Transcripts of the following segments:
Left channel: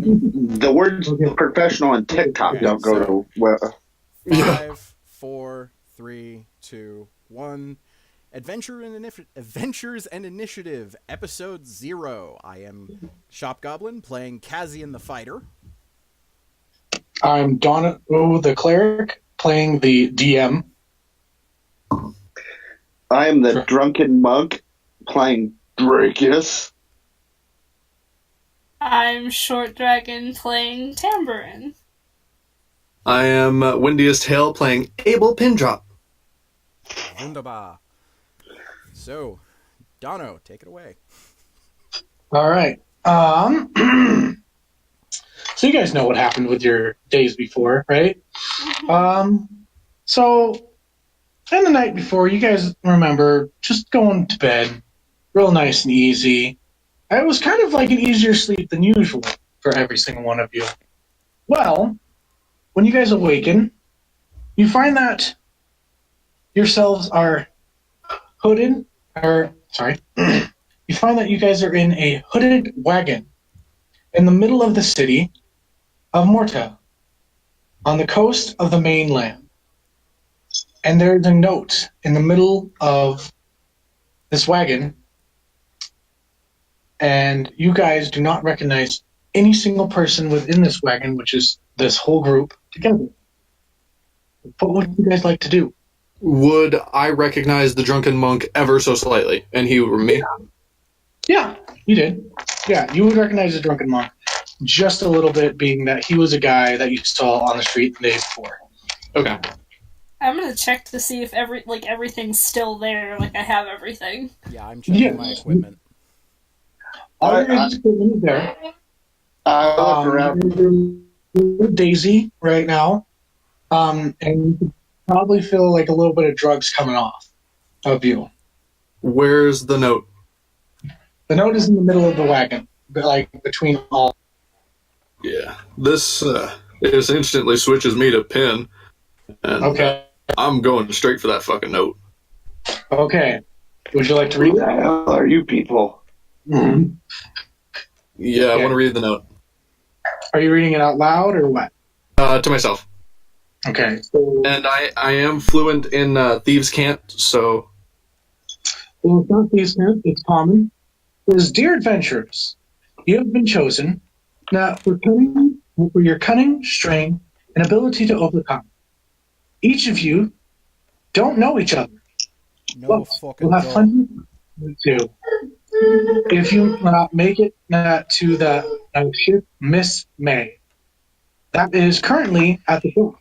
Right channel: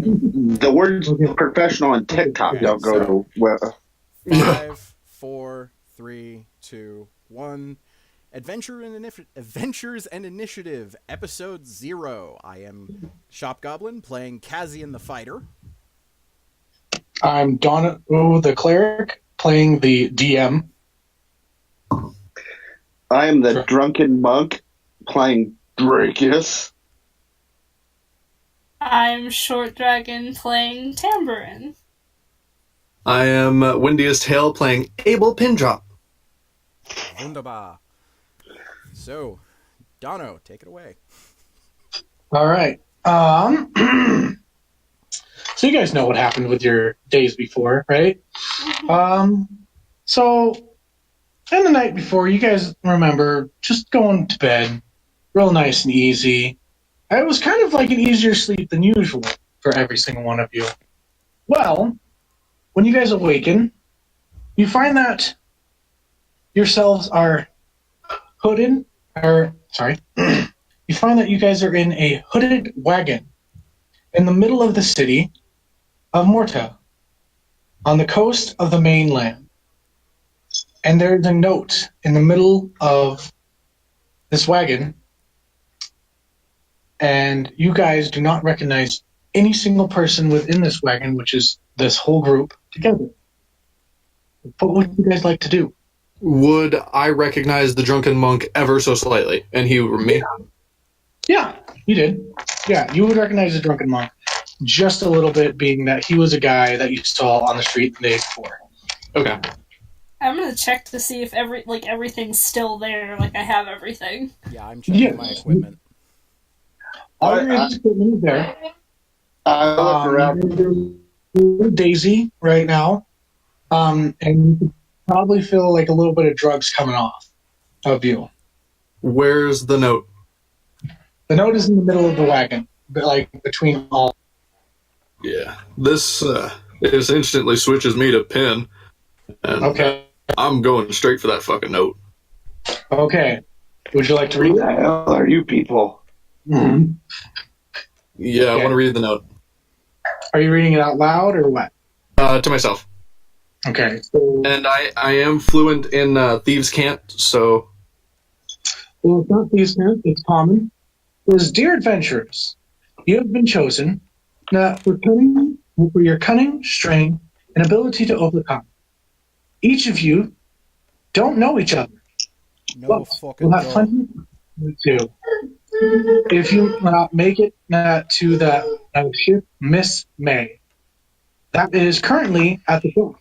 The words professional and TikTok don't go to well. 5, 4, 3, 2, 1. Adventures and Initiative, Episode 0. I am Shop Goblin playing Kazian the Fighter. I'm Dono the Cleric playing the DM. I am the Drunken Monk playing Drakus. I'm Short Dragon playing Tambourine. I am Windiest Hail playing Abel Pindrop. Wunderbar. So, Dono, take it away. All right. So you guys know what happened with your days before, right? So, in the night before, you guys remember just going to bed, real nice and easy. It was kind of like an easier sleep than usual for every single one of you. Well, when you guys awaken, you find that yourselves are hooded, you find that you guys are in a hooded wagon in the middle of the city of Morta, on the coast of the mainland. And there's a note in the middle of this wagon, and you guys do not recognize any single person within this wagon, which is this whole group together. What would you guys like to do? Would I recognize the Drunken Monk ever so slightly? And he would me? Yeah, you did. Yeah, you would recognize the Drunken Monk just a little bit, being that he was a guy that you saw on the street the day before. Okay. I'm gonna check to see if everything's still there, like I have everything. Yeah, I'm checking my equipment. All your equipment is there. I look around. Daisy right now, and you could probably feel like a little bit of drugs coming off of you. Where's the note? The note is in the middle of the wagon, but like between all. Yeah, this instantly switches me to Pin, and Okay. I'm going straight for that fucking note. Okay. Would you like to read Who the that? hell are you people? Mm-hmm. Yeah, Okay. I want to read the note. Are you reading it out loud or what? To myself. Okay. So, And I am fluent in Thieves' Cant, so... well, it's not decent. It's common. It says, "Dear adventurers, you have been chosen for your cunning, strength, and ability to overcome. Each of you don't know each other. No fucking We'll have go. plenty to do. If you make it to the ship Miss May, that is currently at the dock.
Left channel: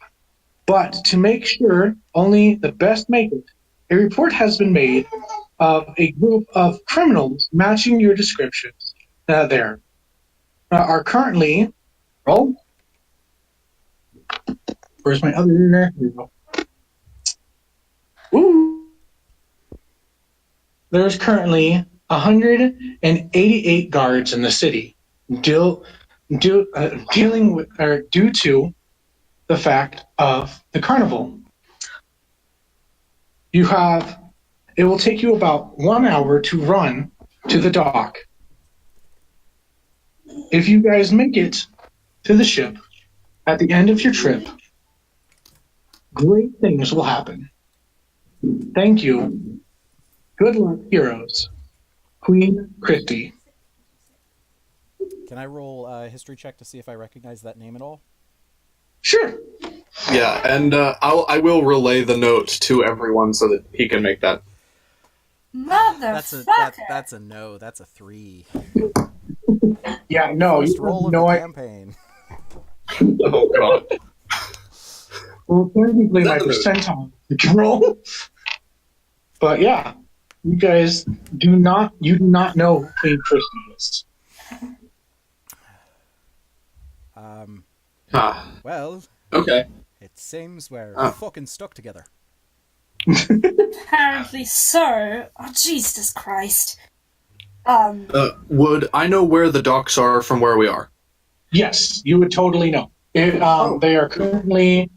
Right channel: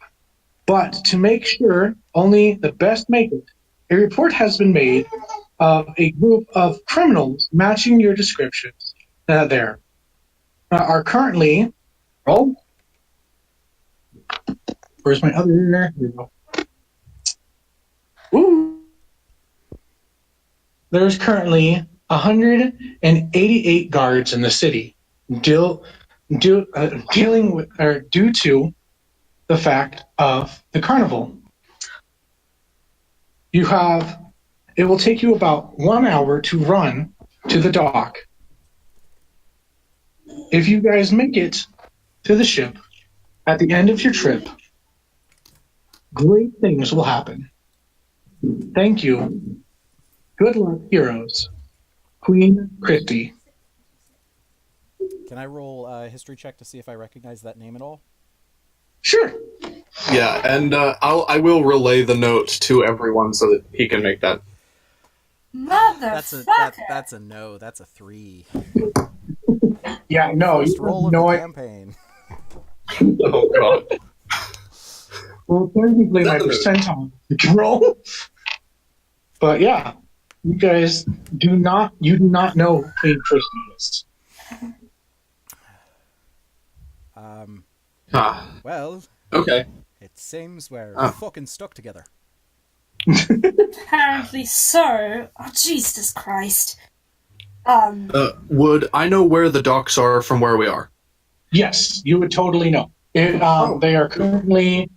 But to make sure only the best make it, a report has been made of a group of criminals matching your descriptions there. Are currently... Roll. Where's my other... Here we go. Ooh. There's currently 188 guards in the city dealing with, or due to the fact of the carnival. It will take you about 1 hour to run to the dock. If you guys make it to the ship at the end of your trip, great things will happen. Thank you. Good luck, heroes. Queen Christy." Can I roll a history check to see if I recognize that name at all? Sure. Yeah, and I will relay the note to everyone so that he can make that. Motherfucker! That's a no. That's a 3. Yeah, no. First roll of the campaign. Oh, God. Well, technically my percentile roll. But yeah, you guys do not know who Queen Christy is. Well, Okay. it seems we're fucking stuck together. Apparently so. Oh, Jesus Christ. Would I know where the docks are from where we are? Yes, you would totally know. They are currently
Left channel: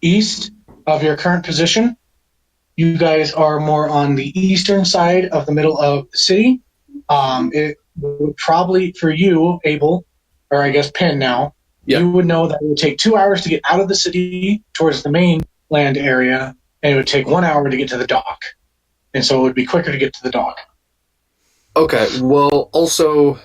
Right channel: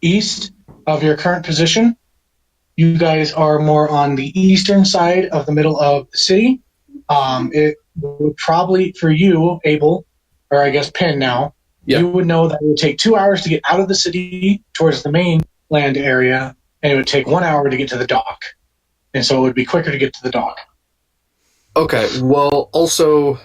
east of your current position. You guys are more on the eastern side of the middle of the city. would probably, for you, Abel, or I guess Penn now, Yeah. you would know that it would take 2 hours to get out of the city towards the mainland area, and it would take 1 hour to get to the dock. And so it would be quicker to get to the dock. Okay, well, also,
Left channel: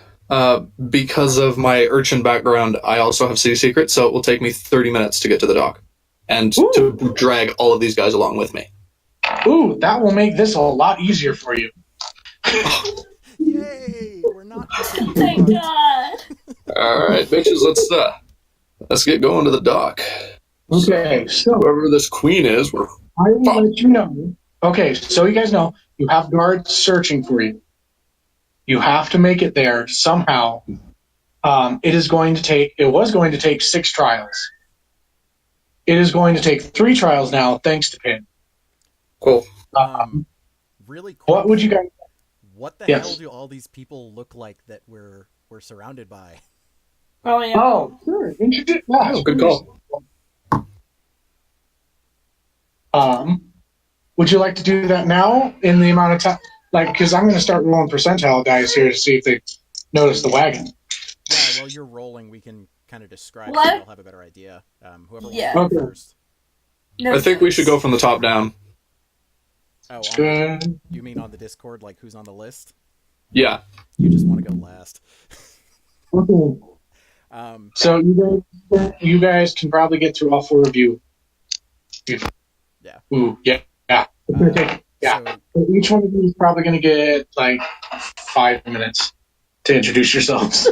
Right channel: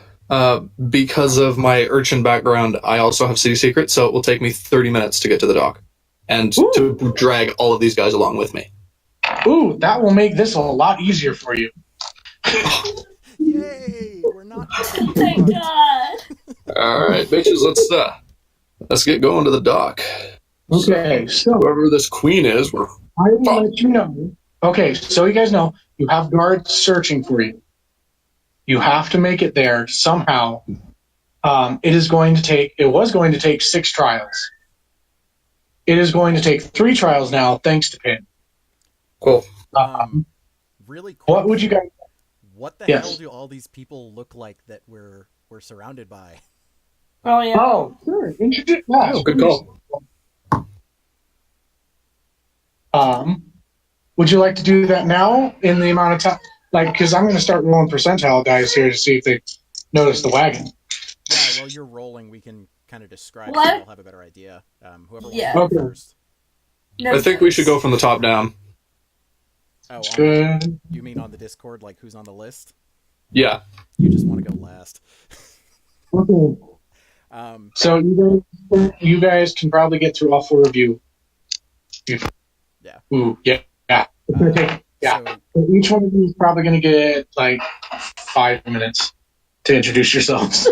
because of my urchin background, I also have city secrets, so it will take me 30 minutes to get to the dock. And Ooh. to drag all of these guys along with me. Ooh, that will make this a lot easier for you. Yay! We're not. Thank God. Alright, bitches, let's get going to the dock. Okay, so Whoever this queen is, we're... I will let you know. Okay, so you guys know, you have guards searching for you. You have to make it there somehow. It was going to take 6 trials. It is going to take 3 trials now, thanks to Pin. Cool. Really quick. What would you guys... What the Yes. hell do all these people look like that we're surrounded by? Oh yeah. Oh, sure. Introduce... Yeah, Good call. Would you like to do that now in the amount of time? Like, because I'm going to start rolling percentile dice here to see if they notice the wagon. Yeah, while you're rolling, we can kind of describe What? so we'll have a better idea. Whoever wants Yeah. to Okay. go first. No I think we sense. should go from the top down. Oh, Good. you mean on the Discord, like who's on the list? Yeah. You just want to go last. Okay. So you guys can probably get through all 4 of you. Yeah. Ooh, yeah. It's gonna take, So, So each one of you is probably going to get like 5 minutes to introduce yourselves.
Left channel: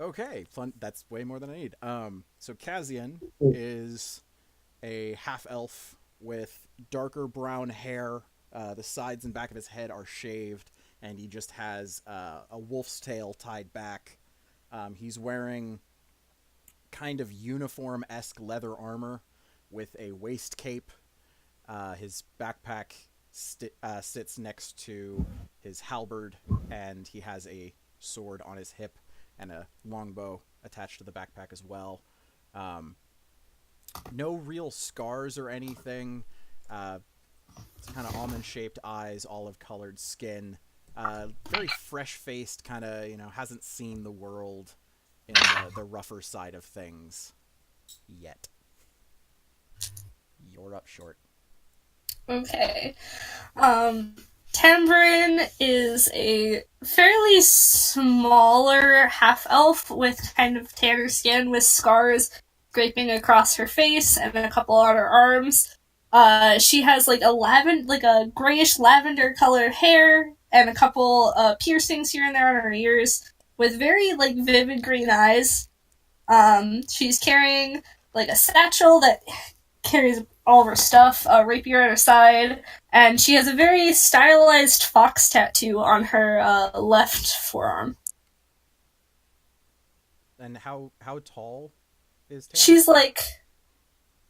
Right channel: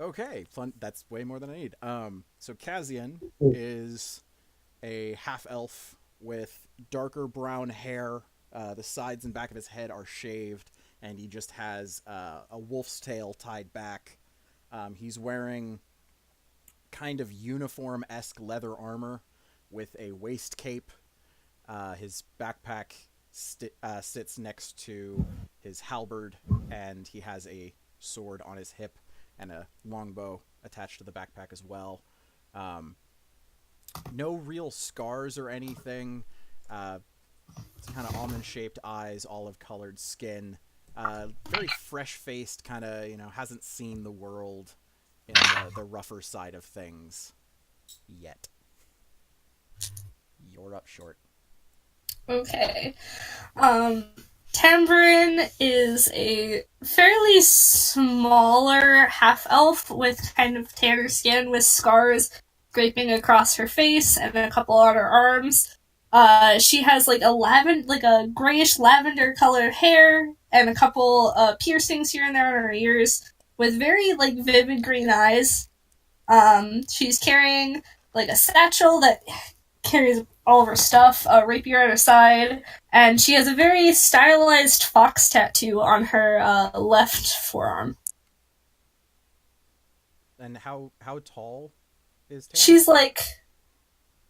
okay, fun. That's way more than I need. So Kazian is a half elf with darker brown hair. The sides and back of his head are shaved, and he just has a wolf's tail tied back. He's wearing kind of uniform-esque leather armor with a waist cape. His backpack sits next to his halberd, and he has a sword on his hip and a longbow attached to the backpack as well. No real scars or anything. It's kind of almond-shaped eyes, olive-colored skin. Very fresh-faced, kind of, hasn't seen the world in the rougher side of things yet. You're up short. Okay. Tambrin is a fairly smaller half-elf with kind of tanner skin with scars scraping across her face and a couple on her arms. She has like a grayish lavender colored hair and a couple piercings here and there on her ears with very vivid green eyes. She's carrying a satchel that carries all of her stuff, a rapier at her side, and she has a very stylized fox tattoo on her left forearm. And how tall is Tam? She's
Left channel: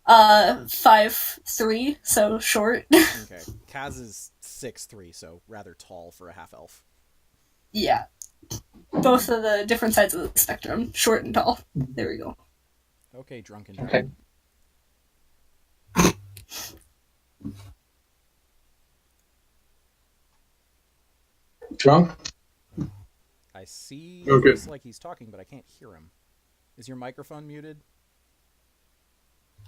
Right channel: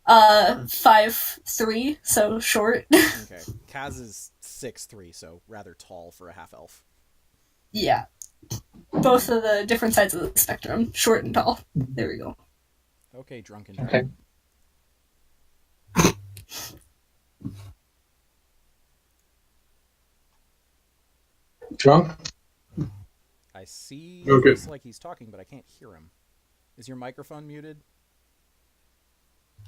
5'3", so short. Okay. Kaz is 6'3", so rather tall for a half-elf. Yeah. Both of the different sides of the spectrum, short and tall. There we go. Okay, drunken Okay. dragon. Drunk? I see. Okay. Looks like he's talking, but I can't hear him. Is your microphone muted?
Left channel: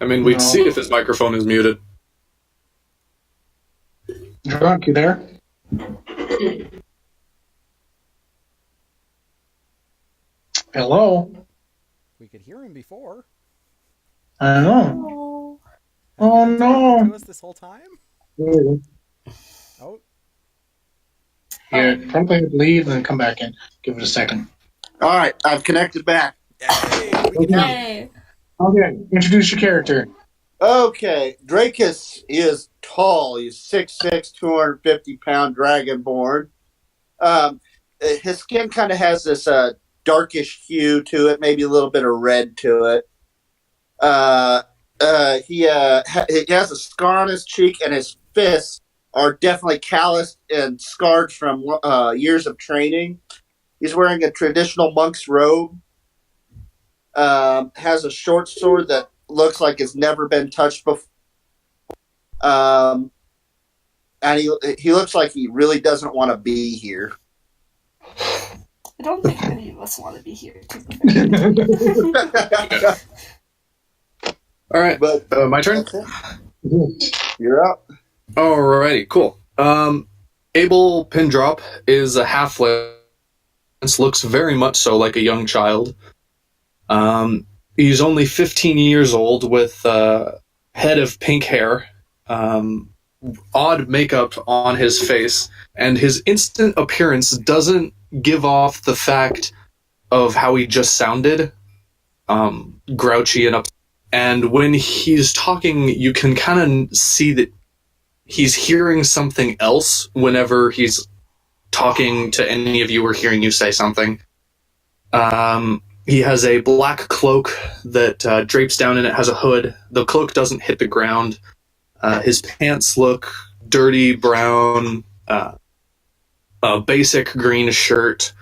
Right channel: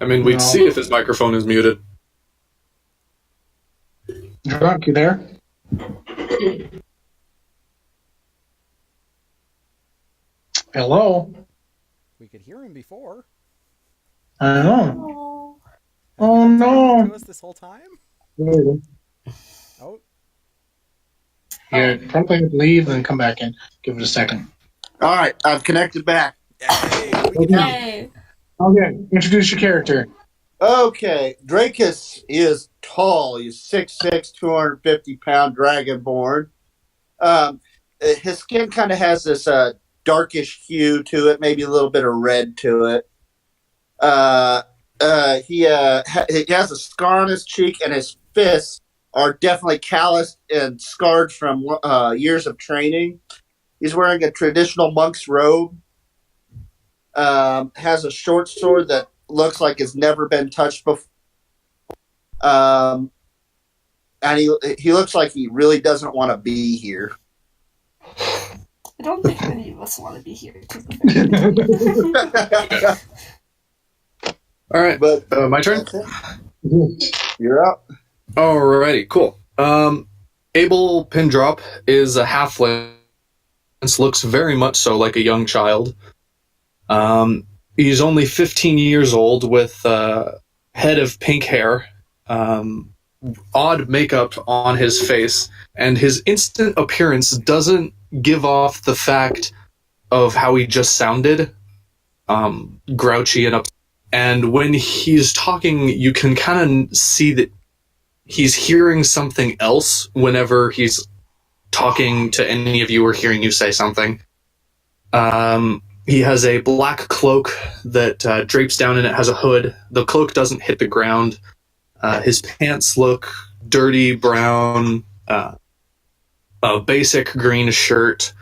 I mean, we'd No. see if his microphone is muted. Drunk, you there? Hello? We could hear him before. I know. Have Oh, you been talking no. to us this whole time? Oh, Yeah, probably have to leave and then come back in. Give it a second. All right, I've connected back. yay! We can hear you. Yay! Okay, introduce your character. Okay, Dracus is tall. He's 6'6", 250-pound dragonborn. His skin kind of has this darkish hue to it, maybe a little bit of red to it. He has a scar on his cheek, and his fists are definitely calloused and scarred from years of training. He's wearing a traditional monk's robe. Has a short sword that looks like it's never been touched before. And he looks like he really doesn't want to be here. I don't think any of us want to be here. To All right, But my turn. you're up. Alrighty, cool. Abel Pindrop is a halfling. Looks very much so like a young child. He's only 15 years old with head of pink hair, odd makeup on his face, and his instant appearance doesn't give off the fact of how he just sounded, grouchy and upset. And when he's talking, you can kind of see that he's hearing something else whenever he's talking to any of you or hearing you say something. He has a black cloak that drapes down and it has a hood. The cloak doesn't hit the ground. His pants look dirty brown, a basic green shirt,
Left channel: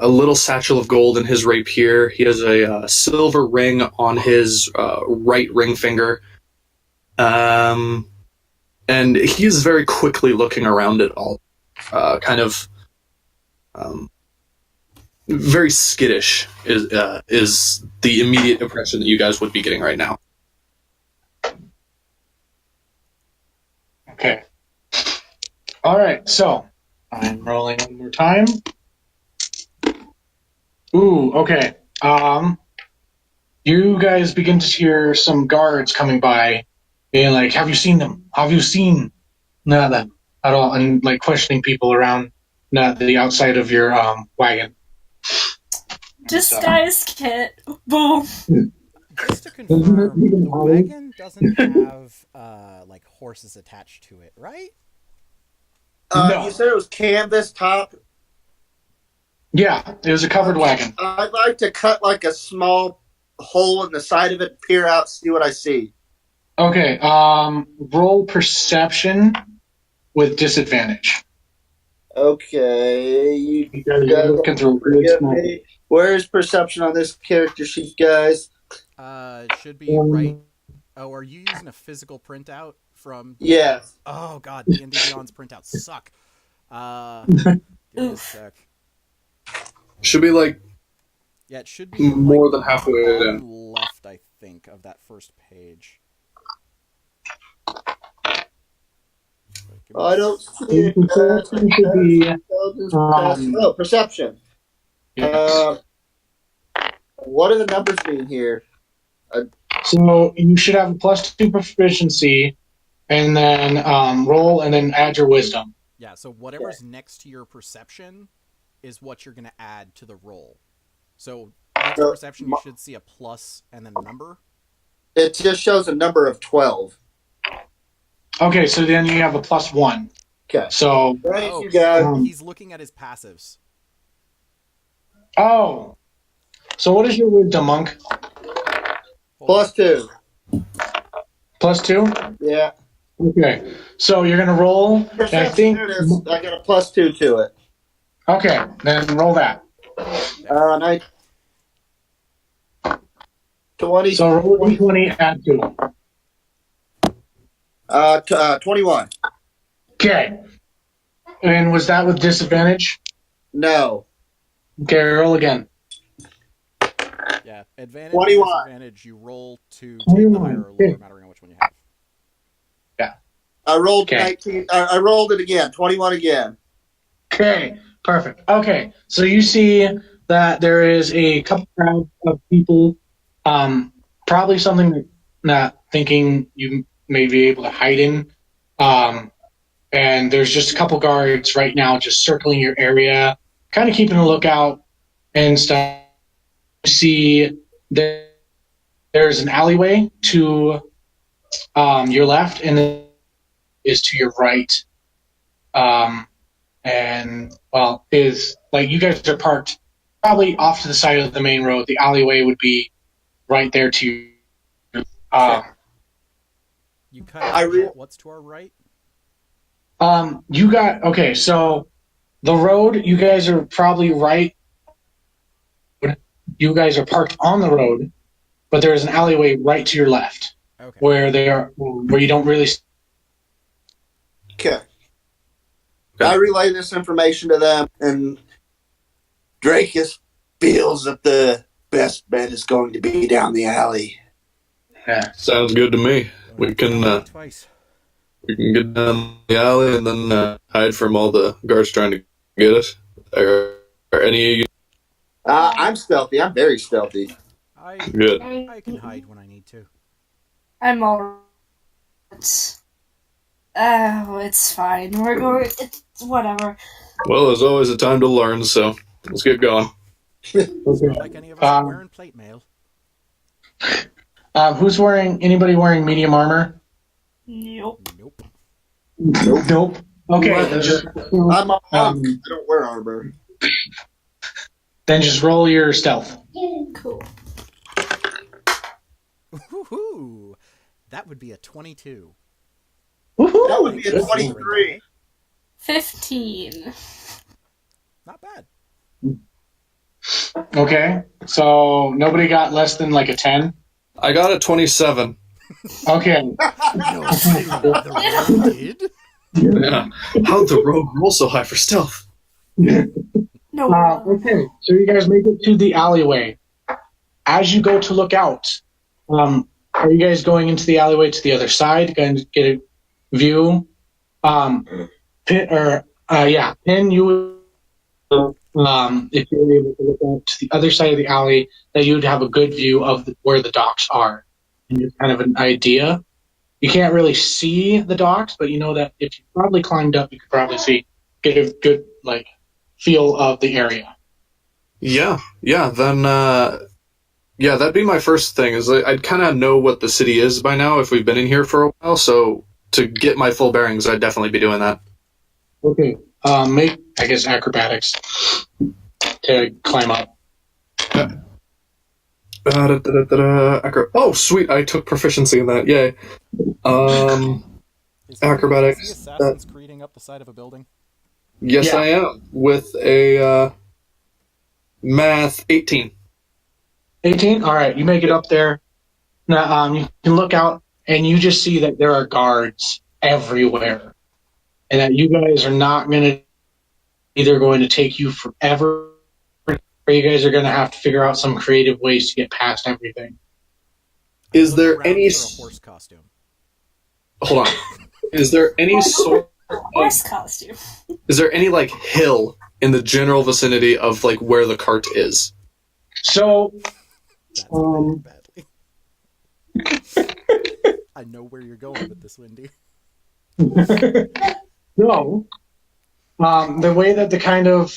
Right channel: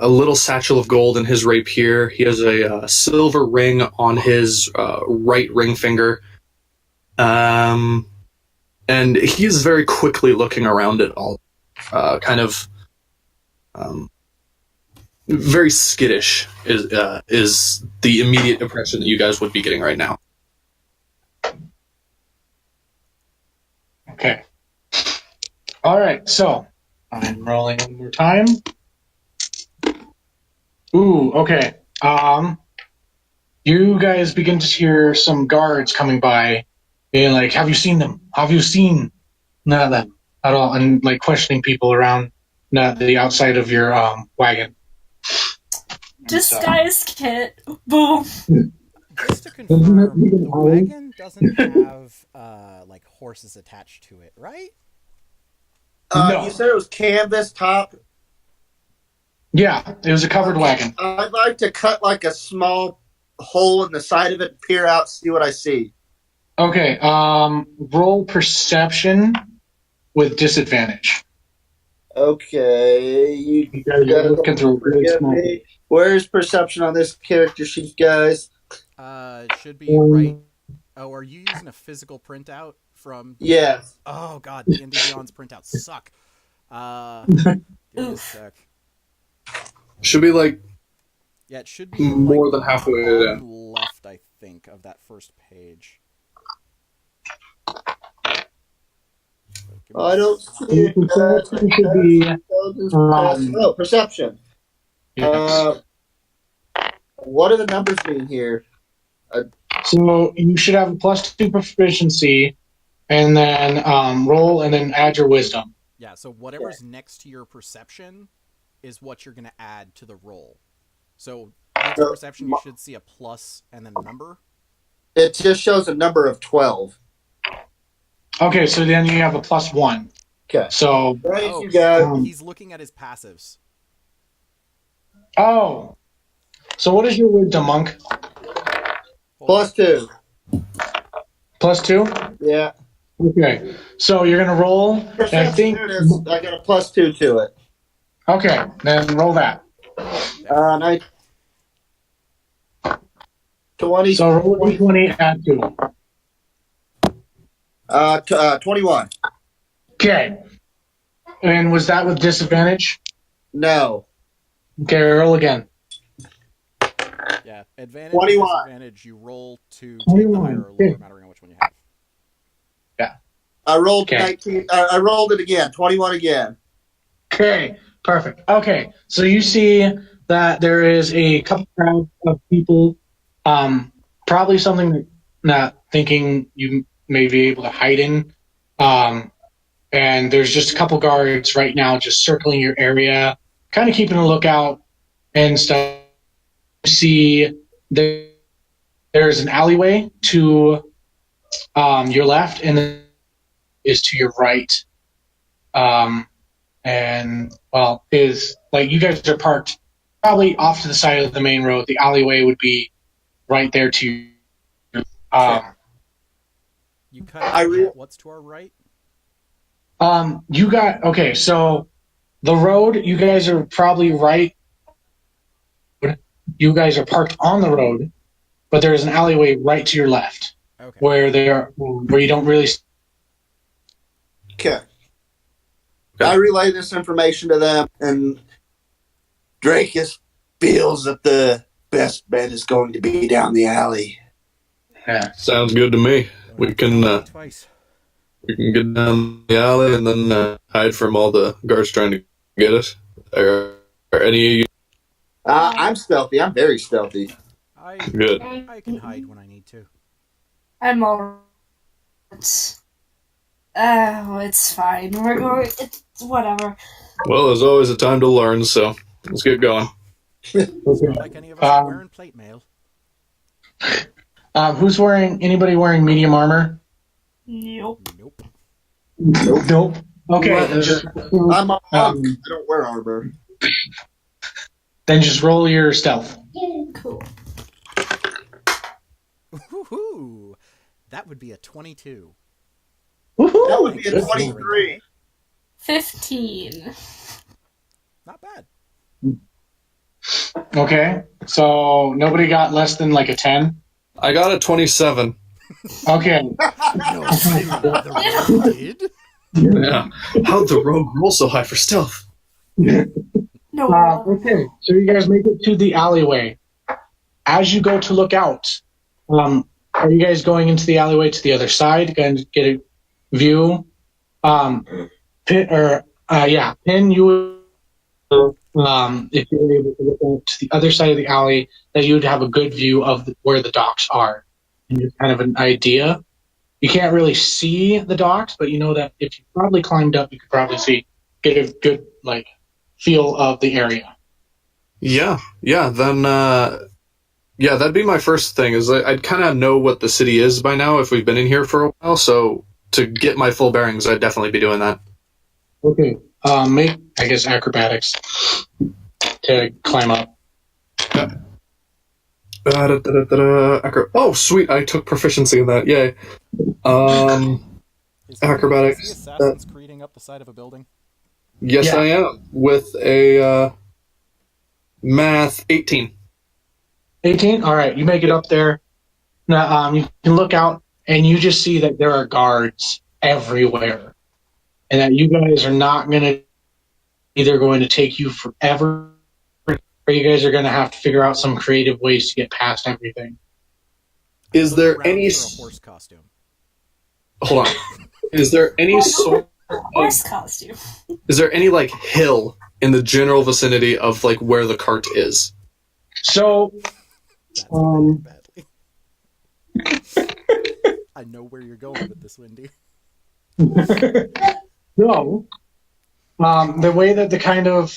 a little satchel of gold in his rapier. He has a silver ring on his right ring finger. And he's very quickly looking around it all, very skittish is the immediate impression that you guys would be getting right now. Okay. All right, so I'm rolling one more time. Ooh, okay. You guys begin to hear some guards coming by, being like, "Have you seen them? Have you seen them at all?" And like questioning people around the outside of your wagon. Disguise kit. Boom. Just to confirm, the wagon doesn't have like horses attached to it, right? No. You said it was canvas top. Yeah, it was a covered wagon. I'd like to cut like a small hole in the side of it, peer out, see what I see. Okay, roll perception with disadvantage. Okay, you guys are looking through really small. Where's perception on this character sheet, guys? Should be right. Oh, are you using a physical printout from? Yeah. Oh God, D&D Beyond's printouts suck. Give me a sec. Should be like Yeah, it should be more like than halfway on in. left, I think, of that first page. I don't see it. Perception should be perception. yes. What are the numbers mean here? So you should have a +2 proficiency, and then roll, and then add your wisdom. Yeah, so whatever's next to your perception is what you're going to add to the roll. So next to perception, you should see a plus and then a number. It just shows a number of 12. Okay, so then you have a +1. Okay. So Thank you, guys. He's looking at his passives. Oh. So what is your wisdom, monk? +2. +2? Yeah. Okay. So you're gonna roll. And I think There it is. I got a +2 to it. okay, then roll that. 20. So roll a 20, add 2. 21. Okay. And was that with disadvantage? No. Okay, roll again. Yeah, advantage 21. or disadvantage, you roll to take the higher or lower, no matter which one you have. Yeah. I rolled Okay. 19. I rolled it again. 21 again. Okay, perfect. Okay, so you see that there is a couple of people, probably something that not thinking you may be able to hide in. And there's just a couple guards right now just circling your area, kind of keeping a lookout and stuff. You see there's an alleyway to your left, and then is to your right. And well, is like you guys are parked probably off to the side of the main road. The alleyway would be right there to you. You cut out what's to our right? You got okay. So the road, you guys are probably right. You guys are parked on the road, but there's an alleyway right to your left, Okay. where you don't really. Okay. I relay this information to them, and Dracus feels that the best bet is going to be down the alley. Yeah. Sounds good to me. We can twice. we can get down the alley and then hide from all the guards trying to get us. Are any of you I'm stealthy. I'm very stealthy. good? I can hide when I need to. I'm all. It's fine. We're going. It's whatever. Well, there's always a time to learn, so let's get going. It's not like any of us are wearing plate mail. Anybody wearing medium armor? Nope. Nope. Nope. Okay. I'm a monk. I don't wear armor. Then just roll your stealth. Cool. Woohoo! That would be a 22. Woohoo! That would be a 23. 15. Not bad. Okay. So nobody got less than like a 10? I got a 27. Okay. No, the rogue did? Yeah. How'd the rogue roll so high for stealth? No. Okay. So you guys make it to the alleyway. As you go to look out, are you guys going into the alleyway to the other side? Going to get a view? Pin, you would, if you were able to look out to the other side of the alley, that you'd have a good view of where the docks are. And you kind of an idea. You can't really see the docks, but you know that if you probably climbed up, you could probably get a good feel of the area. Yeah. Then that'd be my first thing. Is I'd kind of know what the city is by now if we've been in here for a while. So to get my full bearings, I'd definitely be doing that. Okay. Make acrobatics to climb up. Oh, sweet! I took proficiency in that. Yay. Acrobatics. Is he Assassin's Creeding up the side of a building? Yes, yeah. I am with a math 18. 18. All right, you make it up there. Now you can look out, and you just see that there are guards everywhere, and that you guys are not either going to take you forever, or you guys are going to have to figure out some creative ways to get past everything. Is there any for a horse costume? Hold on. Is there any sort of horse costume? Is there any hill in the general vicinity of where the cart is? So, badly. I know where you're going with this, Wendy. No. The way that the kind of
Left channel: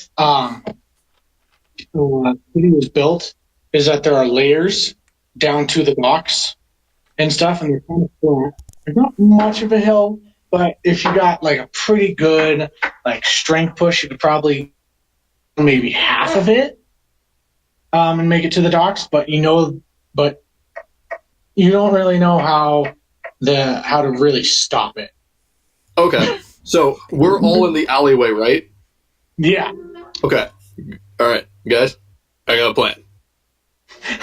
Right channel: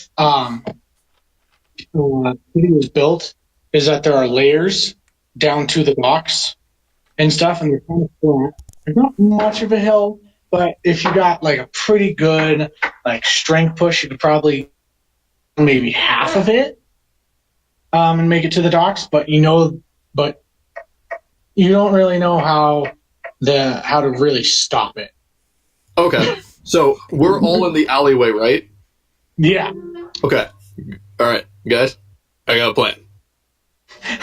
city is built is that there are layers down to the docks and stuff, and they're kind of flat. There's not much of a hill, but if you got a pretty good strength push, you could probably maybe half of it and make it to the docks. But you don't really know how to really stop it. Okay, so we're all in the alleyway, right? Yeah. Okay. All right, guys, I got a plan.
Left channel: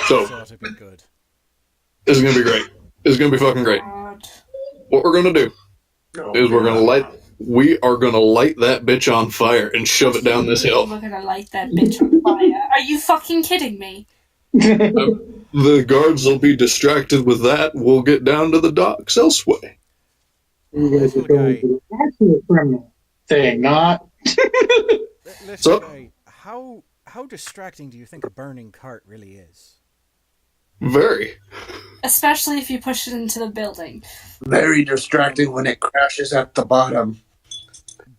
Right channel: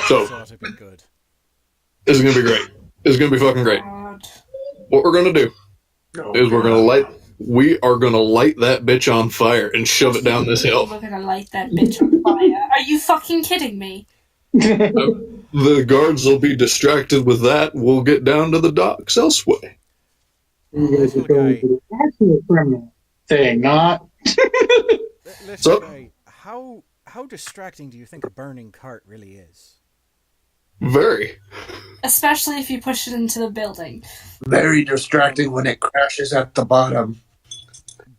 So this ought to be good. This is gonna be great. This is gonna be fucking great. What we're gonna do is we are gonna light that bitch on fire and shove it down this hill. We're gonna light that bitch on fire. Are you fucking kidding me? The guards will be distracted with that. We'll get down to the docks elsewhere. Little guy. That's a criminal thing, not. Little guy, how distracting do you think a burning cart really is? Very. Especially if you push it into the building. Very distracting when it crashes at the bottom.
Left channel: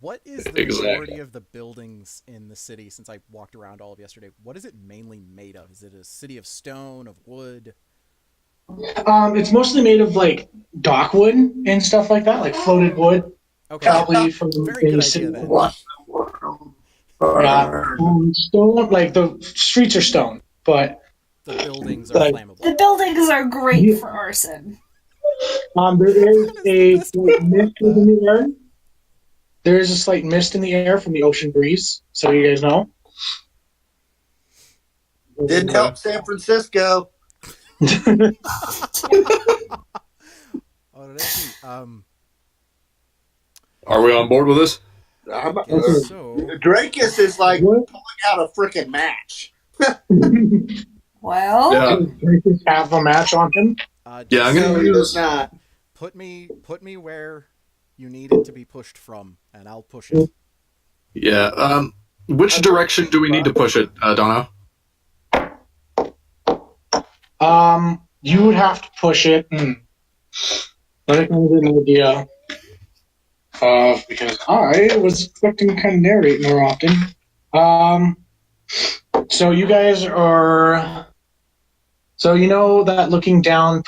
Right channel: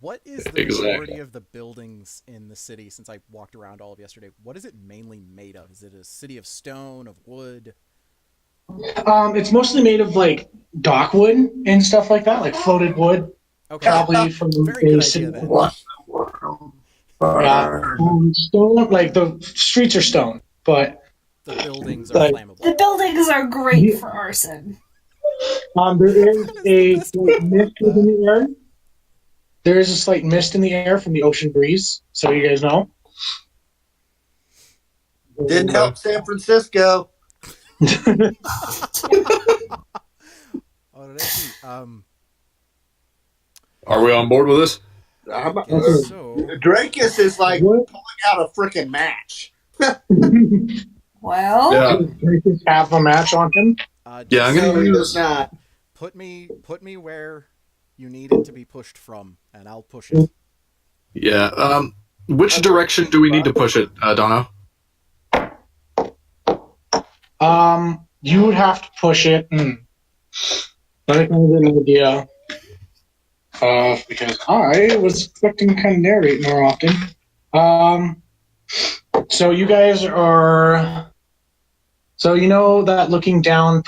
What is the majority of the buildings in the city, since I walked around all of yesterday, what is it mainly made of? Is it a city of stone, of wood? It's mostly made of dockwood and stuff like that, floated wood. Okay. Probably from very good idea then. Stone, the streets are stone, but the buildings are flammable. The buildings are great for arson. There is a slight mist in the air. There is a slight mist in the air from the ocean breeze, so you guys know. Didn't help San Francisco. Alrighty. Are we on board with this? I'm, I guess so. Drakus is like What? pulling out a freaking match. Well, Yeah, Does Drakus have a match on him? yeah. I'm Just gonna No, he does use. not. put me where you need it to be pushed from, and I'll push it. Yeah. Which direction do we need to push it, Dono? You would have to push it. Let me kind of get an idea. Because I was expecting to kind of narrate more often. So you guys are. So you know that looking down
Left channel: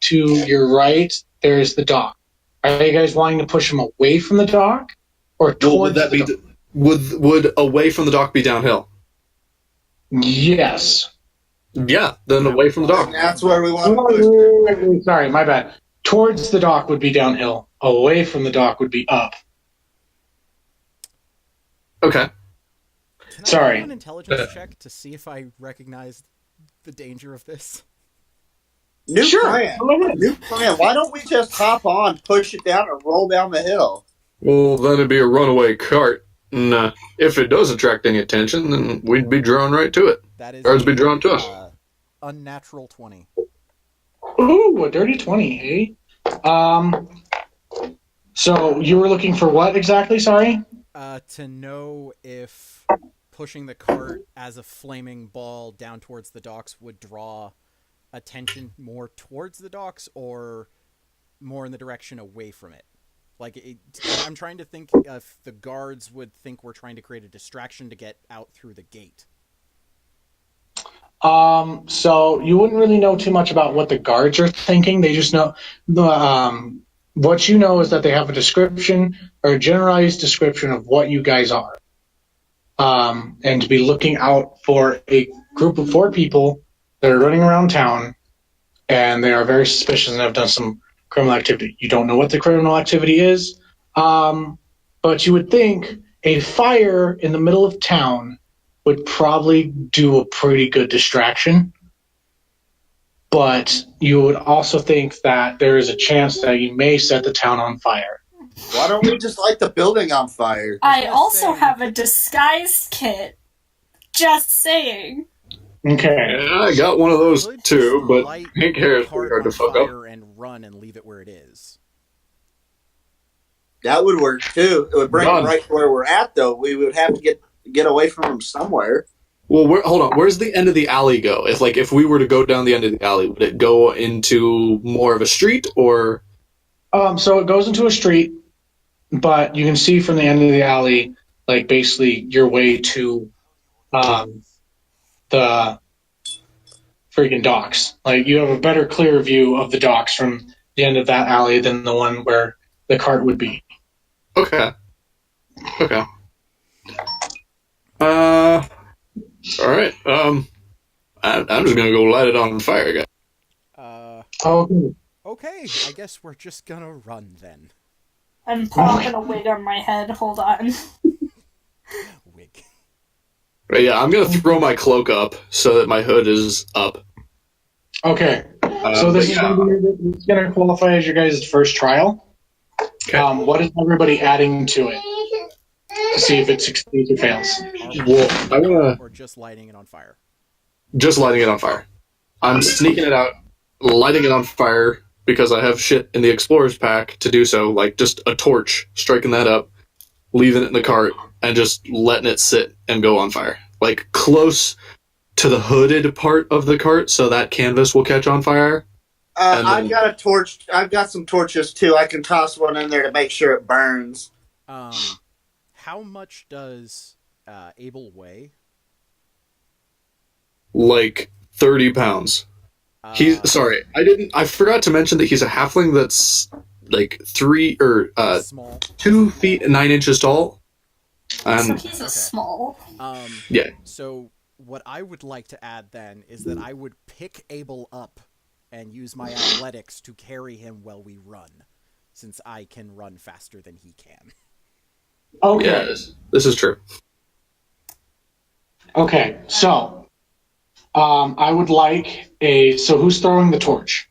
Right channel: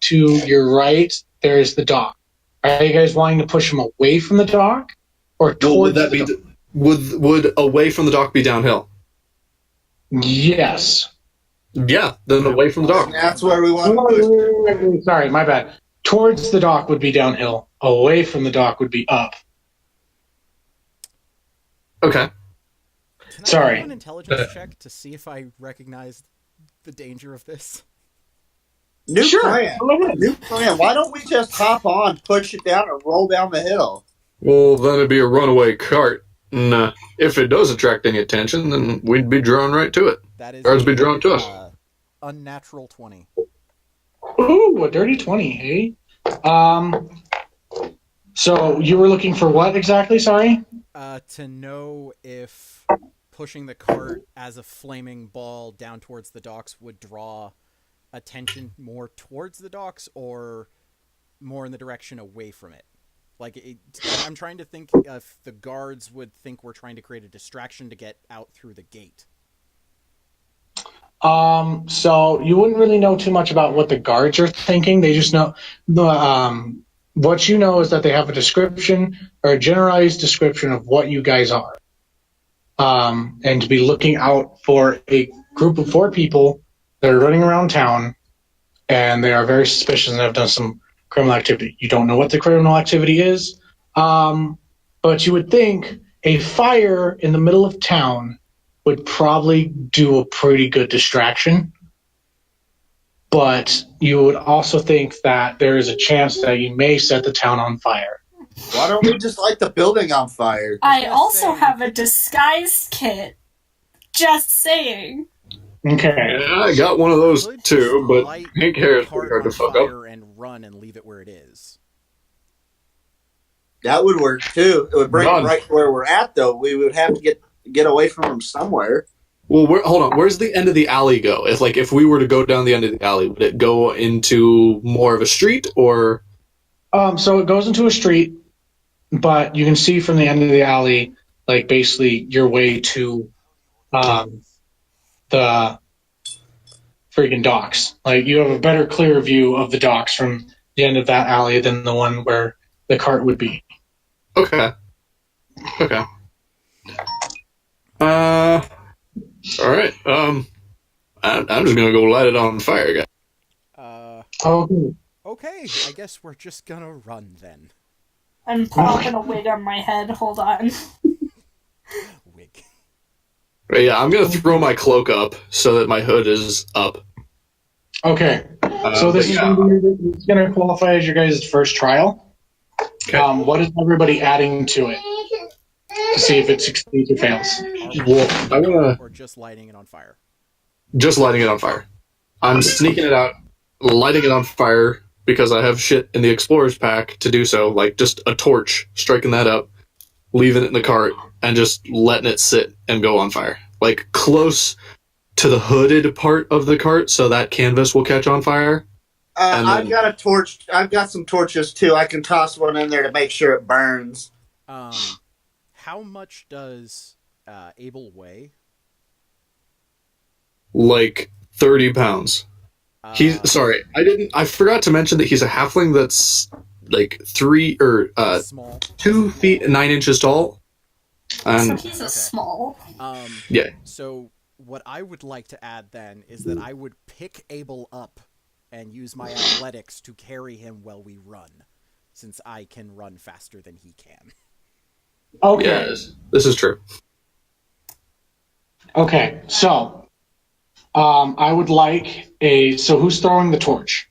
to your right, there's the dock. Are you guys wanting to push them away from the dock or Well, towards would that the be dock? would away from the dock be downhill? Yes. Yeah, then away from the And dock. that's where we want Oh, to push. wait, sorry, my bad. Towards the dock would be downhill. Away from the dock would be up. Okay. Can I Sorry. do an intelligence check to see if I recognize the danger of this? New Sure. plan. Go ahead. New plan. Why don't we just hop on, push it down, and roll down the hill? Well, then it'd be a runaway cart. And if it does attract any attention, then we'd be drawn right to it. That is Guards be drawn to us. Unnatural 20. Ooh, a dirty 20, hey? So you were looking for what exactly? Sorry? To know if pushing the cart as a flaming ball down towards the docks would draw attention more towards the docks or more in the direction away from it. I'm trying to think if the guards would think we're trying to create a distraction to get out through the gate. So you wouldn't really know too much about what the guards are thinking. They just know what you know is that they have a description or a generalized description of what you guys are. And to be looking out for a group of 4 people that are running around town, and they are very suspicious and have done some criminal activity. You don't know what the criminal activity is, but you would think a fire in the middle of town would probably do a pretty good distraction. But you would also think that there is a chance that you may set the town on fire. Why don't we just light the building on fire? I was I gonna also say, we have a could- disguise kit. Just saying. Okay. Yeah, I got one of those Could too, just but light pink hair is the pretty cart hard to on fuck up. fire and run and leave it where it is. That would work too. It would bring Done. it right where we're at, though. We would have to get away from them somewhere. Well, hold on. Where's the end of the alley go? If we were to go down the end of the alley, would it go into more of a street or? So it goes into a street, but you can see from the end of the alley, like basically your way to the freaking docks. Like you have a better, clear view of the docks from the end of that alley than the one where the cart would be. Okay. Okay. All right. I'm just gonna go light it on fire, guys. Okay. Okay, I guess we're just gonna run then. I'm plopping a wig on my head. Hold on. Wig. Right, yeah, I'm gonna throw my cloak up so that my hood is up. Okay. So this is going to qualify as your guys' first trial. Okay. What is everybody adding to it to see if it succeeds or fails? Are we Well, I wanna or just lighting it on fire? just lighting it on fire. I'm sneaking it out, lighting it on fire because I have shit in the explorer's pack to do so, like just a torch, striking that up, leaving it in the cart, and just letting it sit and go on fire, like close to the hooded part of the cart, so that canvas will catch on fire. And I've then- got a torch. I've got some torches too. I can toss one in there to make sure it burns. How much does Abel weigh? Like 30 pounds. He's sorry, I forgot to mention that he's a halfling that's like Small. 2 feet 9 inches tall. So And he's a Okay. small. yeah, So what I would like to add then is that I would pick Abel up and use my athletics to carry him while we run, since I can run faster than he can. Okay. yes, this is true. Okay. So, I would like so who's throwing the torch?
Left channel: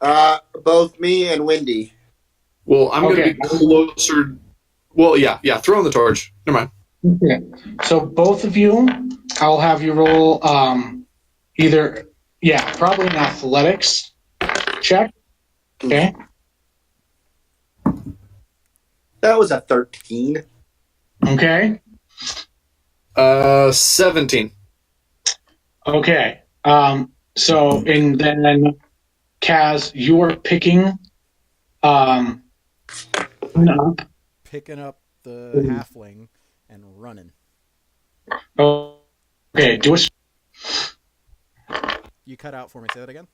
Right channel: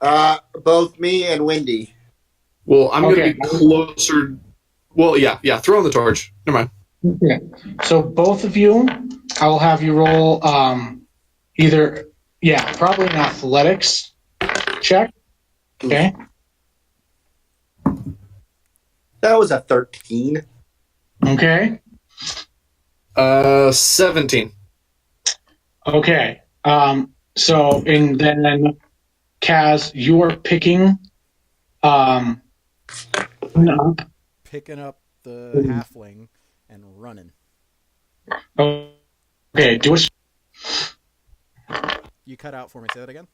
Both me and Wendy. Well, I'm Okay. gonna be closer. Well, yeah, throwing the torch. Never mind. Okay. So both of you, I'll have you roll probably an athletics check. Okay. That was a 13. Okay. 17. Okay. And then Kaz, you're picking up. Picking up the halfling and running. Okay. You cut out for me. Say that again.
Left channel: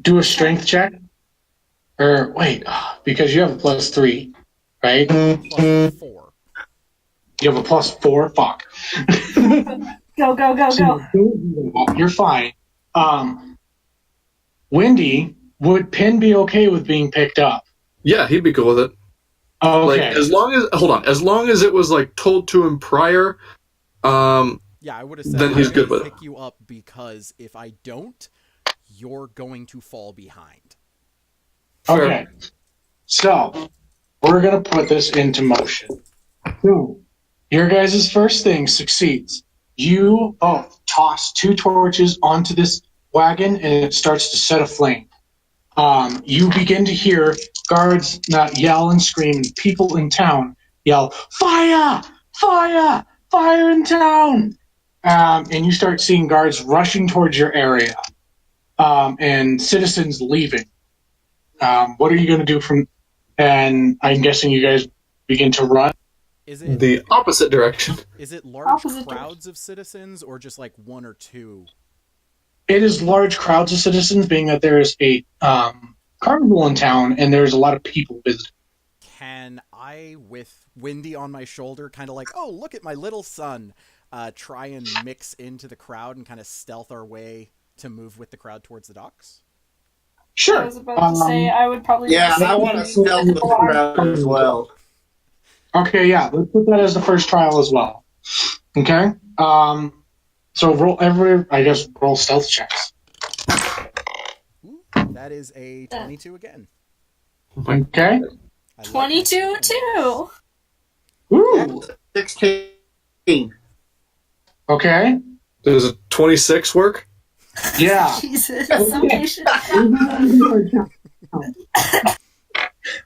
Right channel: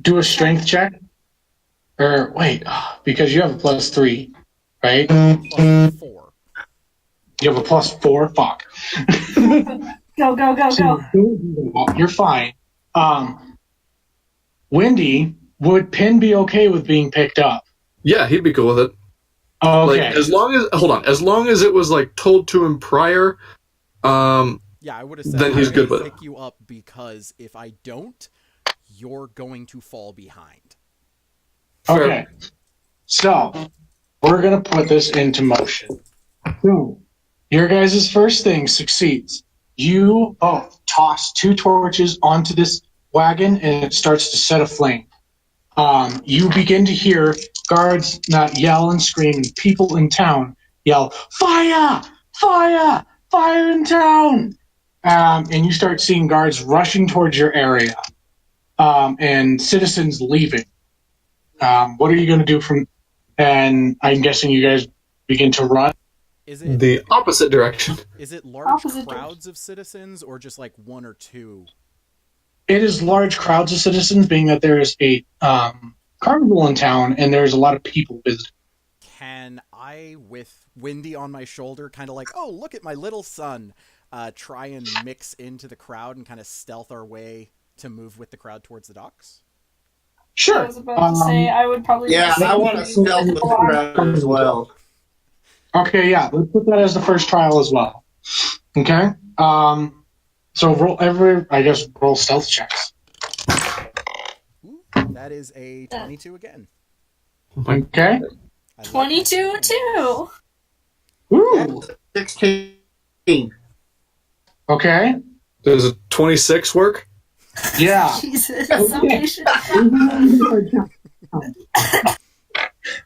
Do a strength check. Or wait, because you have a +3, right? +4. You have a +4. Fuck. Go. You're fine. Wendy, would Pin be okay with being picked up? Yeah, he'd be cool with it. Okay. Like, as long as it was like told to him prior, Yeah, I would have said then he's good with it. pick you up because if I don't, you're going to fall behind. Okay. So, we're going to put this into motion. So, your guys' first thing succeeds. You both toss 2 torches onto this wagon and it starts to set aflame. You begin to hear guards yell and scream, and people in town yell, "Fire! Fire! Fire in town!" And you start seeing guards rushing towards your area and citizens leaving. What are you going to do from? And I'm guessing you guys begin to run. Is it the opposite direction. Is it large crowds of citizens or just like 1 or 2? It is large crowds of citizens, being that there is a carnival in town and there's a lot of people visiting. Can I, with Wendy on my shoulder, kind of like, oh, look at my little son, try and mix into the crowd and kind of stealth our way to move with the crowd towards the docks? Sure. I was about to say I would probably. Yeah, I want to stealth with the crowd as well. Okay, yeah, let's put that as the first trial as well. Okay. So roll stealth checks. Ooh, that is a 22 again. Okay. 22 too. Ooh. 16. Okay. Does a 26 work? Yeah. Jesus, so patient.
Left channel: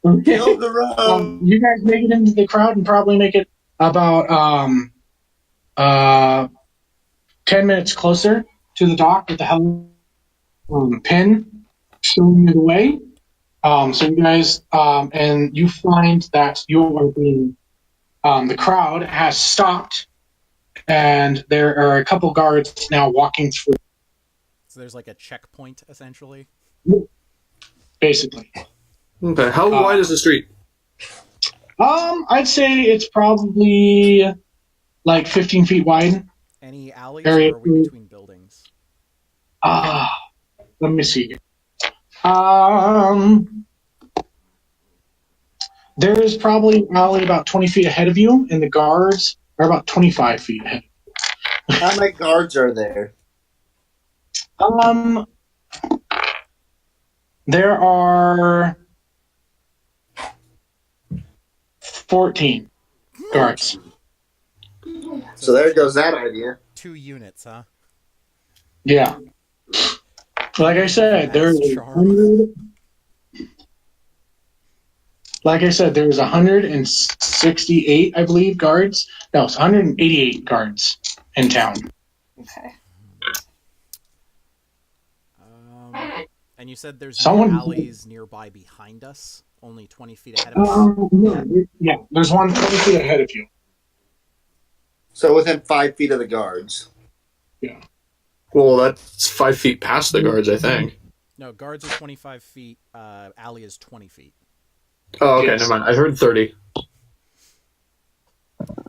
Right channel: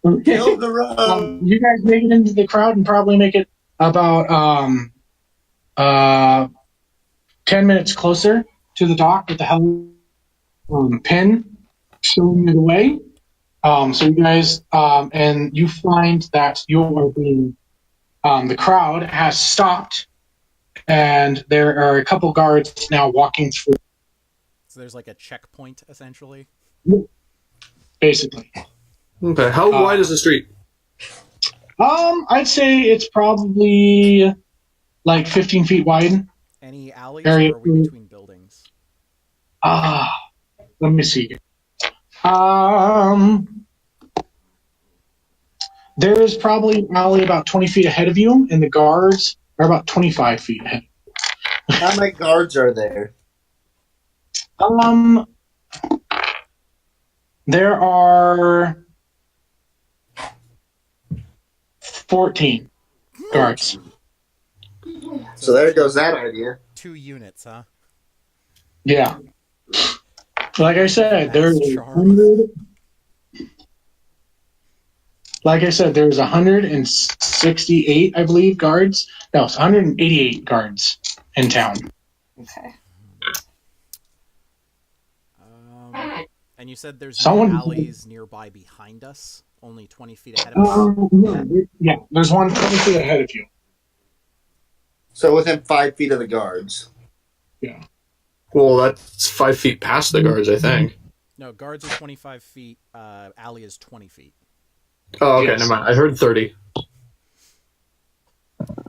Okay. Kill the road. You guys make it into the crowd and probably make it about 10 minutes closer to the dock with the hell pin showing you the way. So you guys and you find that you are being the crowd has stopped and there are a couple guards now walking through. So there's like a checkpoint essentially. Basically. Okay. How wide is the street? I'd say it's probably like 15 feet wide. Any alleys or are we between buildings? Let me see. There is probably an alley about 20 feet ahead of you, and the guards are about 25 feet ahead. How many guards are there? There are 14 guards. So there goes that idea. 2 units, huh? Yeah. Like I said, there's 168, I believe, guards. No, it's 188 guards in town. Okay. And you said there's no alleys nearby behind us, only 20 feet ahead of us? Yeah, there's one 20 feet ahead of you. So within 5 feet of the guards. Yeah. Well, that's 5 feet past the guards, I think. No, guards are 25 feet, alley is 20 feet. Oh, okay, Yes. never mind. I heard 30.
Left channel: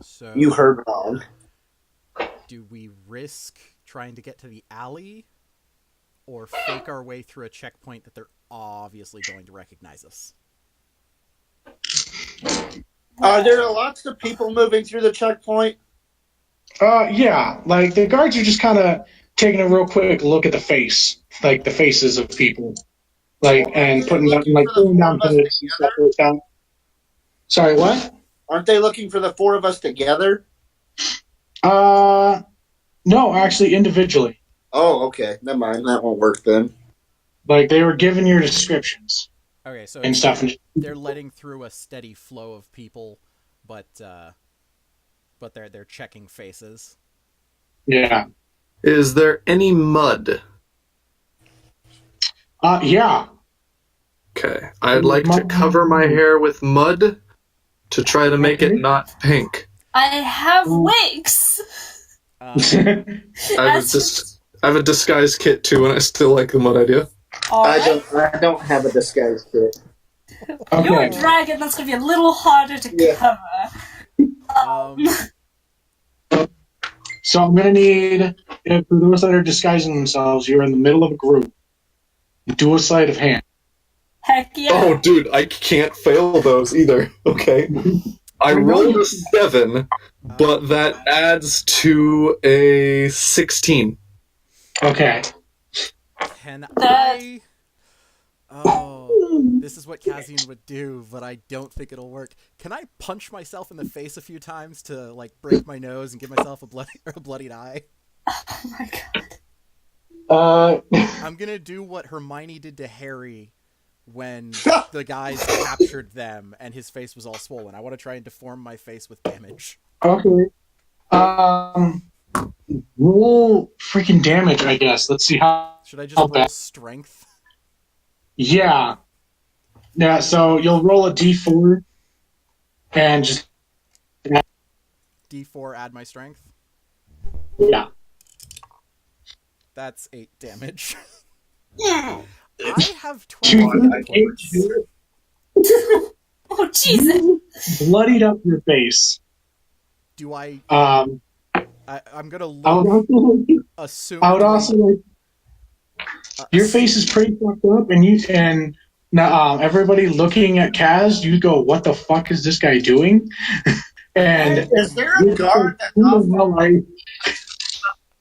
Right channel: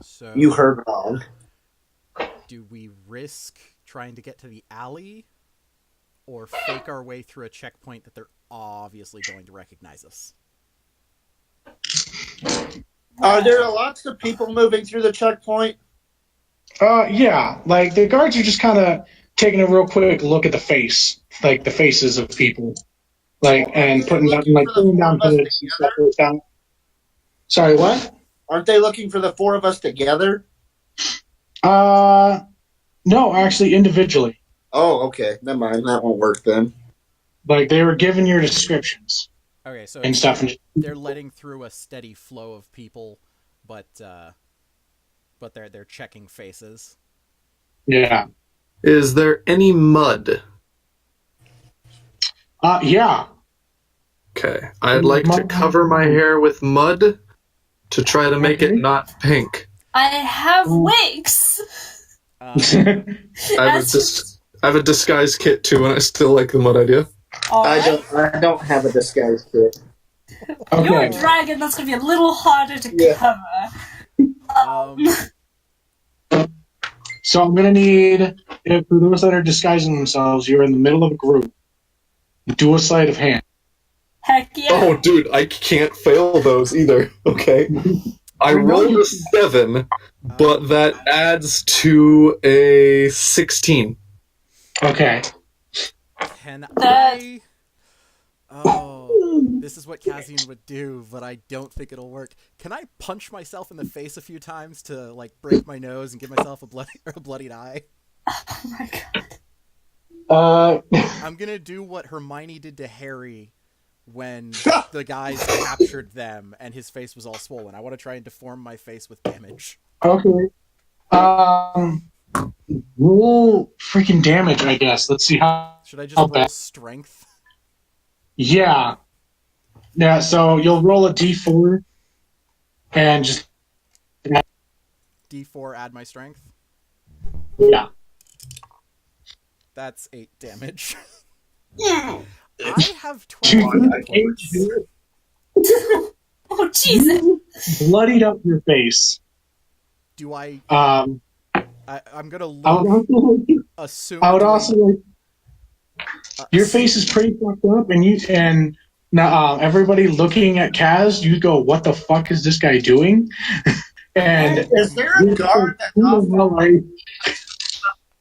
So You heard wrong. do we risk trying to get to the alley or fake our way through a checkpoint that they're obviously going to recognize us? Are there lots of people moving through the checkpoint? Yeah, like the guards are just kind of taking a real quick look at the faces of people, and putting down pins and stuff like that. Sorry, what? Aren't they looking for the four of us together? No, actually, individually. Oh, okay. Never mind. That won't work then. Like they were given your descriptions Okay, so and stuff. they're letting through a steady flow of people, but they're checking faces. Yeah. Is there any mud? Yeah. Okay. I'd like to cover my hair with mud to try to make it not pink. I have wigs. I have a disguise kit too, and I still like the mud idea. Alright. I don't have a disguise kit. Okay. You're a dragon, that's gonna be a little harder to cover. So I'm gonna need, for those that are disguising themselves, you're in the middle of a group. Do a sleight of hand. Heck yeah. Oh, dude, I can't fail those either. Okay. I rolled a 7, but that adds to a 16. Okay. Can I... Oh, this is what Kazian would do, but I don't think it'll work. Can I punch myself in the face a few times to, like, break my nose and give myself a bloodied eye? Oh my god. I'm gonna do what Hermione did to Harry when the guys captured them and his face was all swollen. I want to try and deform my face with damage. Okay. Roll freaking damage, I guess. Let's see how. Should I just roll strength? Yeah. Yeah, so you'll roll a d4 and just. D4, add my strength? Yeah. That's 8 damage. Yeah. I have 12 hit points. Oh, Jesus. Bloodied up your face. Do I... I'm gonna I look... Assume... would also like... Your face is pretty fucked up, and now everybody looking at Kaz, you go, "What the fuck is this guy doing?" And is there a guard that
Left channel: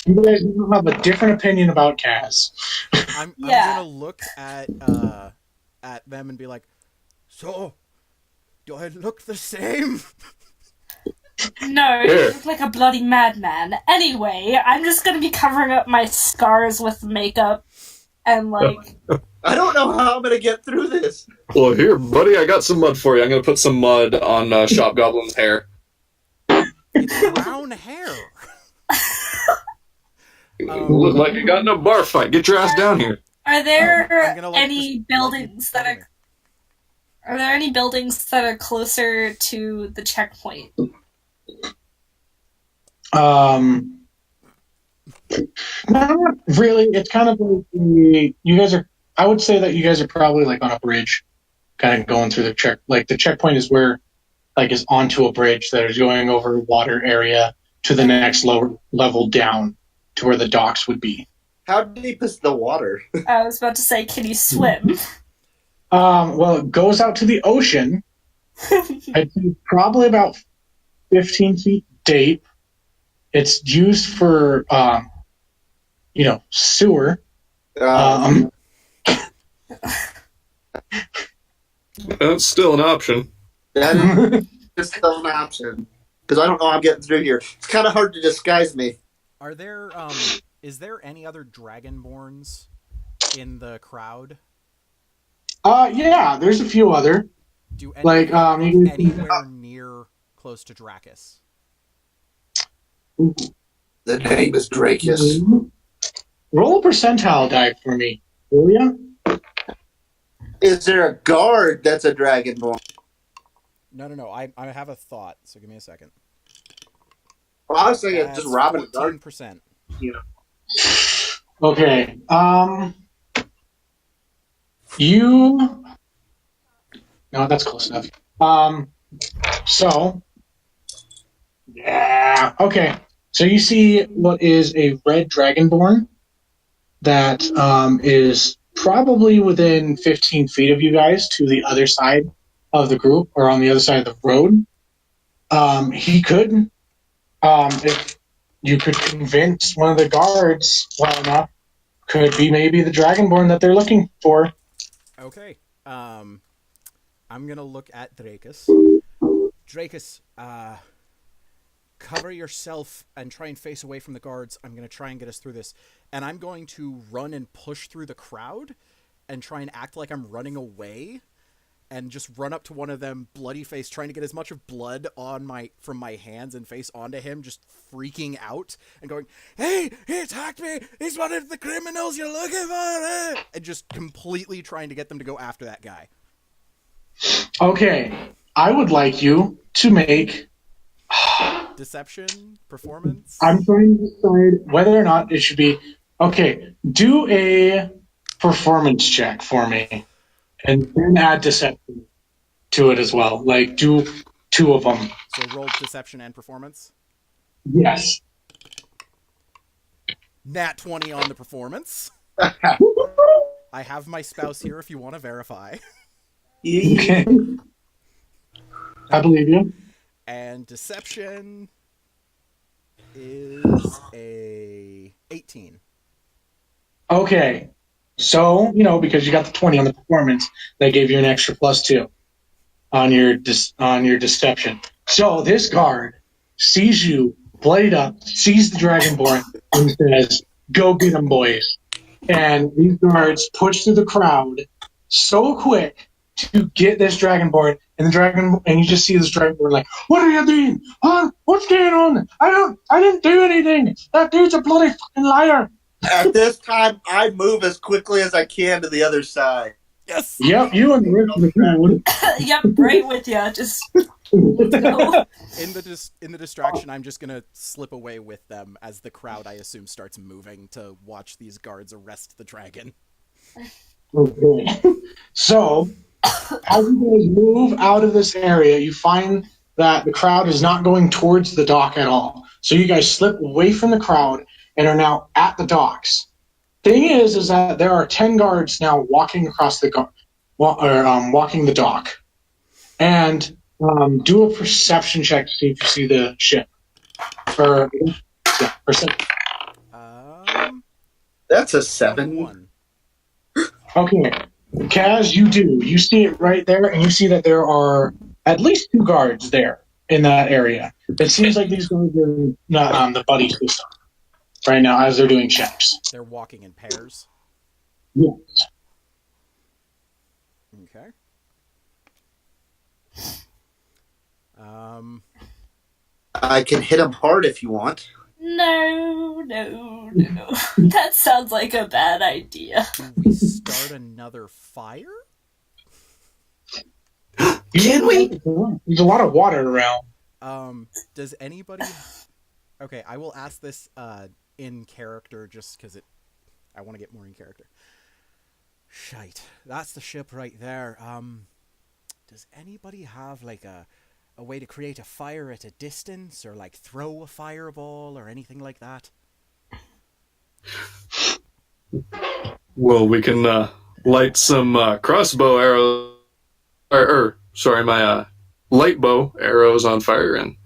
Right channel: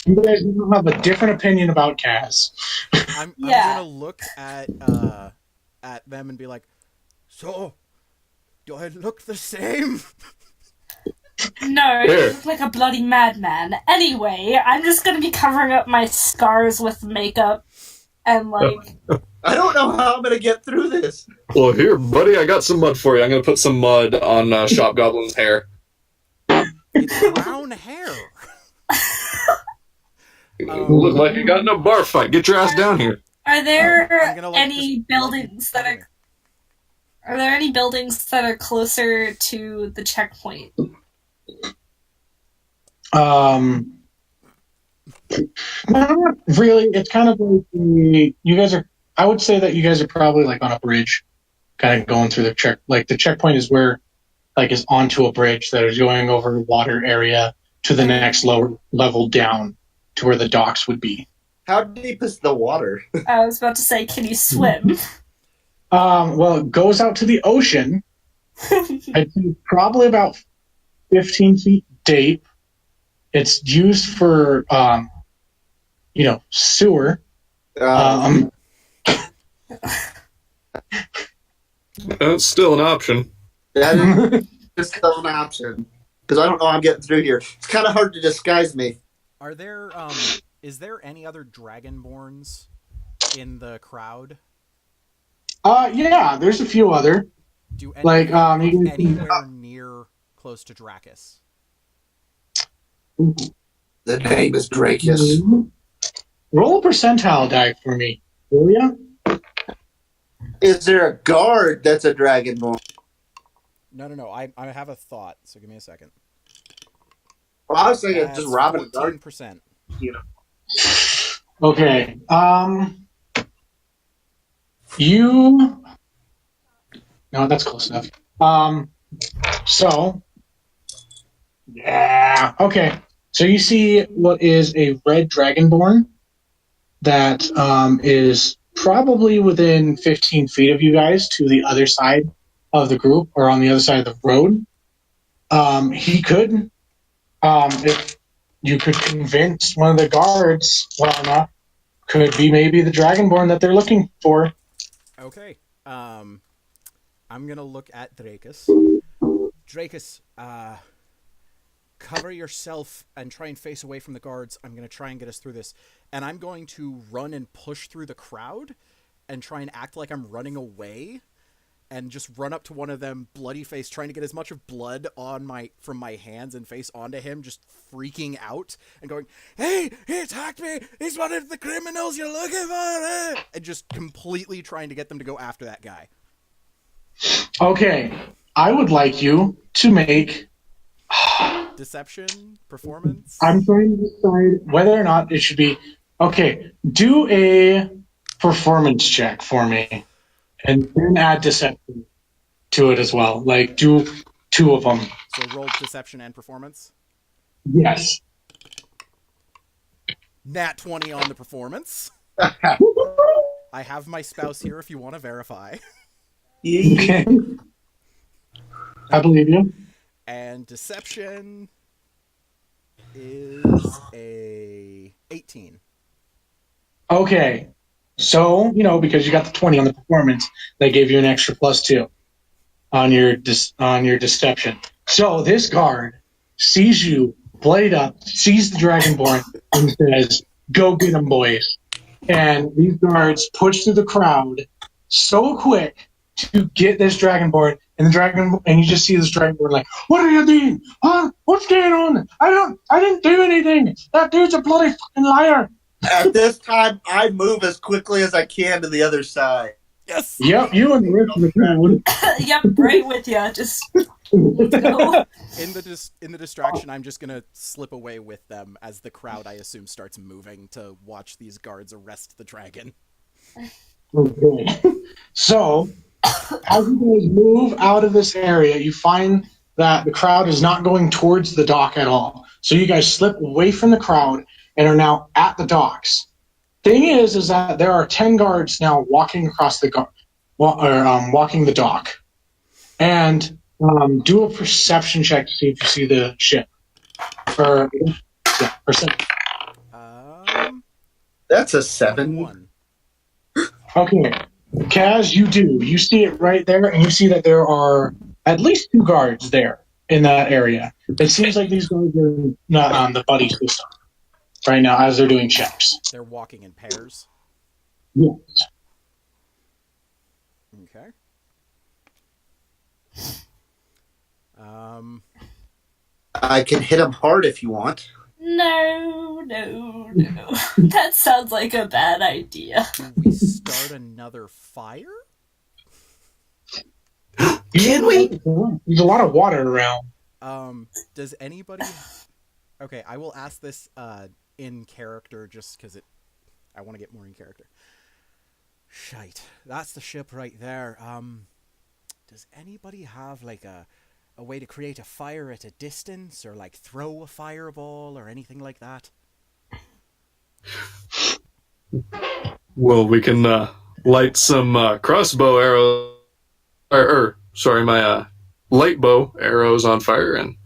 you guys have a different opinion about Kaz. I'm gonna look at them and be like, "So, do I look the same?" No, you look like a bloody madman. Anyway, I'm just gonna be covering up my scars with makeup and like... I don't know how I'm gonna get through this. Well, here, buddy, I got some mud for you. I'm gonna put some mud on Shop Goblin's hair. It's brown hair. Look like you got in a bar fight. Get your ass down here. Are there like, any buildings that are... Are there any buildings that are closer to the checkpoint? Not really. It's kind of like you guys are. I would say that you guys are probably like on a bridge, kind of going through the check. Like the checkpoint is where, like, is onto a bridge that is going over a water area to the next lower level down to where the docks would be. How deep is the water? I was about to say, can you swim? Well, it goes out to the ocean. I'd say probably about 15 feet deep. It's used for, sewer. That's still an option. That is still an option. Because I don't know how I'm getting through here. It's kind of hard to disguise me. Are there, is there any other Dragonborns in the crowd? Yeah, there's a few other. Do any Like, anywhere near close to Dracus? The name is Dracus. Roll a percentile die for me, will ya? Is there a guard that's a dragonborn? No. I have a thought, so give me a second. Well, I was thinking just robbing a guard. 14%. Okay. No, that's close enough. Yeah. Okay. So you see what is a red dragonborn that is probably within 15 feet of you guys to the other side of the group or on the other side of the road. He could, if you could convince one of the guards well enough, could be maybe the dragonborn that they're looking for. Okay. I'm gonna look at Dracus. Dracus, cover yourself and try and face away from the guards. I'm going to try and get us through this. And I'm going to run and push through the crowd and try and act like I'm running away and just run up to one of them, bloody face, trying to get as much of blood from my hands and face onto him, just freaking out and going, "Hey, he attacked me! He's one of the criminals you're looking for!" And just completely trying to get them to go after that guy. Okay, I would like you to make... Deception? Performance? I'm trying to decide whether or not it should be... Okay, do a performance check for me. And then add deception to it as well. Like, do 2 of them. So roll deception and performance? Yes. Nat 20 on the performance. I have my spouse here if you want to verify. Okay. I believe you. And deception is a 18. Okay. So, because you got the 20 on the performance, they gave you an extra +2 on your deception. So this guard sees you bloodied up, sees the Dragonborn, and says, "Go get him, boys." And these guards push through the crowd so quick to get this Dragonborn, and you just see this Dragonborn like, "What are you doing? Huh? What's going on? I didn't do anything. That dude's a bloody fucking liar." At this time, I move as quickly as I can to the other side. Yes! Yep, you and the rest of the crowd. Yep, right with you. Just let's go. In the distraction, I'm just gonna slip away with them as the crowd, I assume, starts moving to watch these guards arrest the dragon. Okay. So, as you guys move out of this area, you find that the crowd is not going towards the dock at all. So you guys slip away from the crowd and are now at the docks. Thing is that there are 10 guards now walking across walking the dock. And do a perception check to see if you see the ship. Perception. That's a 7. 21. Okay. Kaz, you do. You see it right there, and you see that there are at least 2 guards there in that area. It seems like these guards are not on the buddy system right now as they're doing checks. They're walking in pairs. Yes. Okay. I can hit him hard if you want. No. That sounds like a bad idea. Do we start another fire? Can we? There's a lot of water around. Does anybody... Okay, I will ask this in character just because I want to get more in character. Shite. That's the ship right there. Does anybody have like a way to create a fire at a distance or like throw a fireball or anything like that? Well, we can light some crossbow arrows, my light bow arrows on fire and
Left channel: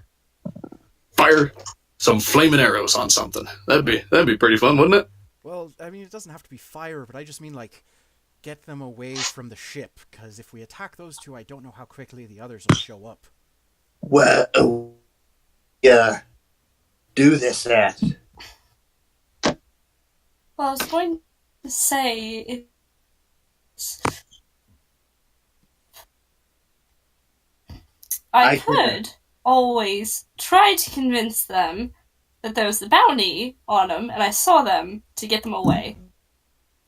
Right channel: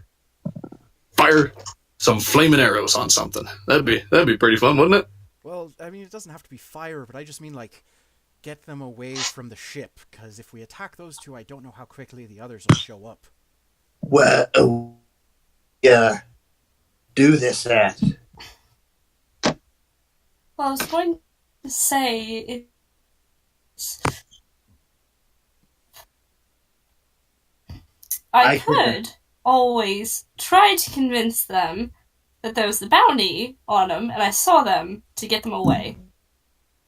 fire some flaming arrows on something. That'd be pretty fun, wouldn't it? Well, I mean, it doesn't have to be fire, but I just mean like get them away from the ship, because if we attack those 2, I don't know how quickly the others will show up. Well, yeah, do this at. Well, I was going to say I could always try to convince them that there was the bounty on them, and I saw them to get them away.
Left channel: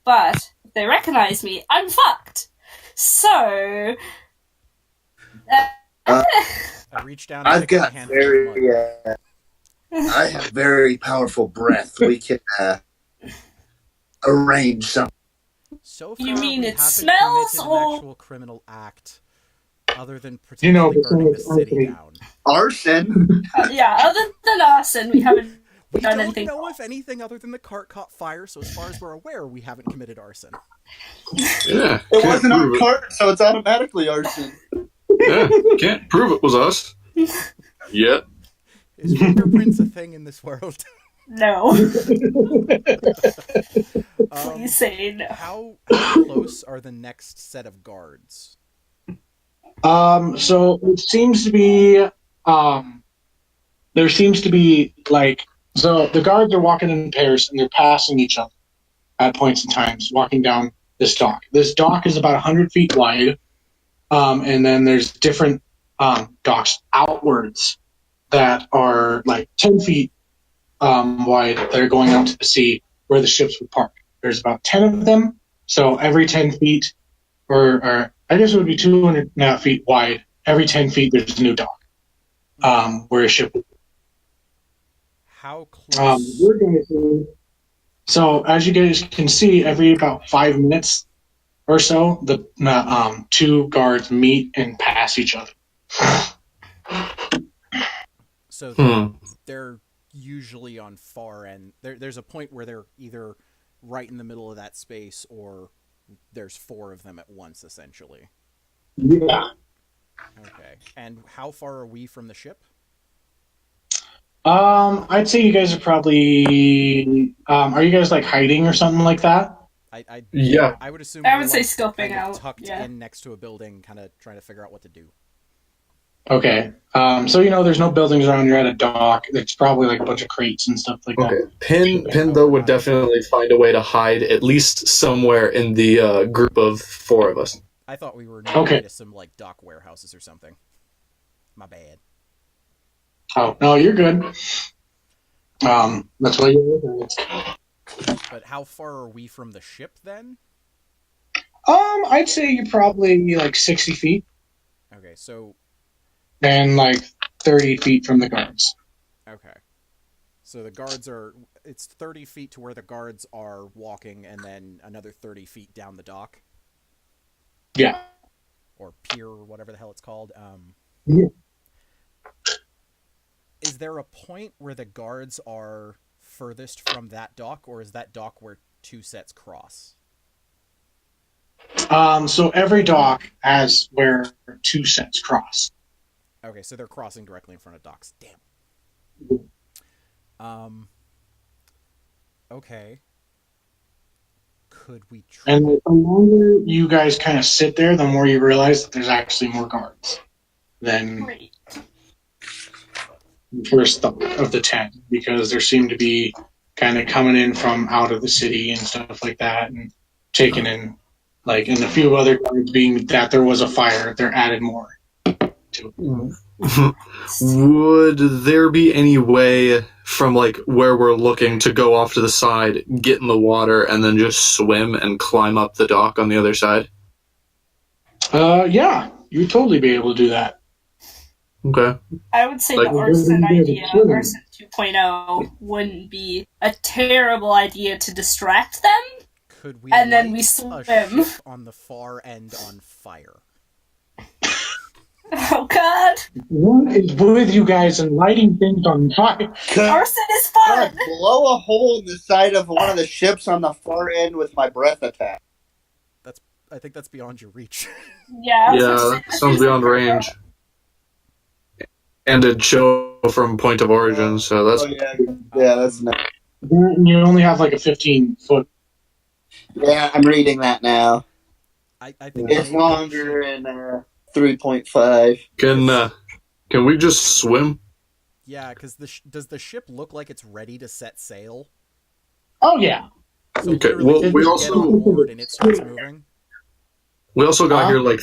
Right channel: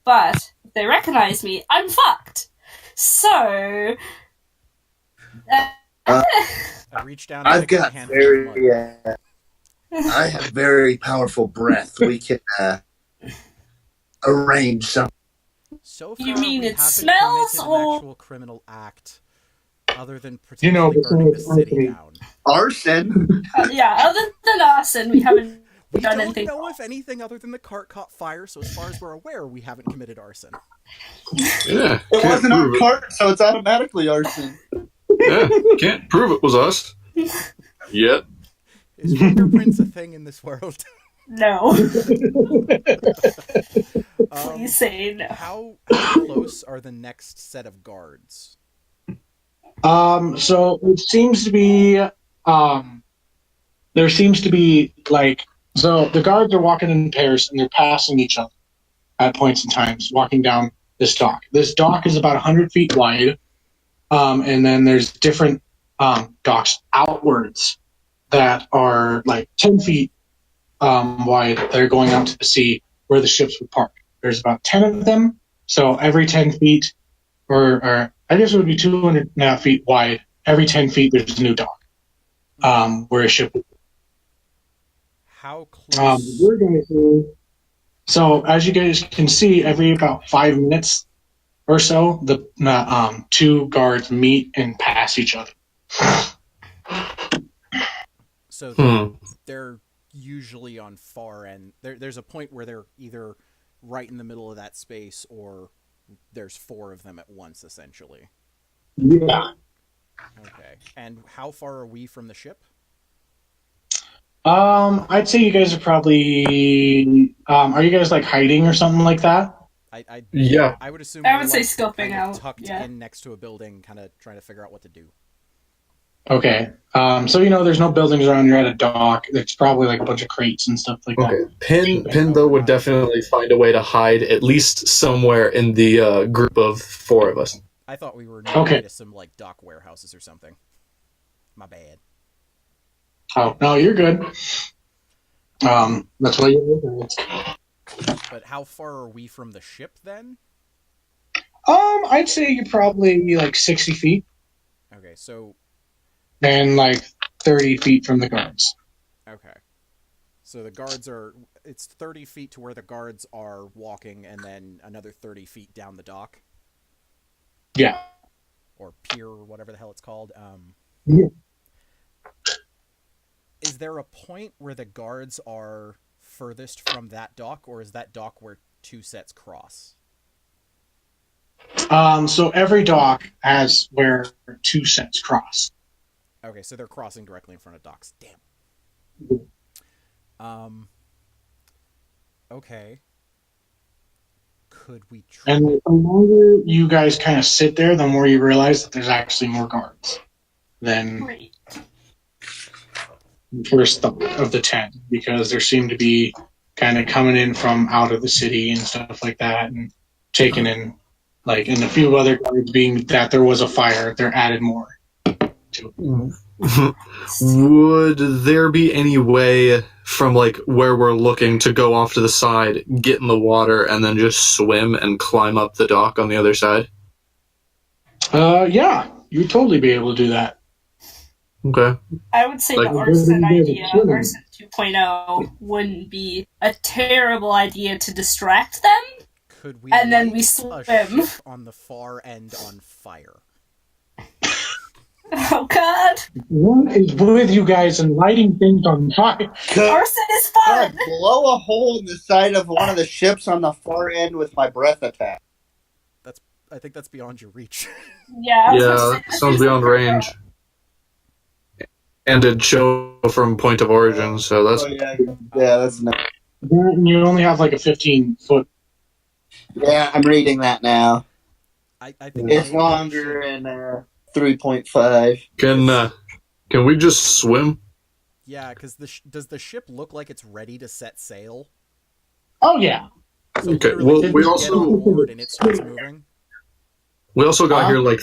But if they recognize me, I'm fucked. So, I reach down and I've pick up a got handful of mud. I have very powerful breath. We can arrange something. So far, You mean we it haven't smells, committed or- an actual criminal act other than potentially burning the city down. Arson. yeah, other than Arson, we haven't We done don't anything. know if anything other than the cart caught fire, so as far as we're aware, we haven't committed arson. Yeah. It can't wasn't prove our cart, so it's automatically arson. Yeah, can't prove it was us. Yet. Is fingerprints a thing in this world? No. Please say no. How close are the next set of guards? So it seems to be, there seems to be so the guards are walking in pairs and they're passing each other at points in times, walking down this dock. This dock is about 100 feet wide, and then there's different docks outwards that are like 10 feet wide that are going out to the sea where the ships would park. There's about 10 of them, so every 10 feet, or I guess it would be 200 feet wide. Every 10 feet, there's a new dock where a ship would. How close? We're going to see. So as you guys can see, every about 5 minutes or so, the two guards meet and pass each other. So they're usually on far end. There's a point where they're either right in the middle of that space or there's 4 of them at once, essentially. Yeah. Okay. And how far are we from the ship? I'd say you guys are probably. Are you guys like hiding or something like that? Yeah. I would assume. I would say like, scoping kind of out. tucked Yeah. in next to a building, kind of trying to figure out what to do. Okay. So there's no buildings around. You're at a dock. There's probably like a bunch of crates and stuff like Okay. that. Pin though would definitely find a way to hide at least somewhere in the group of 4 of us. I thought we were near to some like dock warehouses or something. My bad. Oh no, you're good. That's what you're. But how far are we from the ship then? I'd say you're probably like 60 feet. Okay, so. And like 30 feet from the guards. Okay. So the guards are. It's 30 feet to where the guards are walking, and then another 30 feet down the dock. Yeah. Or pier, or whatever the hell it's called. Yeah. Is there a point where the guards are furthest from that dock, or is that dock where 2 sets cross? So every dock has where 2 sets cross. Okay, so they're crossing directly in front of docks. Damn. Okay. Could we try? And the longer you guys kind of sit there, the more you realize that there's actually more guards than the first thought of the 10, because there seem to be kind of coming in from out of the city and stuff like that, and taking in, like, and a few other guards being that there was a fire, they're added more to it. Would there be any way from like where we're looking to go off to the side, get in the water, and then just swim and climb up the dock on the other side? Yeah, you'd totally be able to do that. Okay. I would say Like, the Arson idea, Arson 2.0, wouldn't be a terrible idea to distract them. Could we and then light we a swim ship on the far end on fire? Oh God! What is with you guys and lighting things on fire? Arson is fun. I'd blow a hole in the side of one of the ships on the far end with my breath attack. I think that's beyond your reach. Yeah. Yeah, that sounds beyond range. And it'd show from point of origin, so that's... Oh, yeah, that's nice. You only have like a 15-foot. Yeah, I'm reading that now. I think It's maybe longer we should- and 3.5. Can we just swim? Yeah, because does the ship look like it's ready to set sail? Oh yeah. So Okay, literally, well, you we get also- on board and it starts moving. We also got here like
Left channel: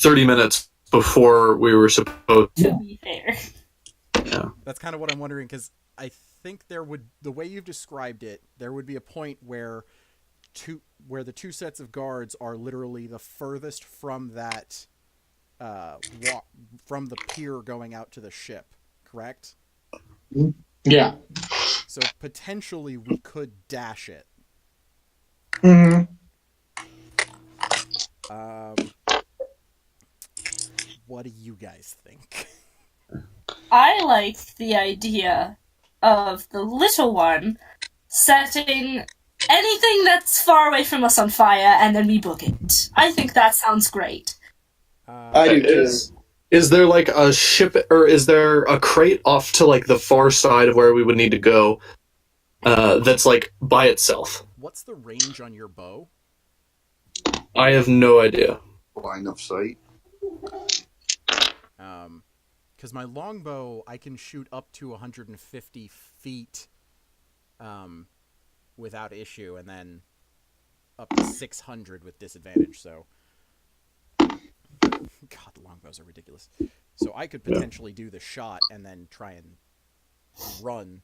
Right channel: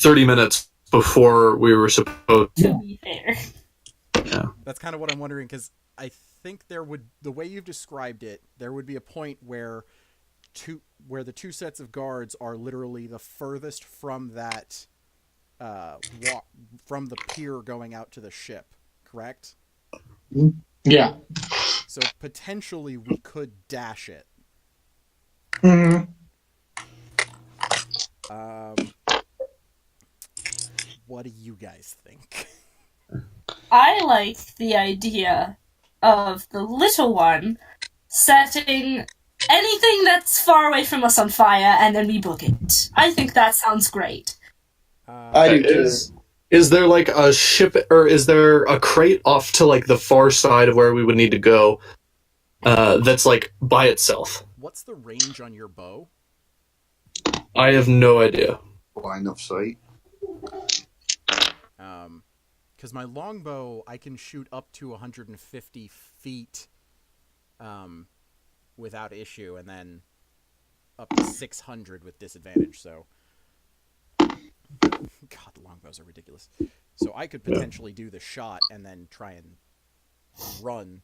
30 minutes before we were supposed to. To be fair. Yeah. That's kind of what I'm wondering, because I think the way you've described it, there would be a point where the 2 sets of guards are literally the furthest from that from the pier going out to the ship, correct? Yeah. So potentially we could dash it. Mm-hmm. What do you guys think? I like the idea of the little one setting anything that's far away from us on fire, and then we book it. I think that sounds great. I do too. Is there like a ship, or is there a crate off to like the far side of where we would need to go that's like by itself? What's the range on your bow? I have no idea. Line of sight. Because my longbow, I can shoot up to 150 feet without issue, and then up to 600 with disadvantage, so... God, the longbows are ridiculous. So I could potentially do the shot and then try and run.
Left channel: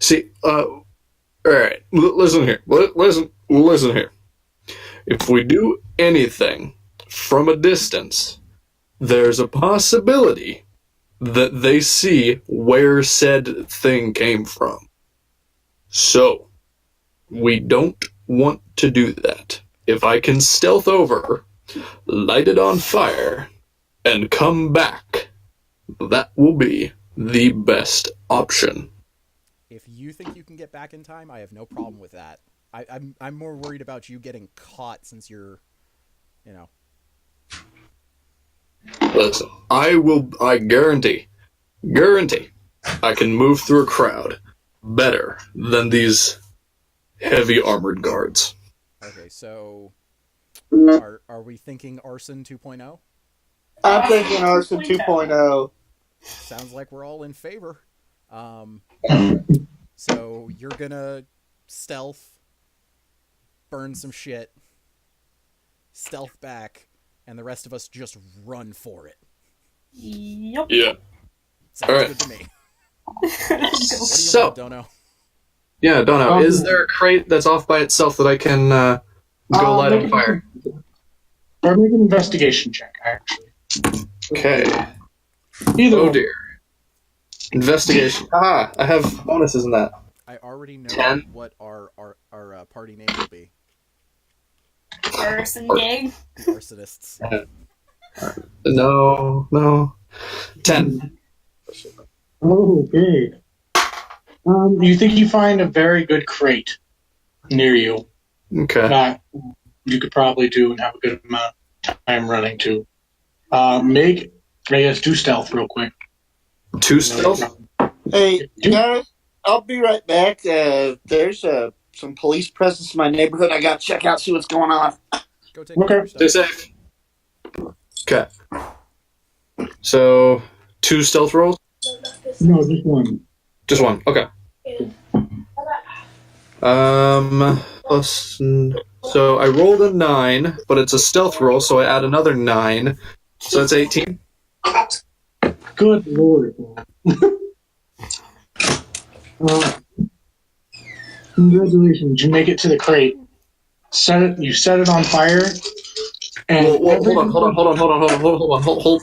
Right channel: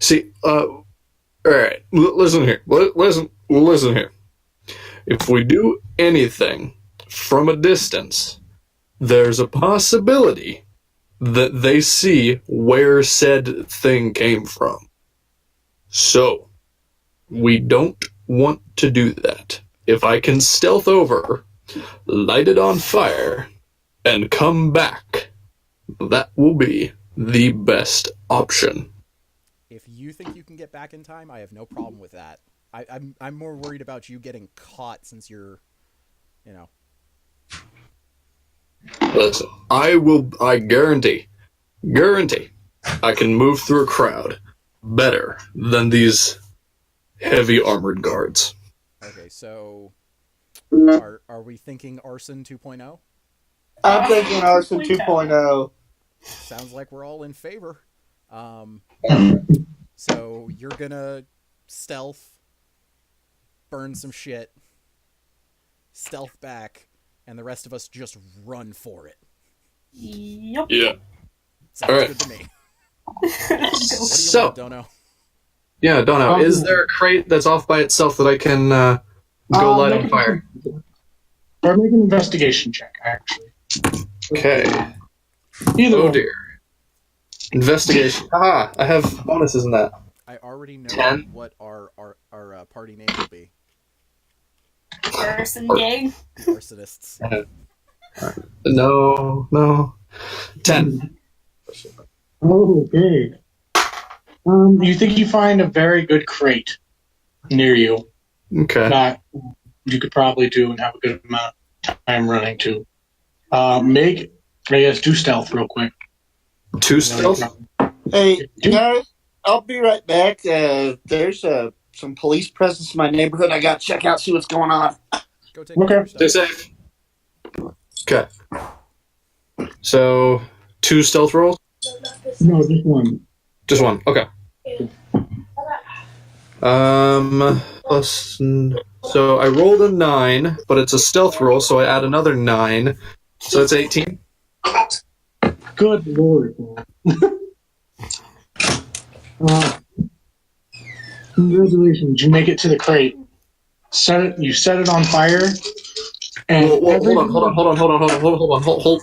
See, all right, listen here. Listen here. If we do anything from a distance, there's a possibility that they see where said thing came from. So, we don't want to do that. If I can stealth over, light it on fire, and come back, that will be the best option. If you think you can get back in time, I have no problem with that. I'm more worried about you getting caught since you're, Listen, I guarantee, I can move through a crowd better than these heavy armored guards. Okay, so are we thinking Arson 2.0? I'm thinking Arson 2.0. Sounds like we're all in favor. So you're gonna stealth, burn some shit, stealth back, and the rest of us just run for it. Yep. Yeah. Sounds All right. good to me. What do you So, want, Dono? yeah, Dono, is there a crate that's off by itself that I can go light on fire? Or make an investigation check, actually. Okay. Either Oh one. dear. Investigation. I have bonuses in that. I already know 10. what our party name will be. Arson gang. The Arsonists. No. 10. Okay. You think you find a very good crate near you Okay. that you could probably do and have a good amount of time running to. Do stealth real quick. 2 stealth? Hey, guys, I'll be right back. There's some police presence in my neighborhood. I got to check out, see what's going on. Go take care of your Stay stuff. safe. Okay. So, 2 stealth rolls? No, just one. Just 1. Okay. So I rolled a 9, but it's a stealth roll, so I add another 9. So that's 18. Good lord. Congratulations, you make it to the crate. You set it on fire. And Hold,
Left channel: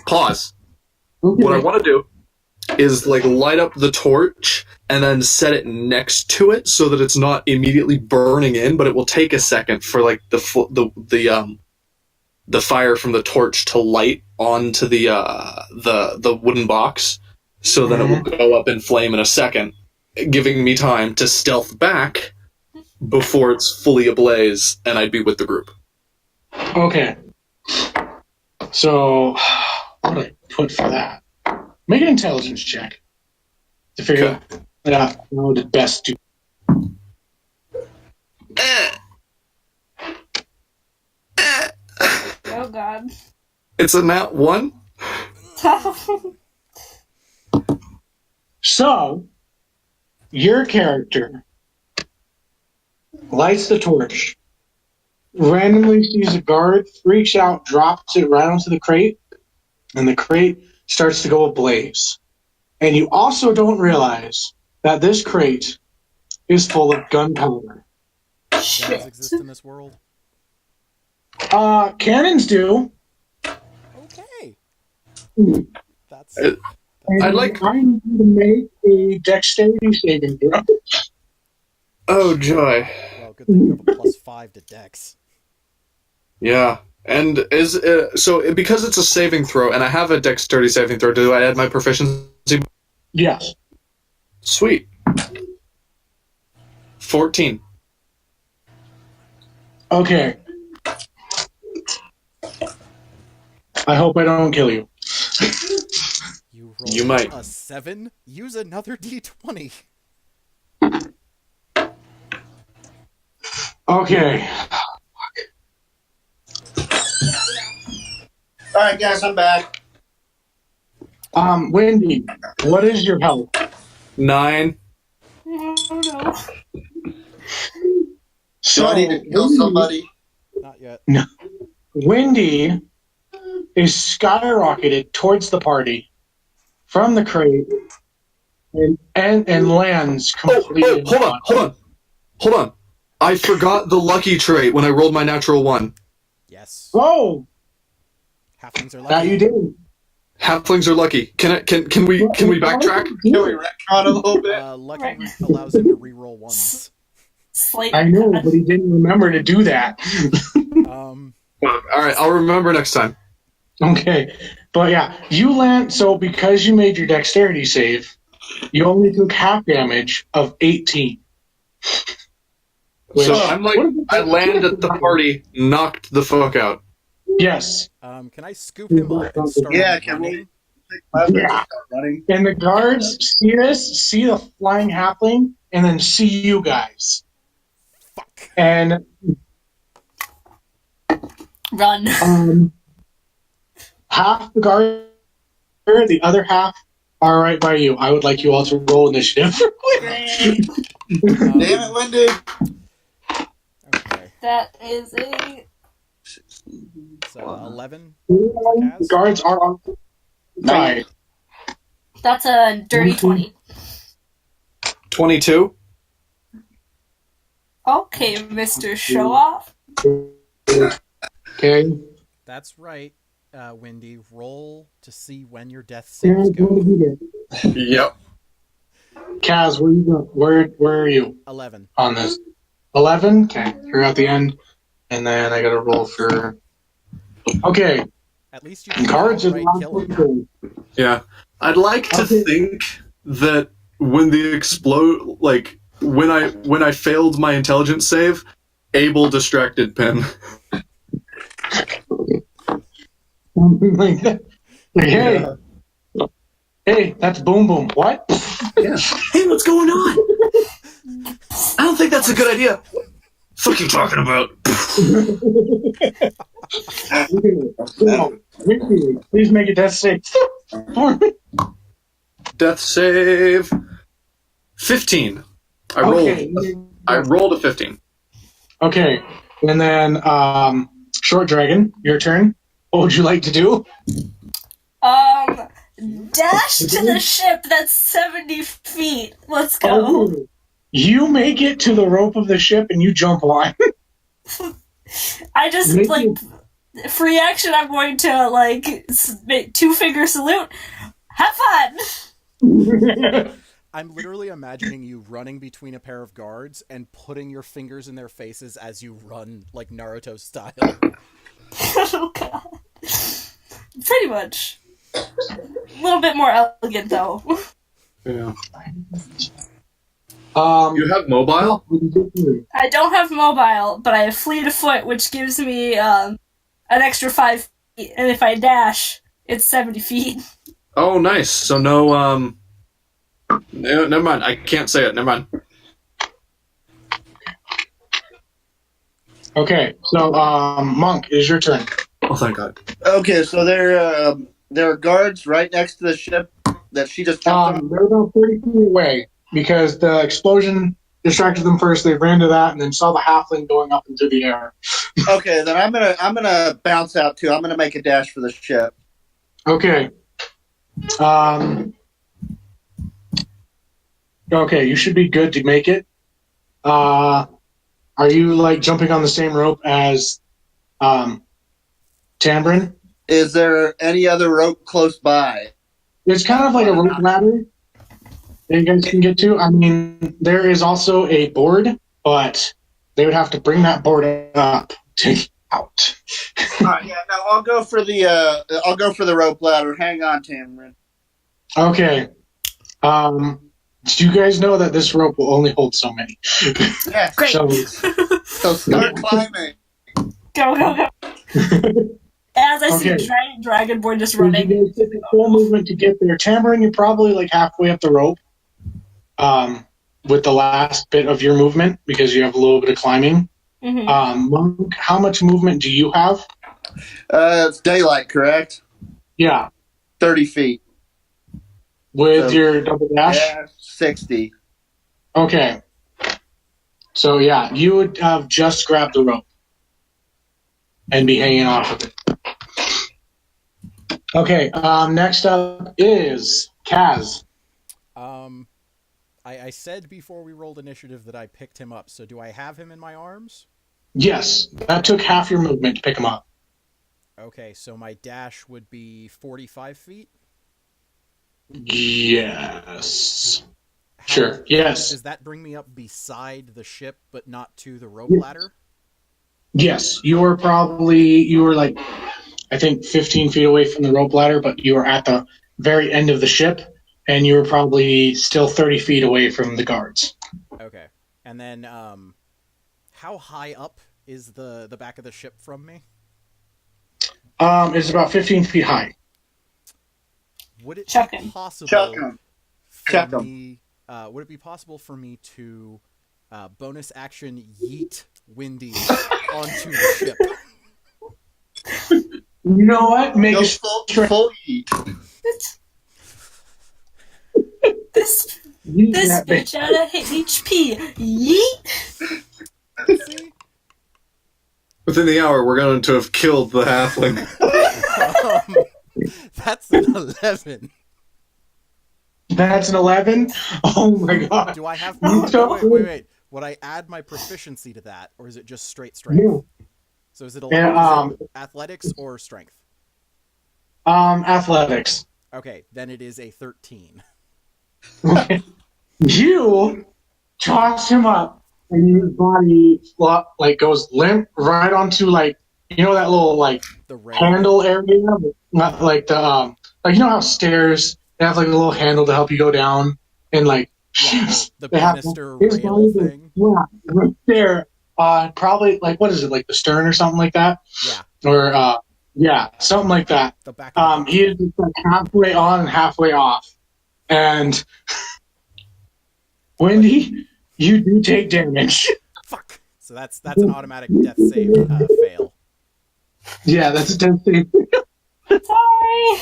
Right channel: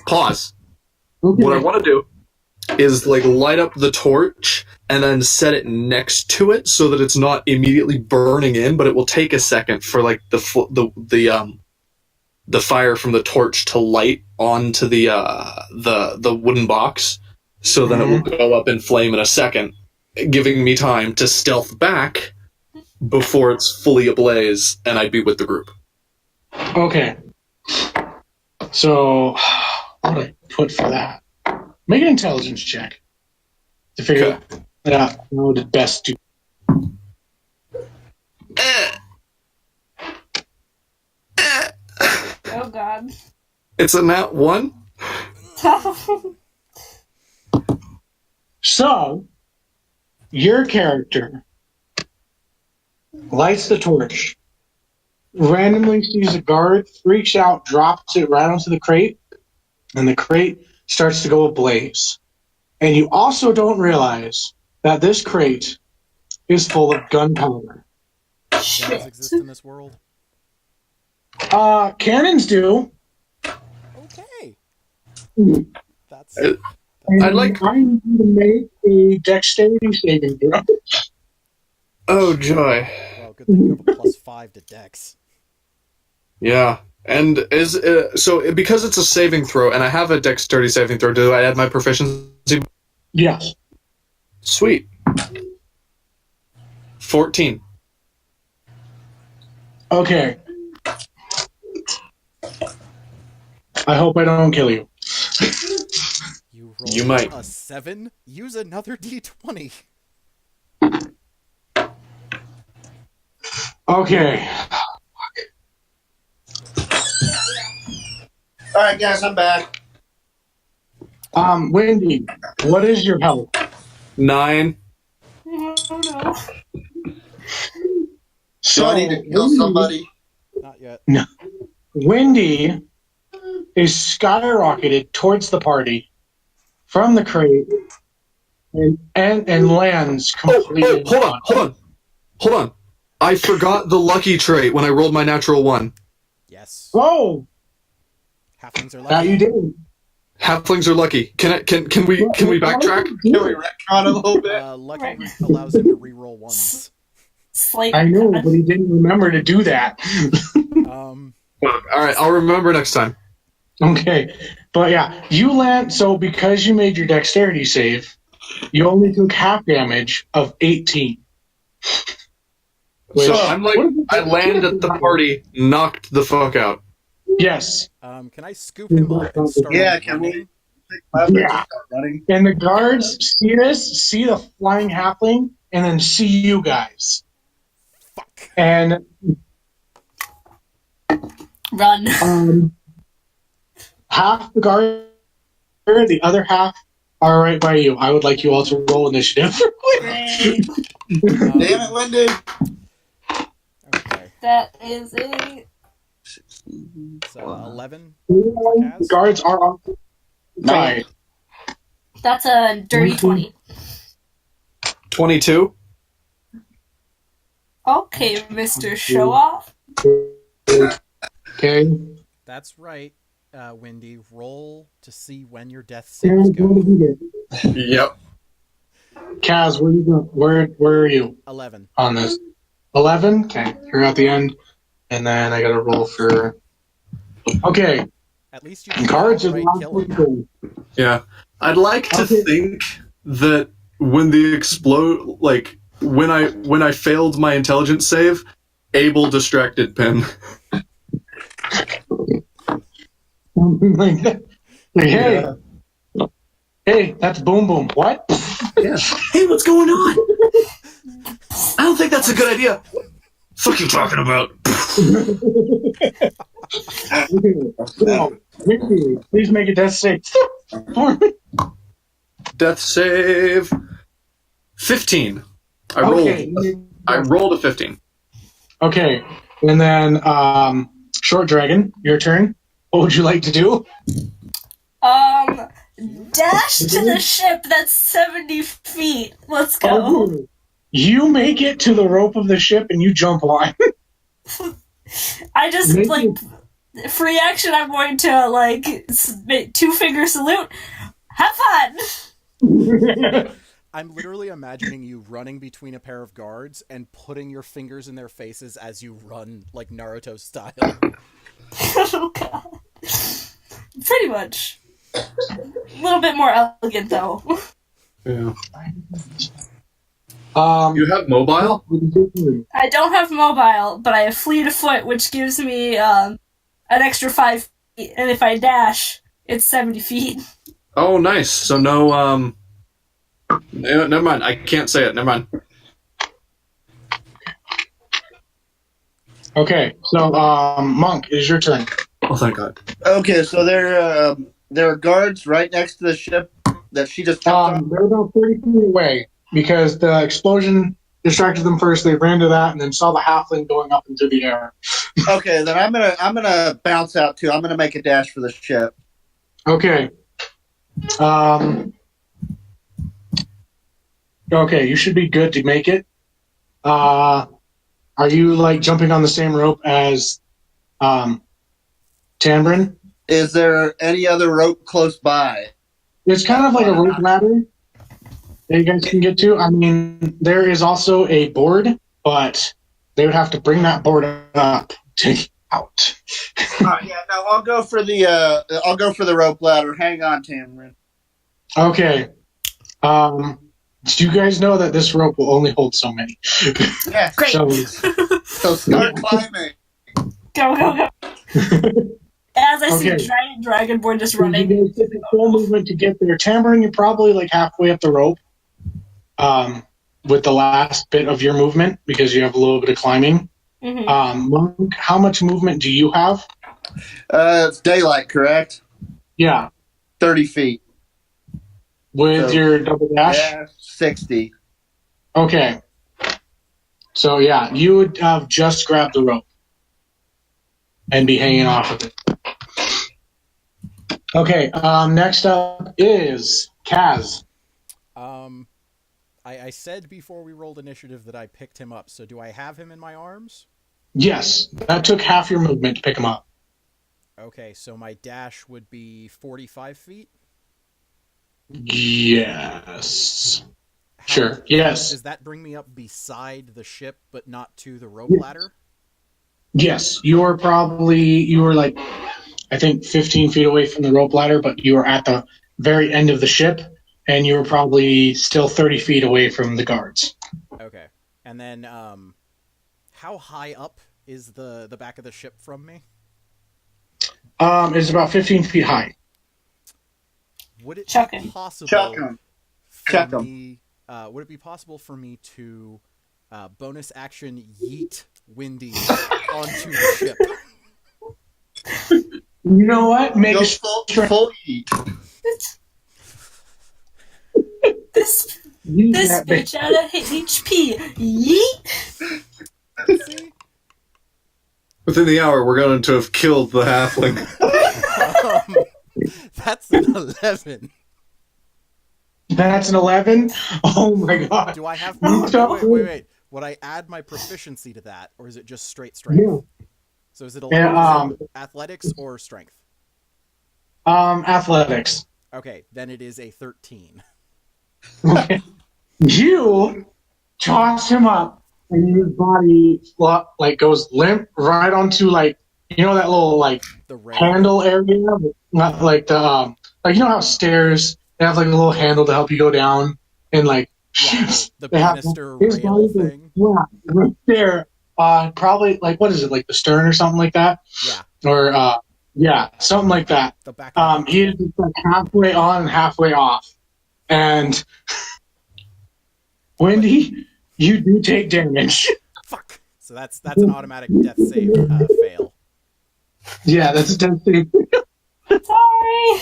pause. Okay. What I want to do is light up the torch and then set it next to it so that it's not immediately burning in, but it will take a second for the fire from the torch to light onto the wooden box, so then it will go up in flame in a second, giving me time to stealth back before it's fully ablaze and I'd be with the group. Okay. So, what do I put for that? Make an intelligence check to figure out what the best do. Oh god. It's a nat 1. So, your character lights the torch, randomly sees a guard, freaks out, drops it right onto the crate, and the crate starts to go ablaze. And you also don't realize that this crate is full of gunpowder. Guns exist in this world? Cannons do. Okay. That's... And I'd like- I need you to make a dexterity saving throw. Oh, joy. Well, good thing you have a +5 to Dex. Yeah. And because it's a saving throw, and I have a dexterity saving throw, do I add my proficiency? Yes. Sweet. 14. Okay. I hope I don't kill you. You rolled You might. a 7? Use another d20. Okay. All right, guys, I'm back. Wendy, what is your health? 9. Oh no. So I need to kill somebody. Not yet. No. Wendy is skyrocketed towards the party from the crate and lands completely. Hold on. I forgot the lucky trait when I rolled my natural 1. Yes. Oh, Halflings are that lucky. you did. Halflings are lucky. Can we backtrack? Can we retcon a little bit? Lucky Right. allows him to reroll ones. Slight I know, retcon. but he didn't remember to do that. All right, I'll remember next time. Okay, but yeah, you land. So because you made your dexterity save, you only took half damage of 18. So I'm like, I land at the party, knocked the fuck out. Yes, Can I scoop him up and start Can running? we Yeah. start running? and the guards see this, see the flying halfling, and then see you guys. Fuck. And Run. half the guard, the other half are right by you. I would like you all to roll initiative. Great. Damn it, Wendy. Okay. That is a So 11. The guards are on side. that's a dirty 20. 22. Okay, Mr. Show Off. Okay. That's right, Wendy. Roll to see when your death Kaz, saves what go. did you get? Yep. Kaz, where you go? Where are you 11. on this? 11. Okay, you're at the end, and then I got to roll for. Okay, At least you can guards is outright not kill him. good. Yeah. I'd like to Okay. think that when the explode, like when I failed my intelligence save, Abel distracted Pin. Something like that. Like, hey, that's Boom Boom. What? Yeah. Hey, what's going on? I don't think that's a good idea. What are you talking about? No, Wendy, please make a death save. Death save 15. I rolled a 15. Okay, and then Short Dragon, your turn. What would you like to do? Dash to the ship that's 70 feet. Let's go. Oh, you make it to the rope of the ship and you jump on. I just, Make like, free action, I'm going to, like, two-finger salute. Have fun! I'm literally imagining you running between a pair of guards and putting your fingers in their faces as you run, like Naruto style. Oh, God. Pretty much. A little bit more elegant, though. Yeah. You have mobile? I don't have mobile, but I have fleet of foot, which gives me an extra 5 feet, and if I dash, it's 70 feet. Oh, nice. So no, never mind. I can't say it. Never mind. Okay, so Monk, it is your turn. Oh, thank God. Okay, so there are guards right next to the ship that she just jumped on. They're about 30 feet away because the explosion distracted them first. They ran to that and then saw the halfling going up into the air. Okay, then I'm gonna bounce out too. I'm gonna make a dash for the ship. Okay. Okay, you should be good to make it. Are you like jumping on the same rope as Tambrin? Is there any other rope close by? It's kind of like a rope ladder that you guys can get to. I mean, there is also a board, but they would have to bring that board up to get out. Yeah, no, I'll go for the rope ladder. Hang on, Tamron. Okay. Do you guys know that this rope will only hold so many? Yeah, Great. so start climbing. Go, go, go. As I see Okay. a giant dragonborn just You running. guys take the full movement to get there. Tambourine, you're probably like halfway up the rope with the last bit of your movement because you have a little bit of climbing. Mhm. Monk, how much movement do you have? It's daylight, correct? Yeah. 30 feet. With So- your double dash? Yeah, 60. Okay. So, yeah, you would have just grabbed the rope and be hanging off of it. Okay, next up is Kaz. I said before we rolled initiative that I picked him up, so do I have him in my arms? Yes, that took half your movement to pick him up. Okay, so my dash would be 45 feet? Yes. How- Sure, yes. Does that bring me up beside the ship, but not to the rope Yes. ladder? Yes, you were like, I think 15 feet away from the rope ladder, but you were at the very end of the ship, and you were probably still 30 feet away from the guards. Okay. And then, how high up is the back of the ship from me? It's about 15 feet high. Would it Chuck be him. possible Chuck 'em. for Chuck 'em. me? Would it be possible for me to bonus action yeet Windy onto the ship? You know what? Make Go a full heat. This yeet this that bitch out of HP. Yeet. See? Within the hour, we're going to have killed the halfling. That's an 11. That's an 11? Oh my god. Do I have... You don't- Wait. Would I add my proficiency to that, or is it just straight strength? Yeah. So is it, Yeah, is it athletics or strength? Athletics. Okay, then it is a 13. You toss him up, and his body like goes limp right onto that little The rail. handle area, not like the like how stairs they have like a little handle to help you go down, and Yeah, the they have- banister his rail body goes- thing. Yeah, right there. Probably what is it, like the stern or something like that, Yeah, or something like that. the back of the boat. He is just like halfway on and halfway off. And Wendy, you do take damage. Fuck! So that's an automatic death save fail. Yeah, that's a 10 save. Sorry.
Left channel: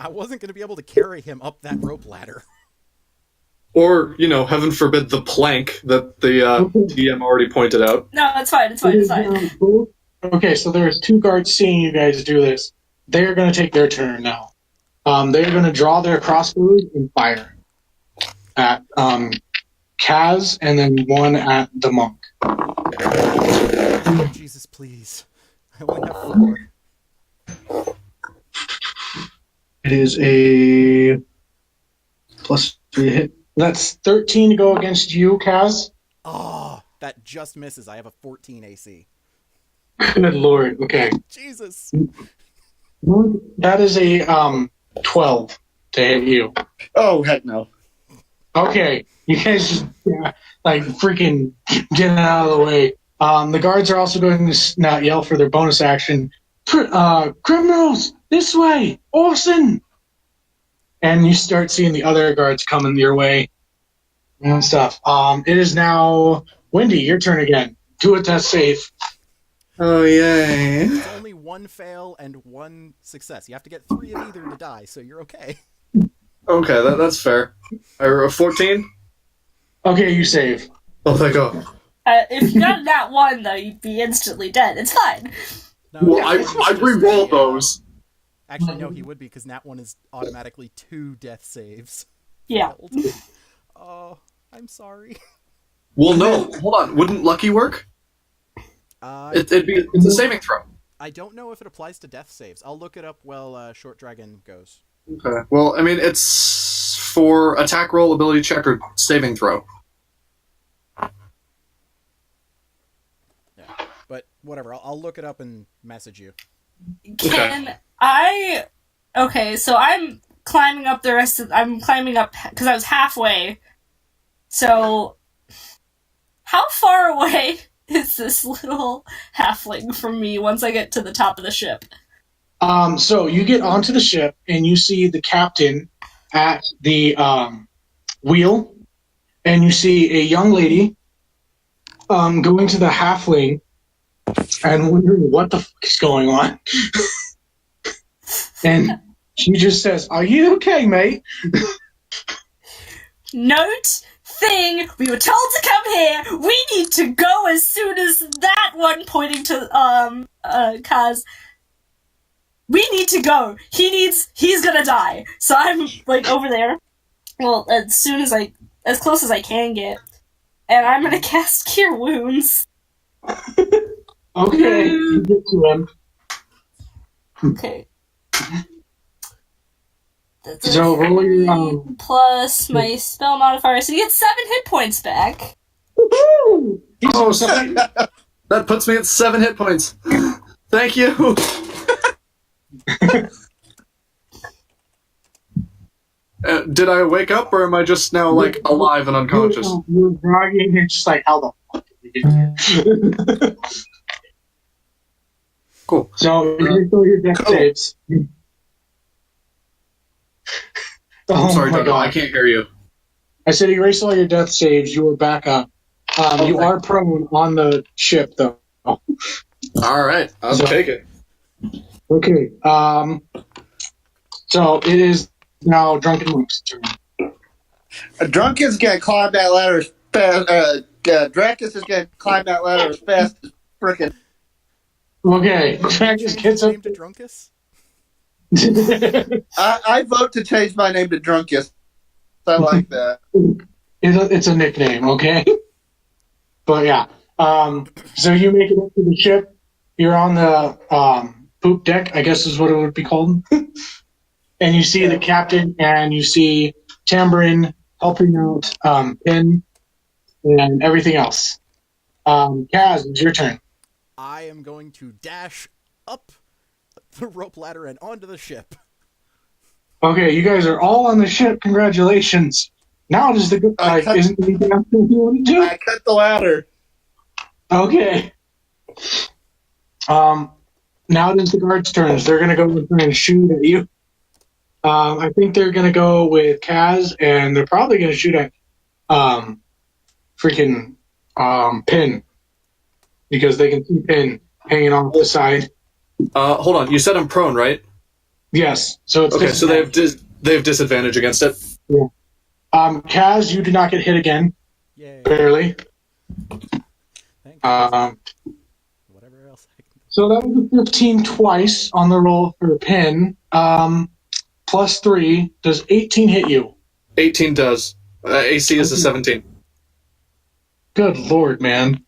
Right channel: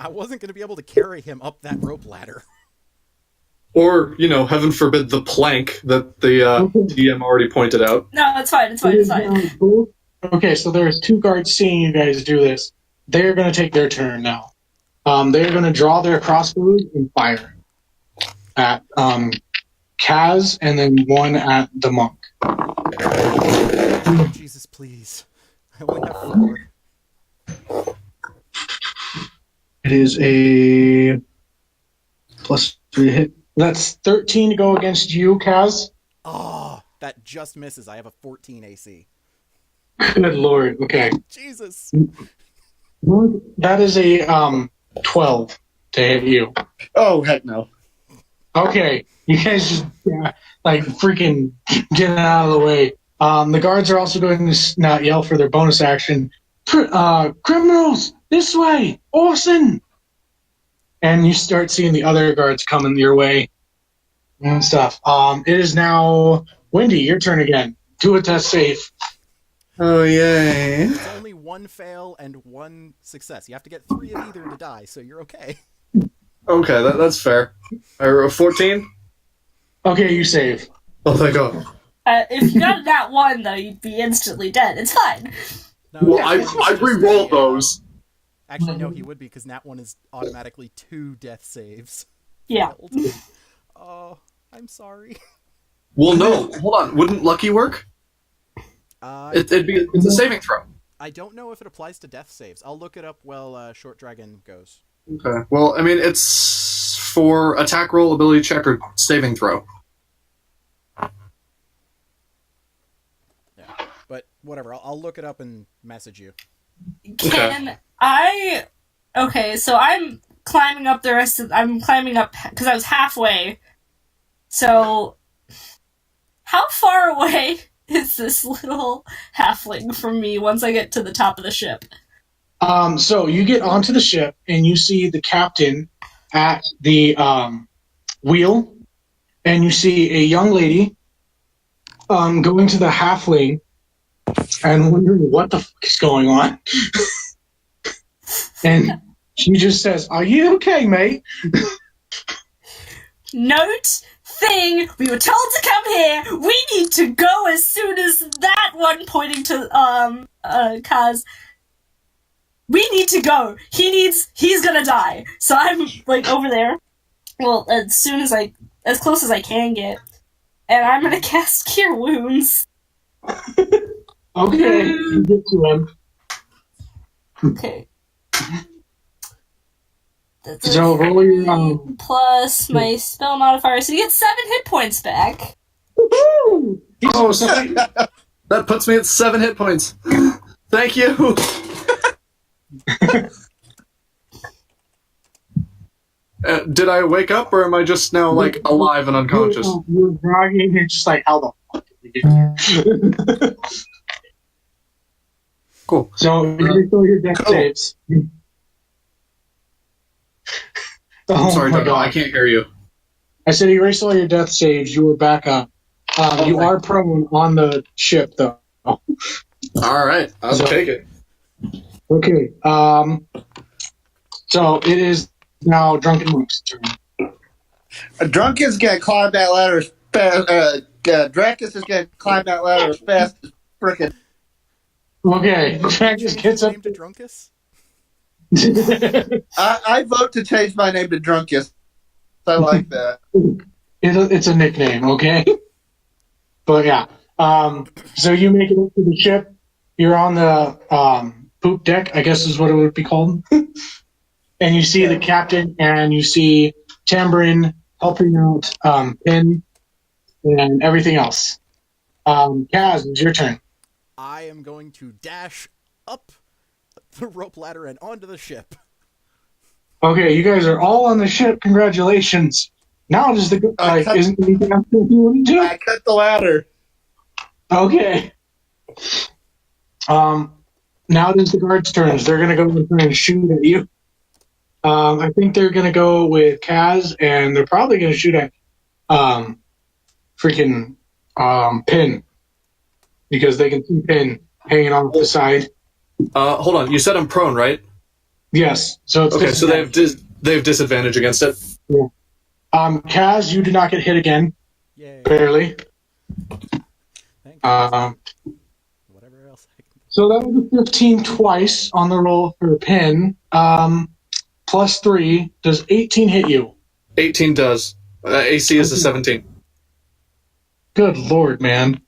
I wasn't going to be able to carry him up that rope ladder. Or, heaven forbid, the plank that the DM already pointed out. No, it's fine. It's fine. It's fine. Okay, so there's two guards seeing you guys do this. They're going to take their turn now. They're going to draw their crossbows and fire at Kaz, and then one at the monk. Oh, Jesus, please. I only have 4. It is a +3 hit. That's 13 to go against you, Kaz. Oh, that just misses. I have a 14 AC. Good lord. Okay. Jesus. That is a 12 to hit you. Oh, heck no. Okay. You guys just freaking get out of the way. The guards are also going to not yell for their bonus action. Criminals, this way! Arson! And you start seeing the other guards coming your way and stuff. It is now Wendy, your turn again. Do a death save. Oh, yay. It's only 1 fail and 1 success. You have to get 3 of either to die, so you're okay. Okay, that's fair. 14? Okay, you save. Oh, thank God. If you got that one, though, you'd be instantly dead. It's fine. No, Well, Nat I one was just re-rolled a, those. Actually, no, he would be, because Nat 1 is automatically 2 death saves. Yeah. Failed. Oh, I'm sorry. Well, no, hold on. Wouldn't lucky work? It's a saving throw. I don't know if it applies to death saves. I'll look it up while Short Dragon goes. Okay. Well, I mean, it's for attack roll, ability check, or saving throw. Yeah, but whatever. I'll look it up and message you. Can I... Okay, so I'm climbing up I'm climbing up because I was halfway. So, how far away is this little halfling from me once I get to the top of the ship? So you get onto the ship and you see the captain at the wheel, and you see a young lady going to the halfling and wondering what the fuck is going on. And she just says, "Are you okay, mate?" Note thing, we were told to come here. We need to go as soon as that one, pointing to Kaz. We need to go. He's gonna die. So I'm like over there. Well, as close as I can get. And I'm gonna cast Cure Wounds. Okay, you get to him. Okay. So roll your plus my spell modifier, so you get 7 hit points back. Woo-hoo! Oh, that puts me at 7 hit points. Thank you. Did I wake up, or am I just now like alive and unconscious? You're groggy, and you're just like, how the fuck did we get here? Cool. So you roll your death saves. I'm sorry, my Doug, I can't hear you. I said erase all your death saves. You were back up. You are prone on the ship, though. All right, I'll take it. Okay. So it is now Drunken Monk's turn. Drunken's gonna climb that ladder as fast. Dracus is gonna climb that ladder as fast as frickin'. Okay. Dracus Change gets his up. name to Drunkus? I vote to change my name to Drunkus. I like that. It's a nickname, okay? But yeah. So you make it up to the ship. You're on the poop deck, I guess is what it would be called. And you see the captain, and you see Tambourine helping out Pin and everything else. Kaz, it's your turn. I am going to dash up the rope ladder and onto the ship. Okay, you guys are all on the ship. Congratulations. Now does the good guy isn't anything else you want to do? I cut the ladder. Okay. Now it is the guards' turns. They're gonna go and try and shoot at you. I think they're gonna go with Kaz, and they're probably gonna shoot at freaking Pin, because they can see Pin hanging off the side. Hold on. You said I'm prone, right? Yes. So it's Okay, so they have disadvantage against it. Yeah. Kaz, you did not get hit again. Yay. Barely. Thank you. Whatever else I can do. So that was a 15 twice on the roll for Pin. Plus 3. Does 18 hit you? 18 does. AC is a 17. Good lord, man.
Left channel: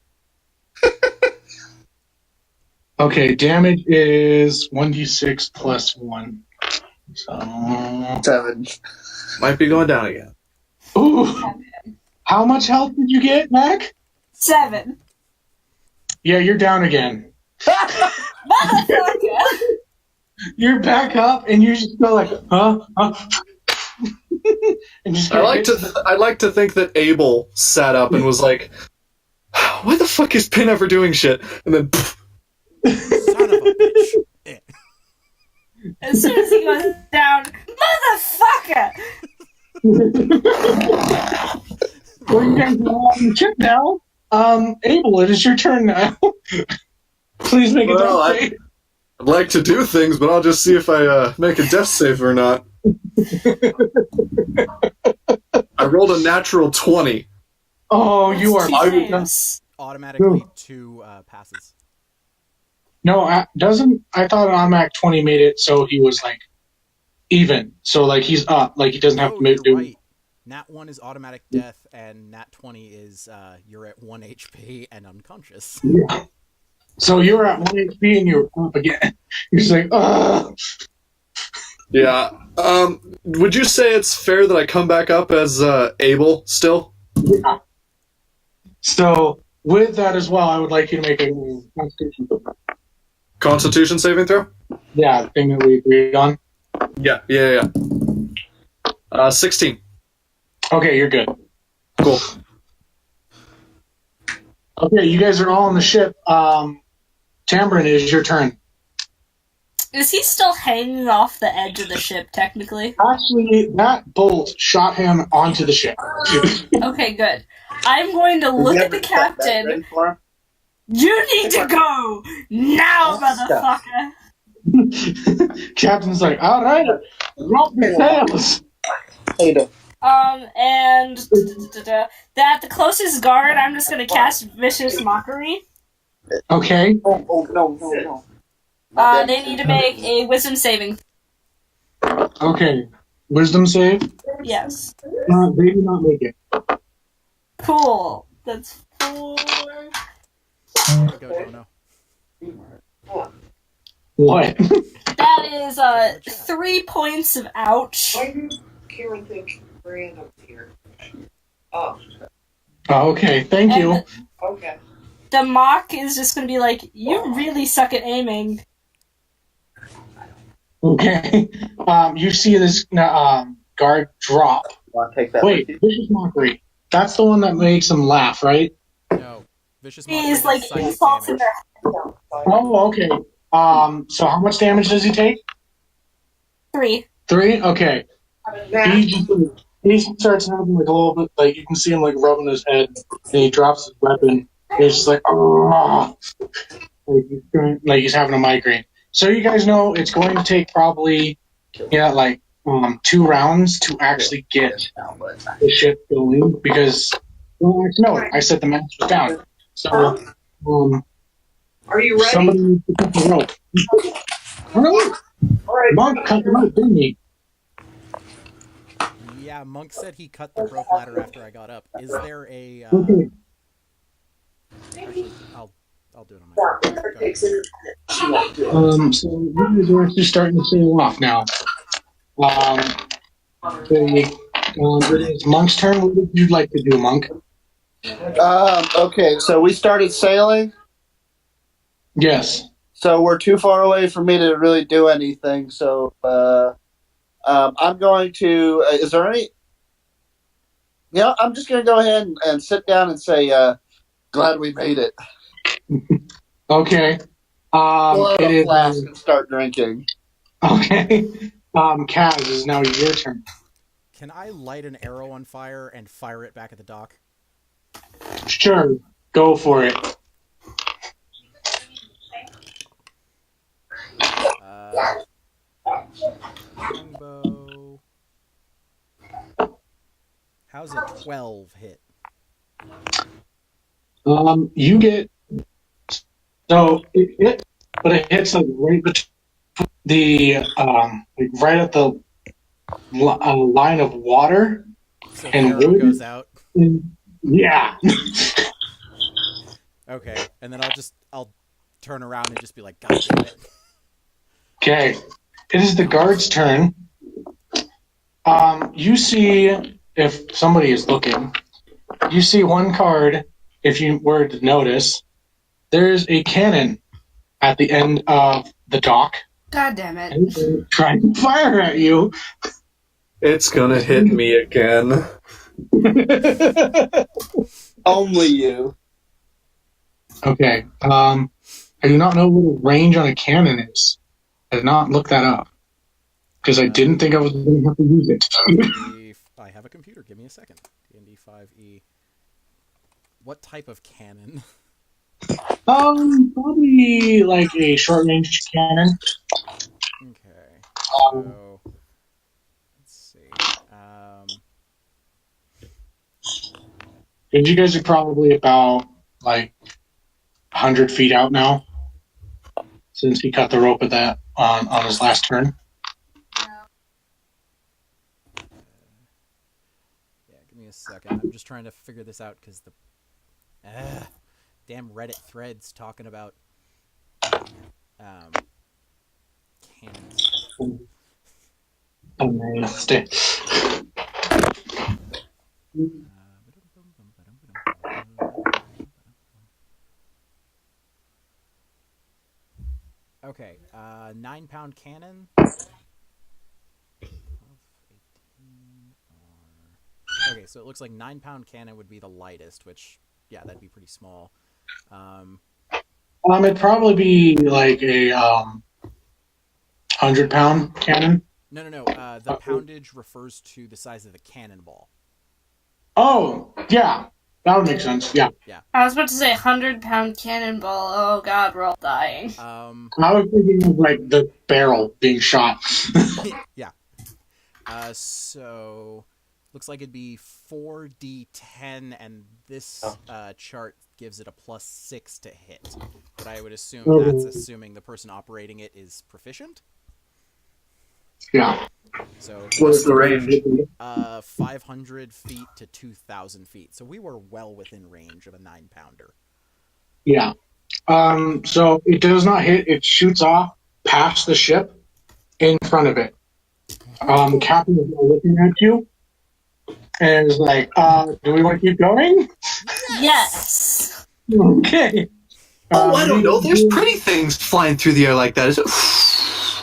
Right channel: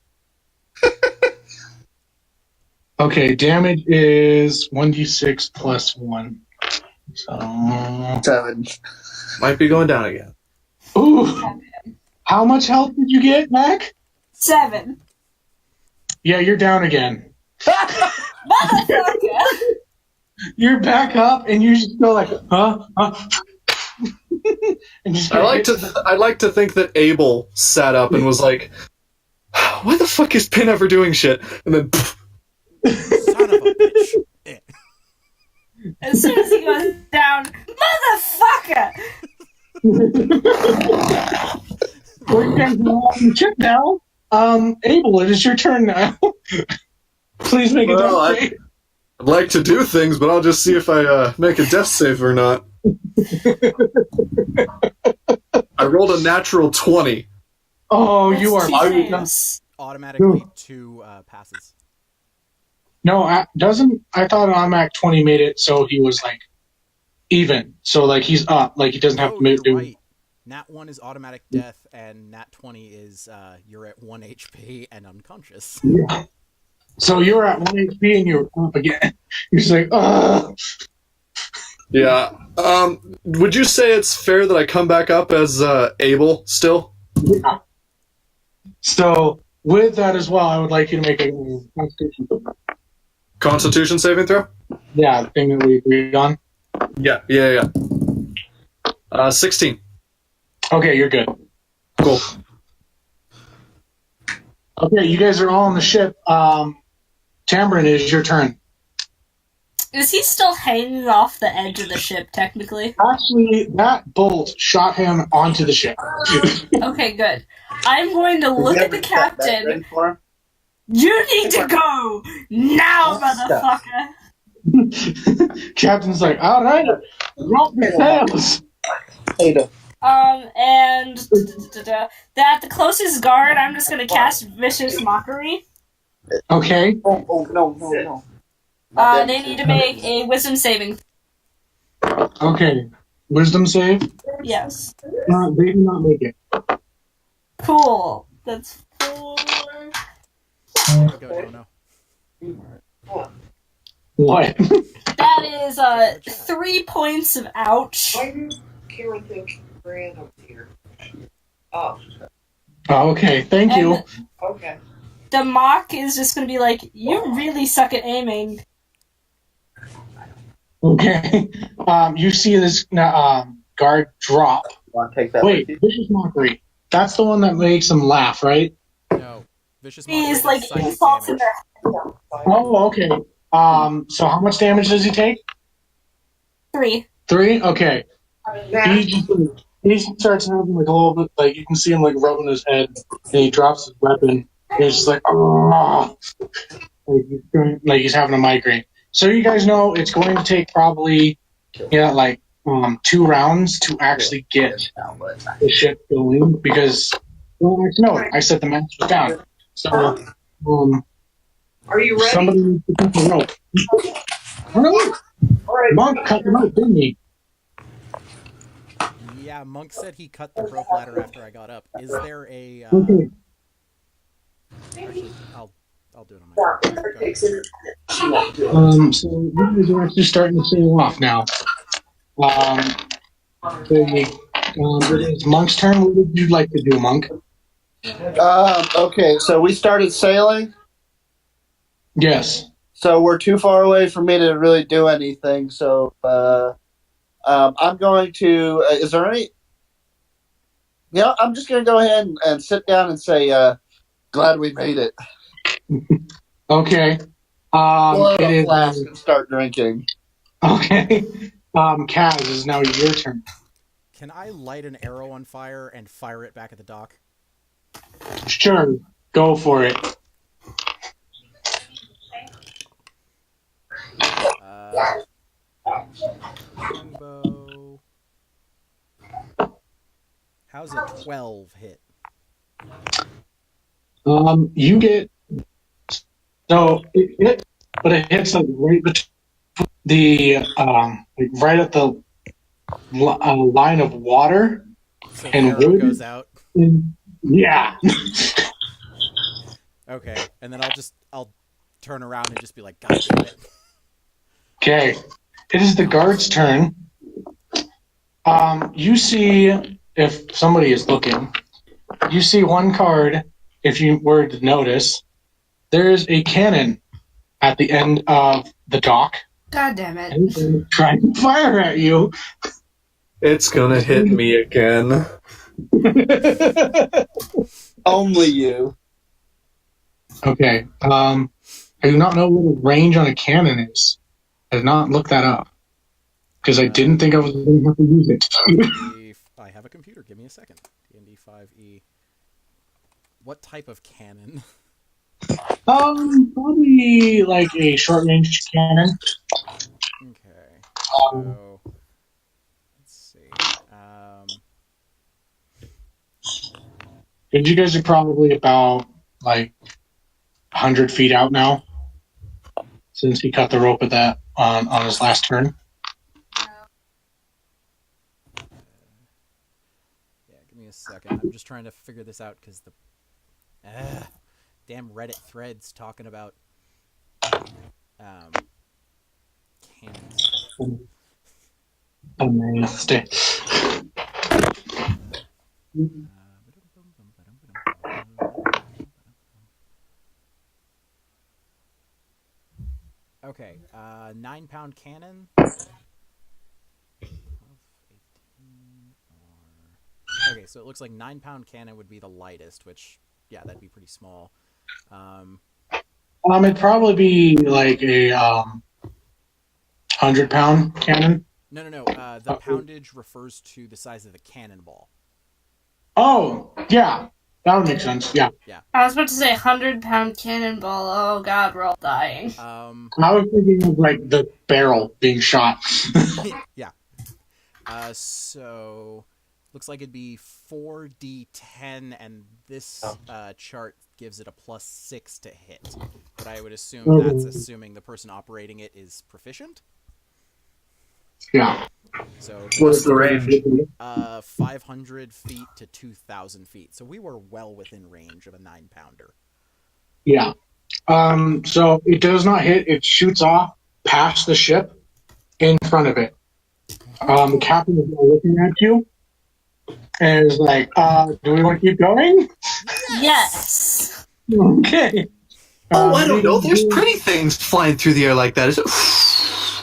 Okay, damage is 1d6 plus 1. So 7. Might be going down again. Ooh. How much health did you get, Mac? 7. Yeah, you're down again. Motherfucker! You're back up, and you just go like, huh? And just I like to think that Abel sat up and was like, "Why the fuck is Pin ever doing shit?" And then, Son of a bitch. As soon as he goes down, motherfucker! Well, you guys are all on the ship now. Abel, it is your turn now. Please make a death save. I'd like to do things, but I'll just see if I make a death save or not. I rolled a natural 20. Oh, you are. Automatically 2 passes. No, I thought Automatic 20 made it so he was like even. So like he's up. Like he doesn't have to You're do. right. Nat 1 is automatic death, and Nat 20 is you're at 1 HP and unconscious. Yeah. So you're at 1 HP and you're up again. You're just like, ugh. Yeah. Would you say it's fair that I come back up as Abel still? Yeah. So with that as well, I would like you to make a Constitution. Constitution saving throw? Yeah, the thing that we agreed on. Yeah. 16. Okay, you're good. Cool. Okay, you guys are all on the ship. Tambourine, it is your turn. Is he still hanging off the edge of the ship, technically? Actually, that bolt shot him onto the ship. Okay, good. I'm going to look at the captain. You need to go now, motherfucker. Captain's like, all right, roll the sails. And that the closest guard, I'm just gonna cast Vicious Mockery. Okay. Oh, no. They need to make a Wisdom saving. Okay. Wisdom save? Yes. They do not make it. Cool. That's 4. There you go, Dono. What? That is 3 points of ouch. Why do Karen think ran up here? Oh, Okay, thank you. And okay. the mock is just gonna be like, you really suck at aiming. Okay. You see this guard drop. Want to take that? Wait, vicious mockery. That's the one that makes him laugh, right? No. Vicious Mockery He's does like psychic insults in damage. their Oh, okay. So how much damage does he take? 3. 3? Okay. Now, He starts having like a little bit, like you can see him like rubbing his head, and he drops his weapon. And he's just like, oh, like he's having a migraine. So you guys know it's going to take probably, like 2 rounds to actually get the ship going because, well, no, I said the match was down. So, are you ready? somebody needs to cut the rope. Really? All right. Monk cut the rope, didn't he? Yeah, Monk said he cut the rope ladder after I got up. Is there a... Okay. Actually, I'll do it on my phone. Go ahead. So you guys are actually starting to sail off now. It is Monk's turn. What would you like to do, Monk? Okay, so we started sailing. Yes. So we're too far away for me to really do anything. So I'm going to. Is there any? I'm just going to go ahead and sit down and say, "Glad we made it." Okay. Blow It a is flask and start drinking. okay. Kaz, is now your turn. Can I light an arrow on fire and fire it back at the dock? Sure, go for it. Longbow. How's a 12 hit? You get it, but it hits like right between the like right at the line of water So the and arrow wood. goes out. Yeah. Okay, and then I'll turn around and just be like, God damn it. Okay. It is the guard's turn. You see, if somebody is looking, you see one card, if you were to notice, there's a cannon at the end of the dock. God damn it. And they're trying to fire at you. It's gonna hit me again. Only you. Okay. I do not know what the range on a cannon is. I did not look that up. Because I didn't think I was going to have to use it. I have a computer. Give me a second. D&D 5e. What type of cannon? Probably like a short range cannon. Okay. So let's see. And you guys are probably about like 100 feet out now. Since he cut the rope at that on his last turn. Yeah, give me a second. I'm just trying to figure this out because the damn Reddit threads talking about cannons. Oh man, stay. Okay, 9-pound cannon. Okay, so it looks like 9-pound cannon would be the lightest, which, yeah, that'd be pretty small. It'd probably be like a 100-pound cannon. No. The poundage refers to the size of the cannonball. Oh, yeah. That would make sense. Yeah. I was about to say 100-pound cannonball. Oh god, we're all dying. I was thinking of like the barrel being shot. Yeah. So looks like it'd be 4d10, and this chart gives it a +6 to hit. But I would assume that's assuming the person operating it is proficient. Yeah. So What's the range? 500 feet to 2,000 feet. So we were well within range of a 9-pounder. Yeah. So it does not hit. It shoots off past the ship in front of it. The captain is looking at you and is like, do we want to keep going? Yes. Okay. Oh, I don't know. There's pretty things flying through the air like that.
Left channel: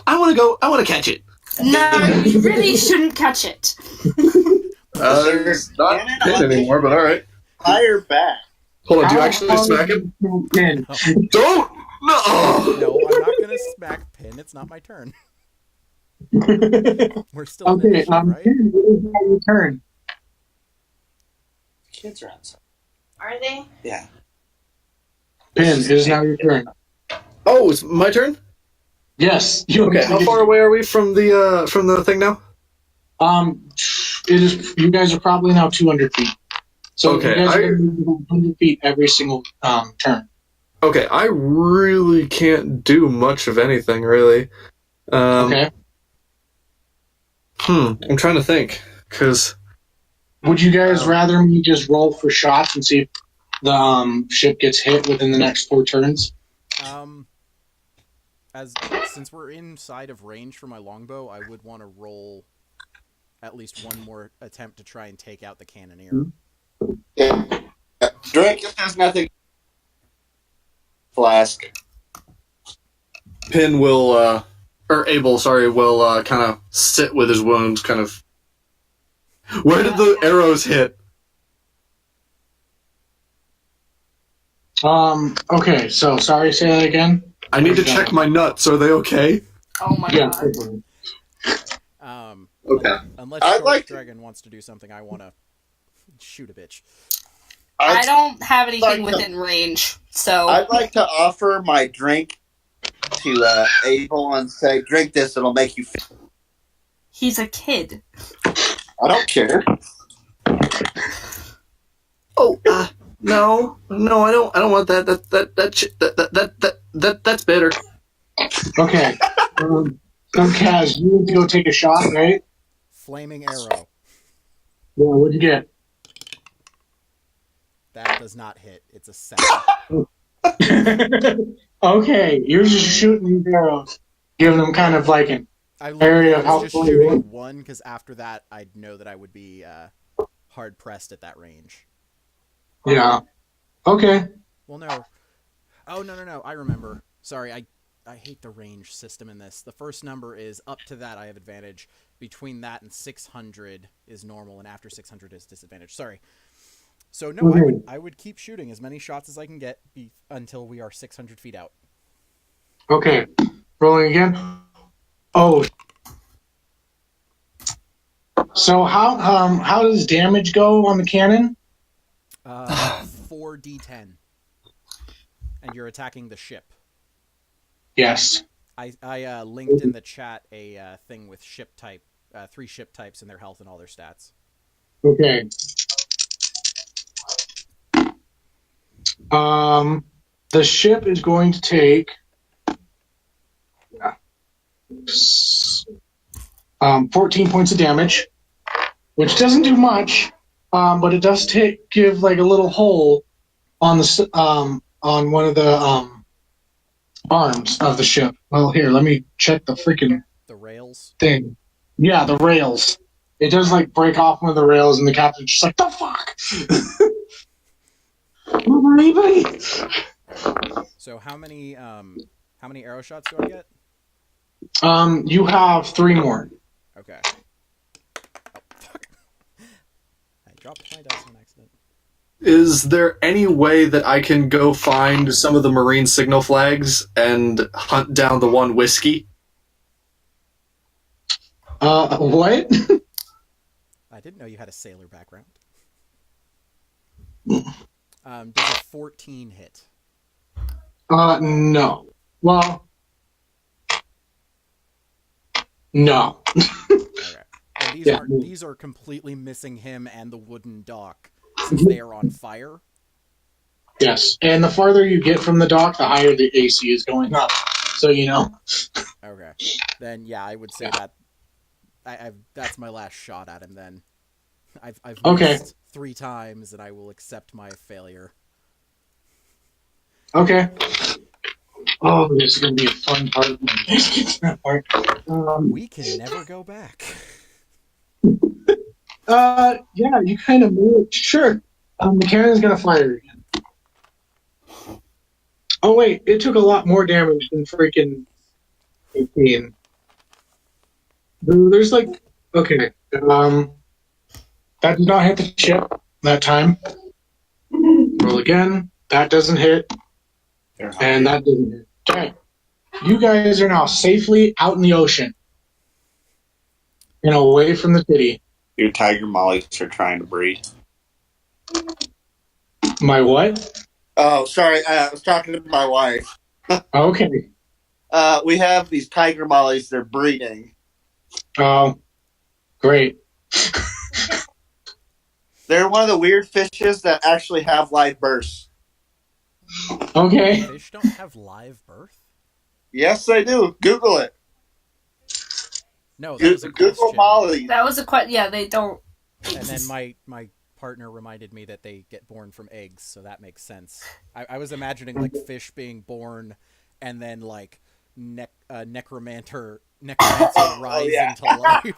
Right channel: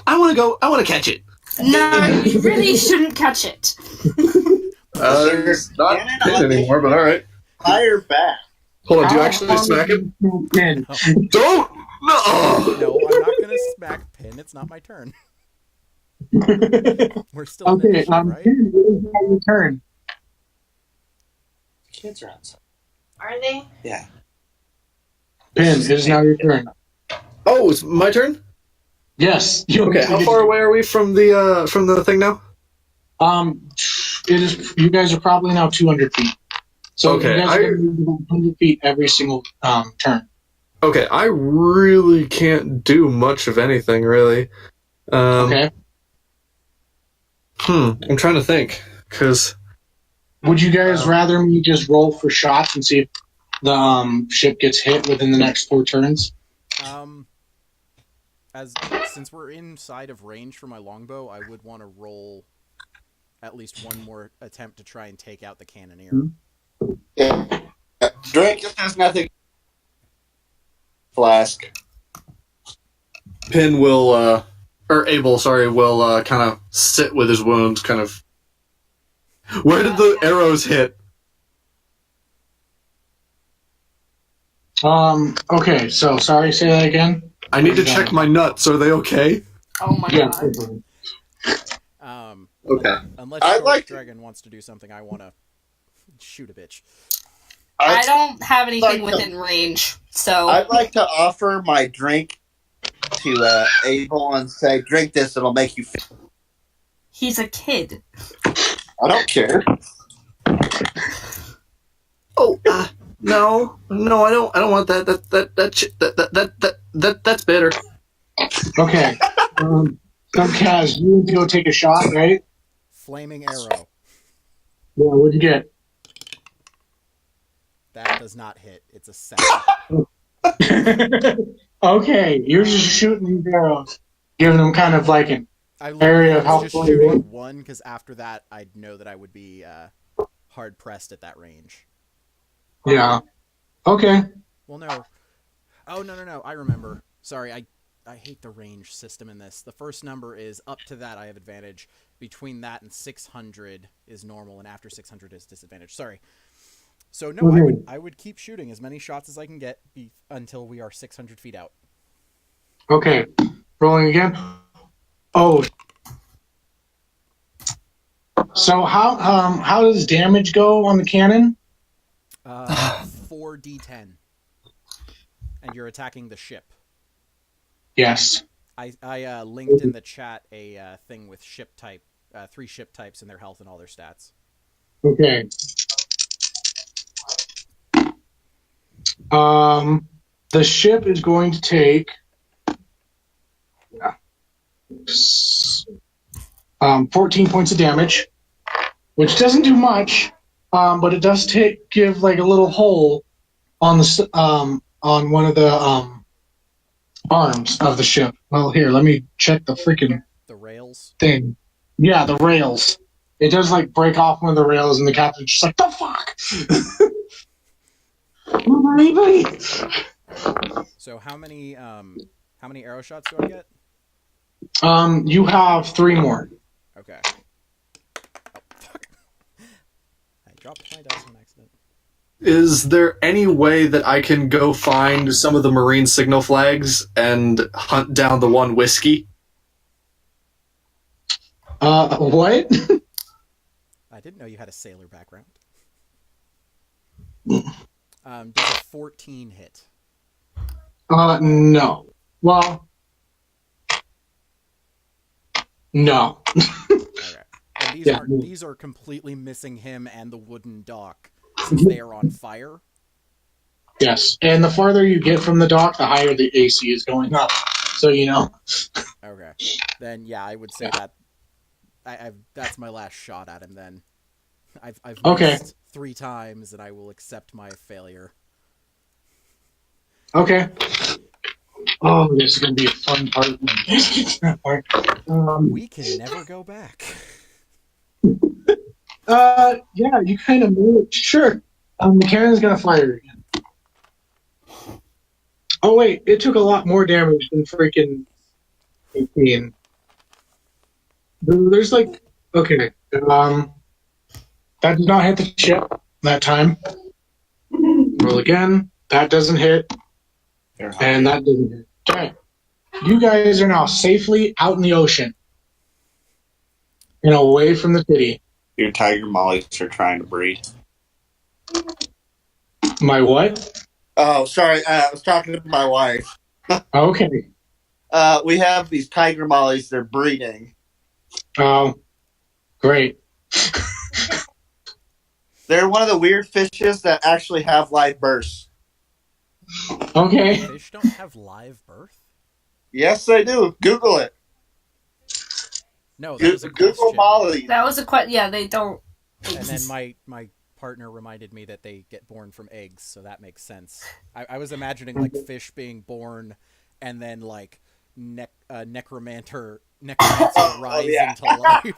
I want to go. I want to catch it. No, you really shouldn't catch it. It's not hit anymore, but all right. Higher back. Hold on. Do you actually smack him? Don't. No. No, I'm not going to smack Pin. It's not my turn. We're still in Okay. initiative, right? It is now your turn. Kids are outside. Are they? Yeah. Pin, it is now your turn. Oh, it's my turn. Yes. Okay. How far away are we from the thing now? It is. You guys are probably now 200 feet. So Okay, you guys are going to move about 100 feet every single turn. Okay, I really can't do much of anything, really. Okay. I'm trying to think, because... Would you guys rather me just roll for shots and see if the ship gets hit within the next 4 turns? Since we're inside of range for my longbow, I would want to roll at least one more attempt to try and take out the cannoneer. Yeah. Drake has nothing. Flask. Pin will, or Abel, sorry, will kind of sit with his wounds, kind of... Where did the arrows hit? Okay, so sorry, say that again. I need to check my nuts. Are they okay? Oh my god. Okay. Unless I'd Short like to- Dragon wants to do something, I want to shoot a bitch. I don't have anything like to- within range, so I'd like to offer my drink to Abel and say, drink this, it'll make you feel. he's a kid. I don't care. Oh, no, I don't want that. That's bitter. Okay. So Kaz, you need to go take a shot, right? Flaming arrow. Yeah, what'd you get? That does not hit. It's a 7. Okay, you're just shooting these arrows, giving them kind of like an I area of was how just far you shooting want. one because after that, I'd know that I would be hard pressed at that range. Yeah. Okay. Well, no. Oh, no. I remember. Sorry, I hate the range system in this. The first number is up to that I have advantage. Between that and 600 is normal, and after 600 is disadvantage. Sorry. So no, I would keep shooting as many shots as I can get until we are 600 feet out. Okay. Rolling again. Oh. So how does damage go on the cannon? 4d10. And you're attacking the ship. Yes. I linked in the chat a thing with ship type, 3 ship types and their health and all their stats. Okay. The ship is going to take 14 points of damage, which doesn't do much, but it does give like a little hole on the on one of the arms of the ship. Well, here, let me check the freaking rails thing. Yeah, the rails. It does like break off one of the rails, and the captain's just like, "The fuck." Anybody? So how many arrow shots do I get? You have 3 more. Okay. Oh, fuck. I dropped my dice on accident. Is there any way that I can go find some of the marine signal flags and hunt down the one whiskey? What? I didn't know you had a sailor background. Does a 14 hit? No. Well, no. Okay. And these are completely missing him and the wooden dock since they are on fire. Yes, and the farther you get from the dock, the higher the AC is going up. So you know. Okay. Then yeah, I would say that that's my last shot at him. Then I've missed 3 times, and I will accept my failure. Okay. Oh, this is gonna be a fun part when this gets to that part. We can never go back. Yeah, you kind of move it. Sure. The cannon's gonna fire again. Oh wait, it took a lot more damage than freaking 18. There's like, okay, that did not hit the ship that time. Roll again. That doesn't hit, and that doesn't hit. Okay, you guys are now safely out in the ocean and away from the city. Your tiger mollies are trying to breed. My what? Oh, sorry. I was talking to my wife. Okay. We have these tiger mollies. They're breeding. Oh, great. They're one of the weird fishes that actually have live births. Okay. Fish don't have live birth? Yes, they do. Google it. No, that was a Google question. mollies. That was a question. Yeah, they don't. And then my partner reminded me that they get born from eggs, so that makes sense. I was imagining like fish being born, and then like necromancer rising to life.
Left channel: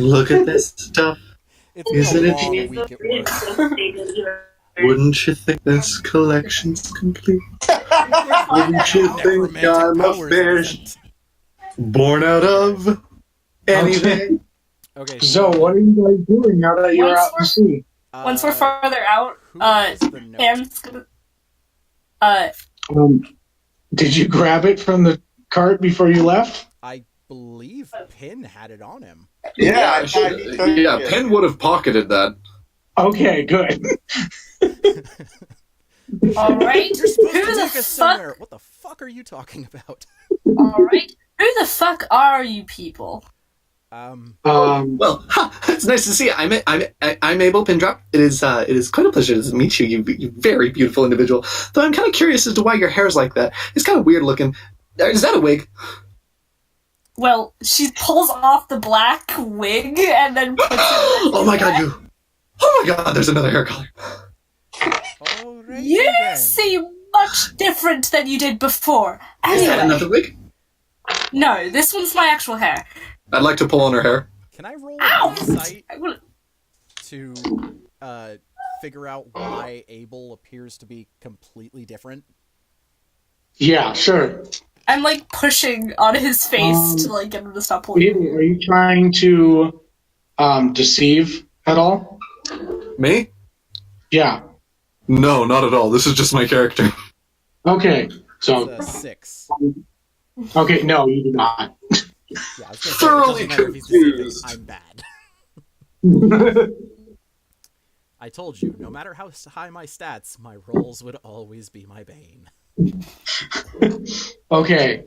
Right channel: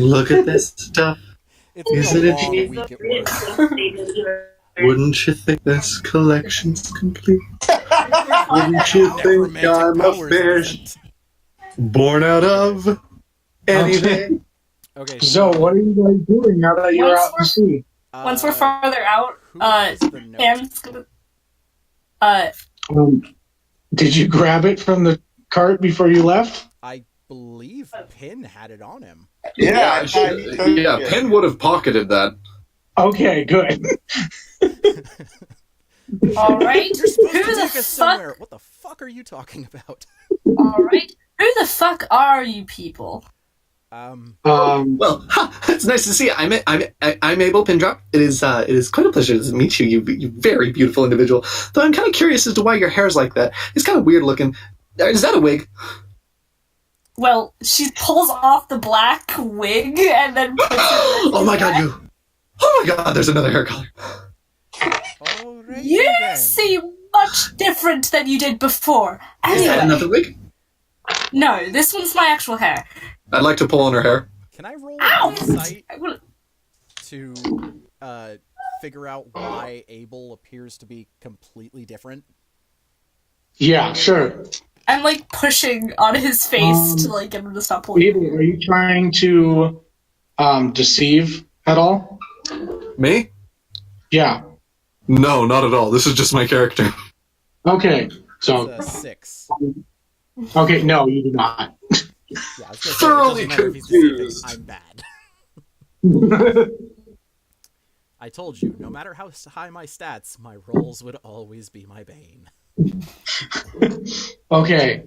Look at this stuff. It's been Isn't a it long neat? week at work. Wouldn't you think this collection's complete? Wouldn't you think Necromantic I'm a powers, fish isn't. born out of anything? Okay, So, what are you guys doing now that you're out to sea? Once we're farther out, who has the note? Pam's gonna. Did you grab it from the cart before you left? I believe Pin had it on him. Yeah, Penn would have pocketed that. Okay, good. All right. You're supposed Who to the take us fuck? somewhere. What the fuck are you talking about? All right. Who the fuck are you people? Well, it's nice to see you. I'm Abel Pindrop. It is quite a pleasure to meet you. You very beautiful individual. Though I'm kind of curious as to why your hair's like that. It's kind of weird looking. Is that a wig? Well, she pulls off the black wig and then puts it. Oh my god, you! Oh my god, there's another hair color. Alright You then. seem much different than you did before. Is that Anyway, another wig? no, this one's my actual hair. I'd like to pull on her hair. Can I roll Ow! an insight I will- to figure out why Abel appears to be completely different? Yeah, sure. I'm like pushing on his face to like get him to stop pulling. Abel, are you trying to deceive at all? Me? Yeah. No, not at all. This is just my character. Okay. So, It's a 6. okay, no, you do not. Yeah, I was gonna say, it Thoroughly doesn't matter if he's deceiving. confused. I'm bad. I told you, no matter how high my stats, my rolls would always be my bane. Okay.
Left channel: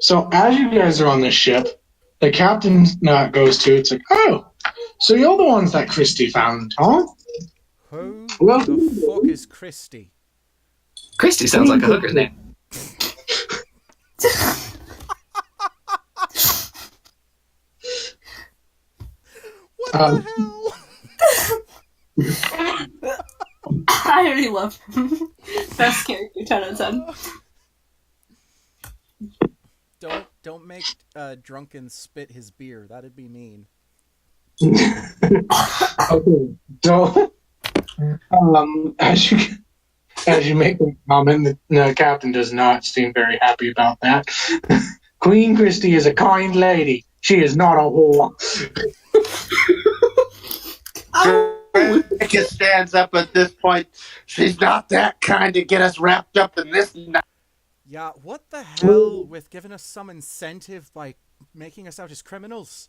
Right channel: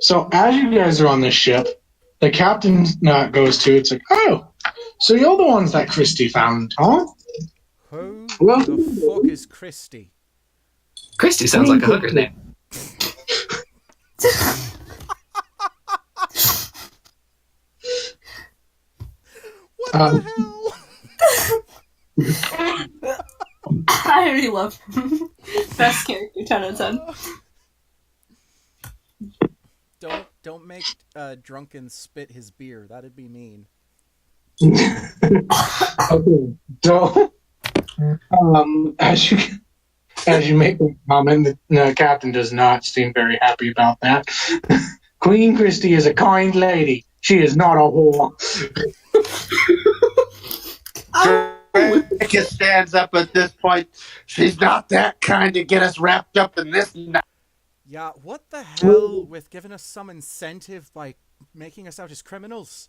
So as you guys are on this ship, the captain goes to. It's like, oh, so you're the ones that Christy found, huh? Who Well- the fuck is Christy? Christy sounds like a hooker's name. What the hell? I already love him. Best character, 10 out of 10. Don't make Drunken spit his beer. That'd be mean. Okay. So, as you make a comment, the captain does not seem very happy about that. Queen Christy is a kind lady. She is not a whore. Drake stands up at this point. She's not that kind to get us wrapped up in this. Yeah, what the hell with giving us some incentive by making us out as criminals?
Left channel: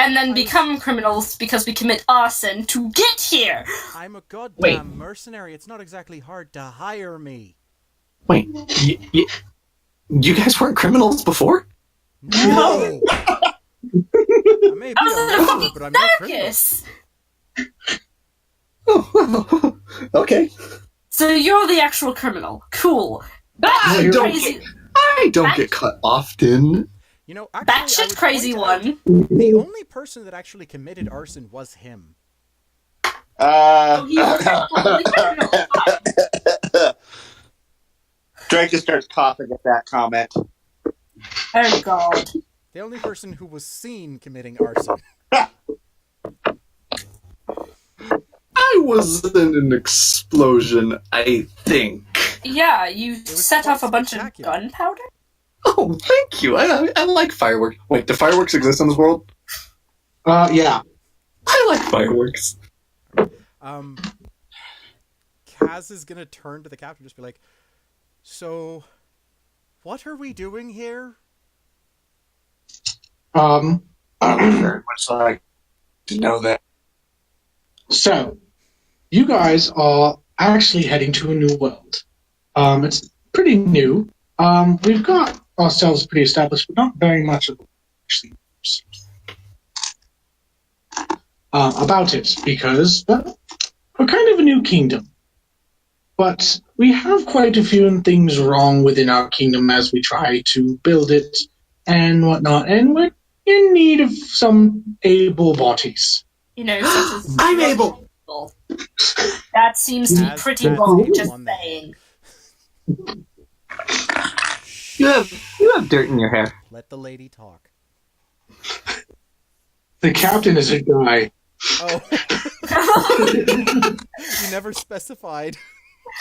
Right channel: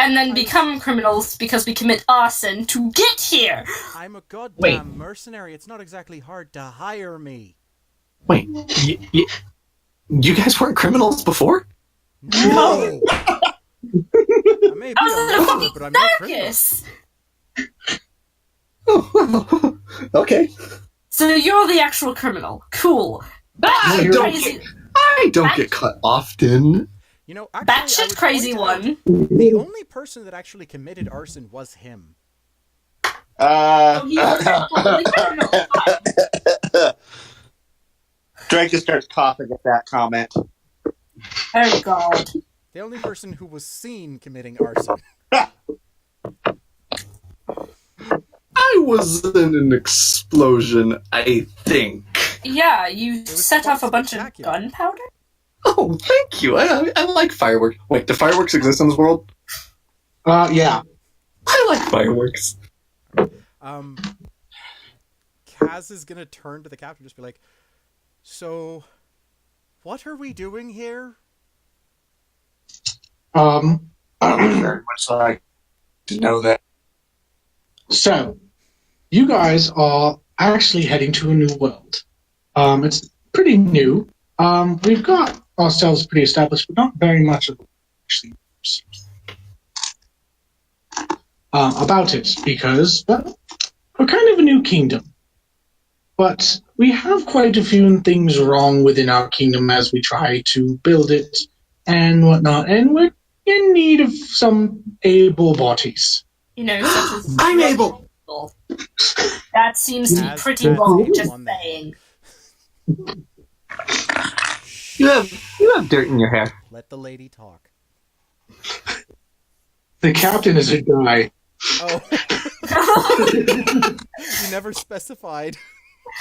and then become criminals because we commit arson to get here. I'm a goddamn mercenary. It's not exactly hard to hire me. Wait, you guys weren't criminals before? No! I may be I a was in a murderer, fucking but I'm no criminal. circus. Oh, okay. So you're the actual criminal. Cool. I don't Crazy. get cut often. You know, actually, I Batshit would crazy point out, one. the only person that actually committed arson was him. Oh, he was totally criminal. Drake starts coughing at that comment. Oh god. The only person who was seen committing arson. I was in an explosion, I think. Yeah, you was set quite off a bunch of spectacular. gunpowder? Oh, thank you. I like fireworks. Wait, do fireworks exist in this world? Yeah. I like fireworks. Kaz is gonna turn to the captain and just be like, so, what are we doing here? Um, Very much like to know that. So, you guys are actually heading to a new world. It's pretty new. We've got ourselves pretty established, but not very much of actually about it, because well, we're kind of a new kingdom. But we have quite a few things wrong within our kingdom as we try to build it and whatnot, and we're in need of some able bodies. You know, such as I'm able. that seems to be As pretty Kaz wrong, able just on the saying. You have dirt in your hair. Let the lady talk. The captain is a guy. Oh. You never specified.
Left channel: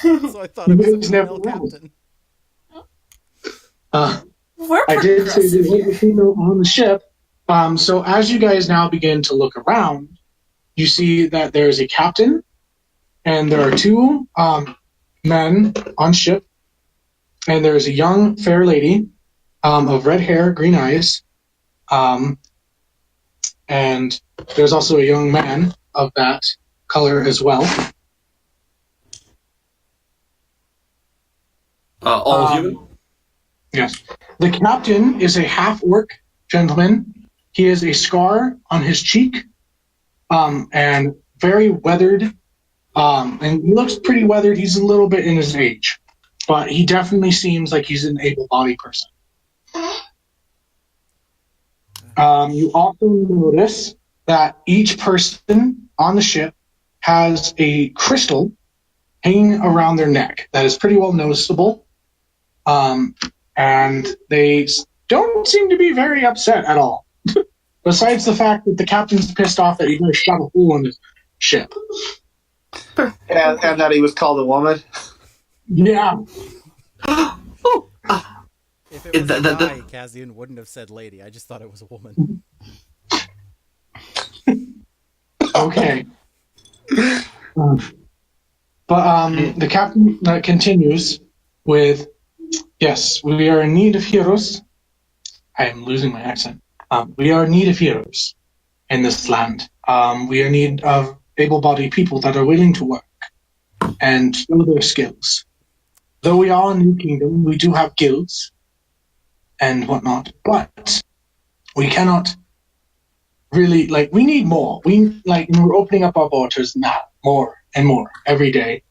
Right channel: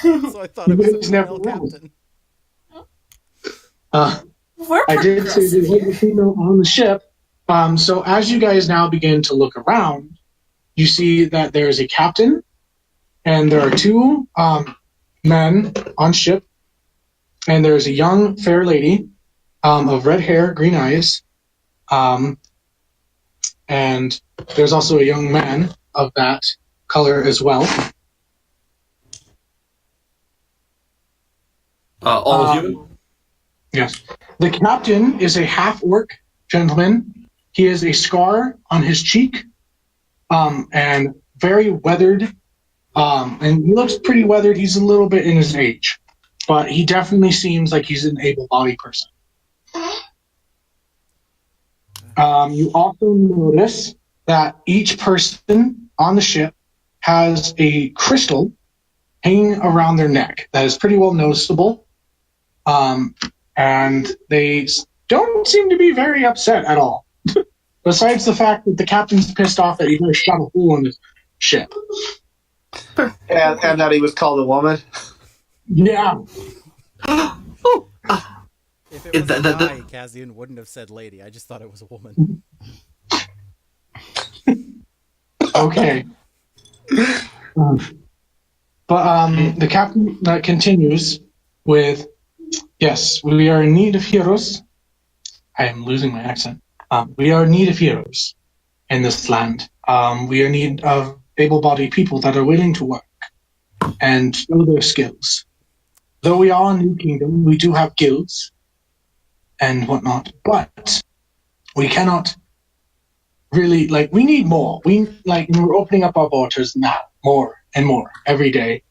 So I thought it was a It's never female wrong. captain. We're I did say progressive there was a here. female on the ship. So as you guys now begin to look around, you see that there's a captain, and there are two men on ship, and there's a young fair lady of red hair, green eyes, and there's also a young man of that color as well. All human? Yes. The captain is a half-orc gentleman. He has a scar on his cheek, and very weathered, and he looks pretty weathered. He's a little bit in his age, but he definitely seems like he's an able-bodied person. You also notice that each person on the ship has a crystal hanging around their neck that is pretty well noticeable. And they don't seem to be very upset at all. Besides the fact that the captain's pissed off that he just shot a hole in his ship. And that he was called a woman. Yeah. If it was a guy, Kazian wouldn't have said lady. I just thought it was a woman. Okay. But the captain continues with, yes, we are in need of heroes. I am losing my accent. We are in need of heroes in this land. We are in need of able-bodied people that are willing to work and show their skills. Though we are a new kingdom, we do have guilds and whatnot, but we cannot really, we need more. We're opening up our borders now, more and more, every day.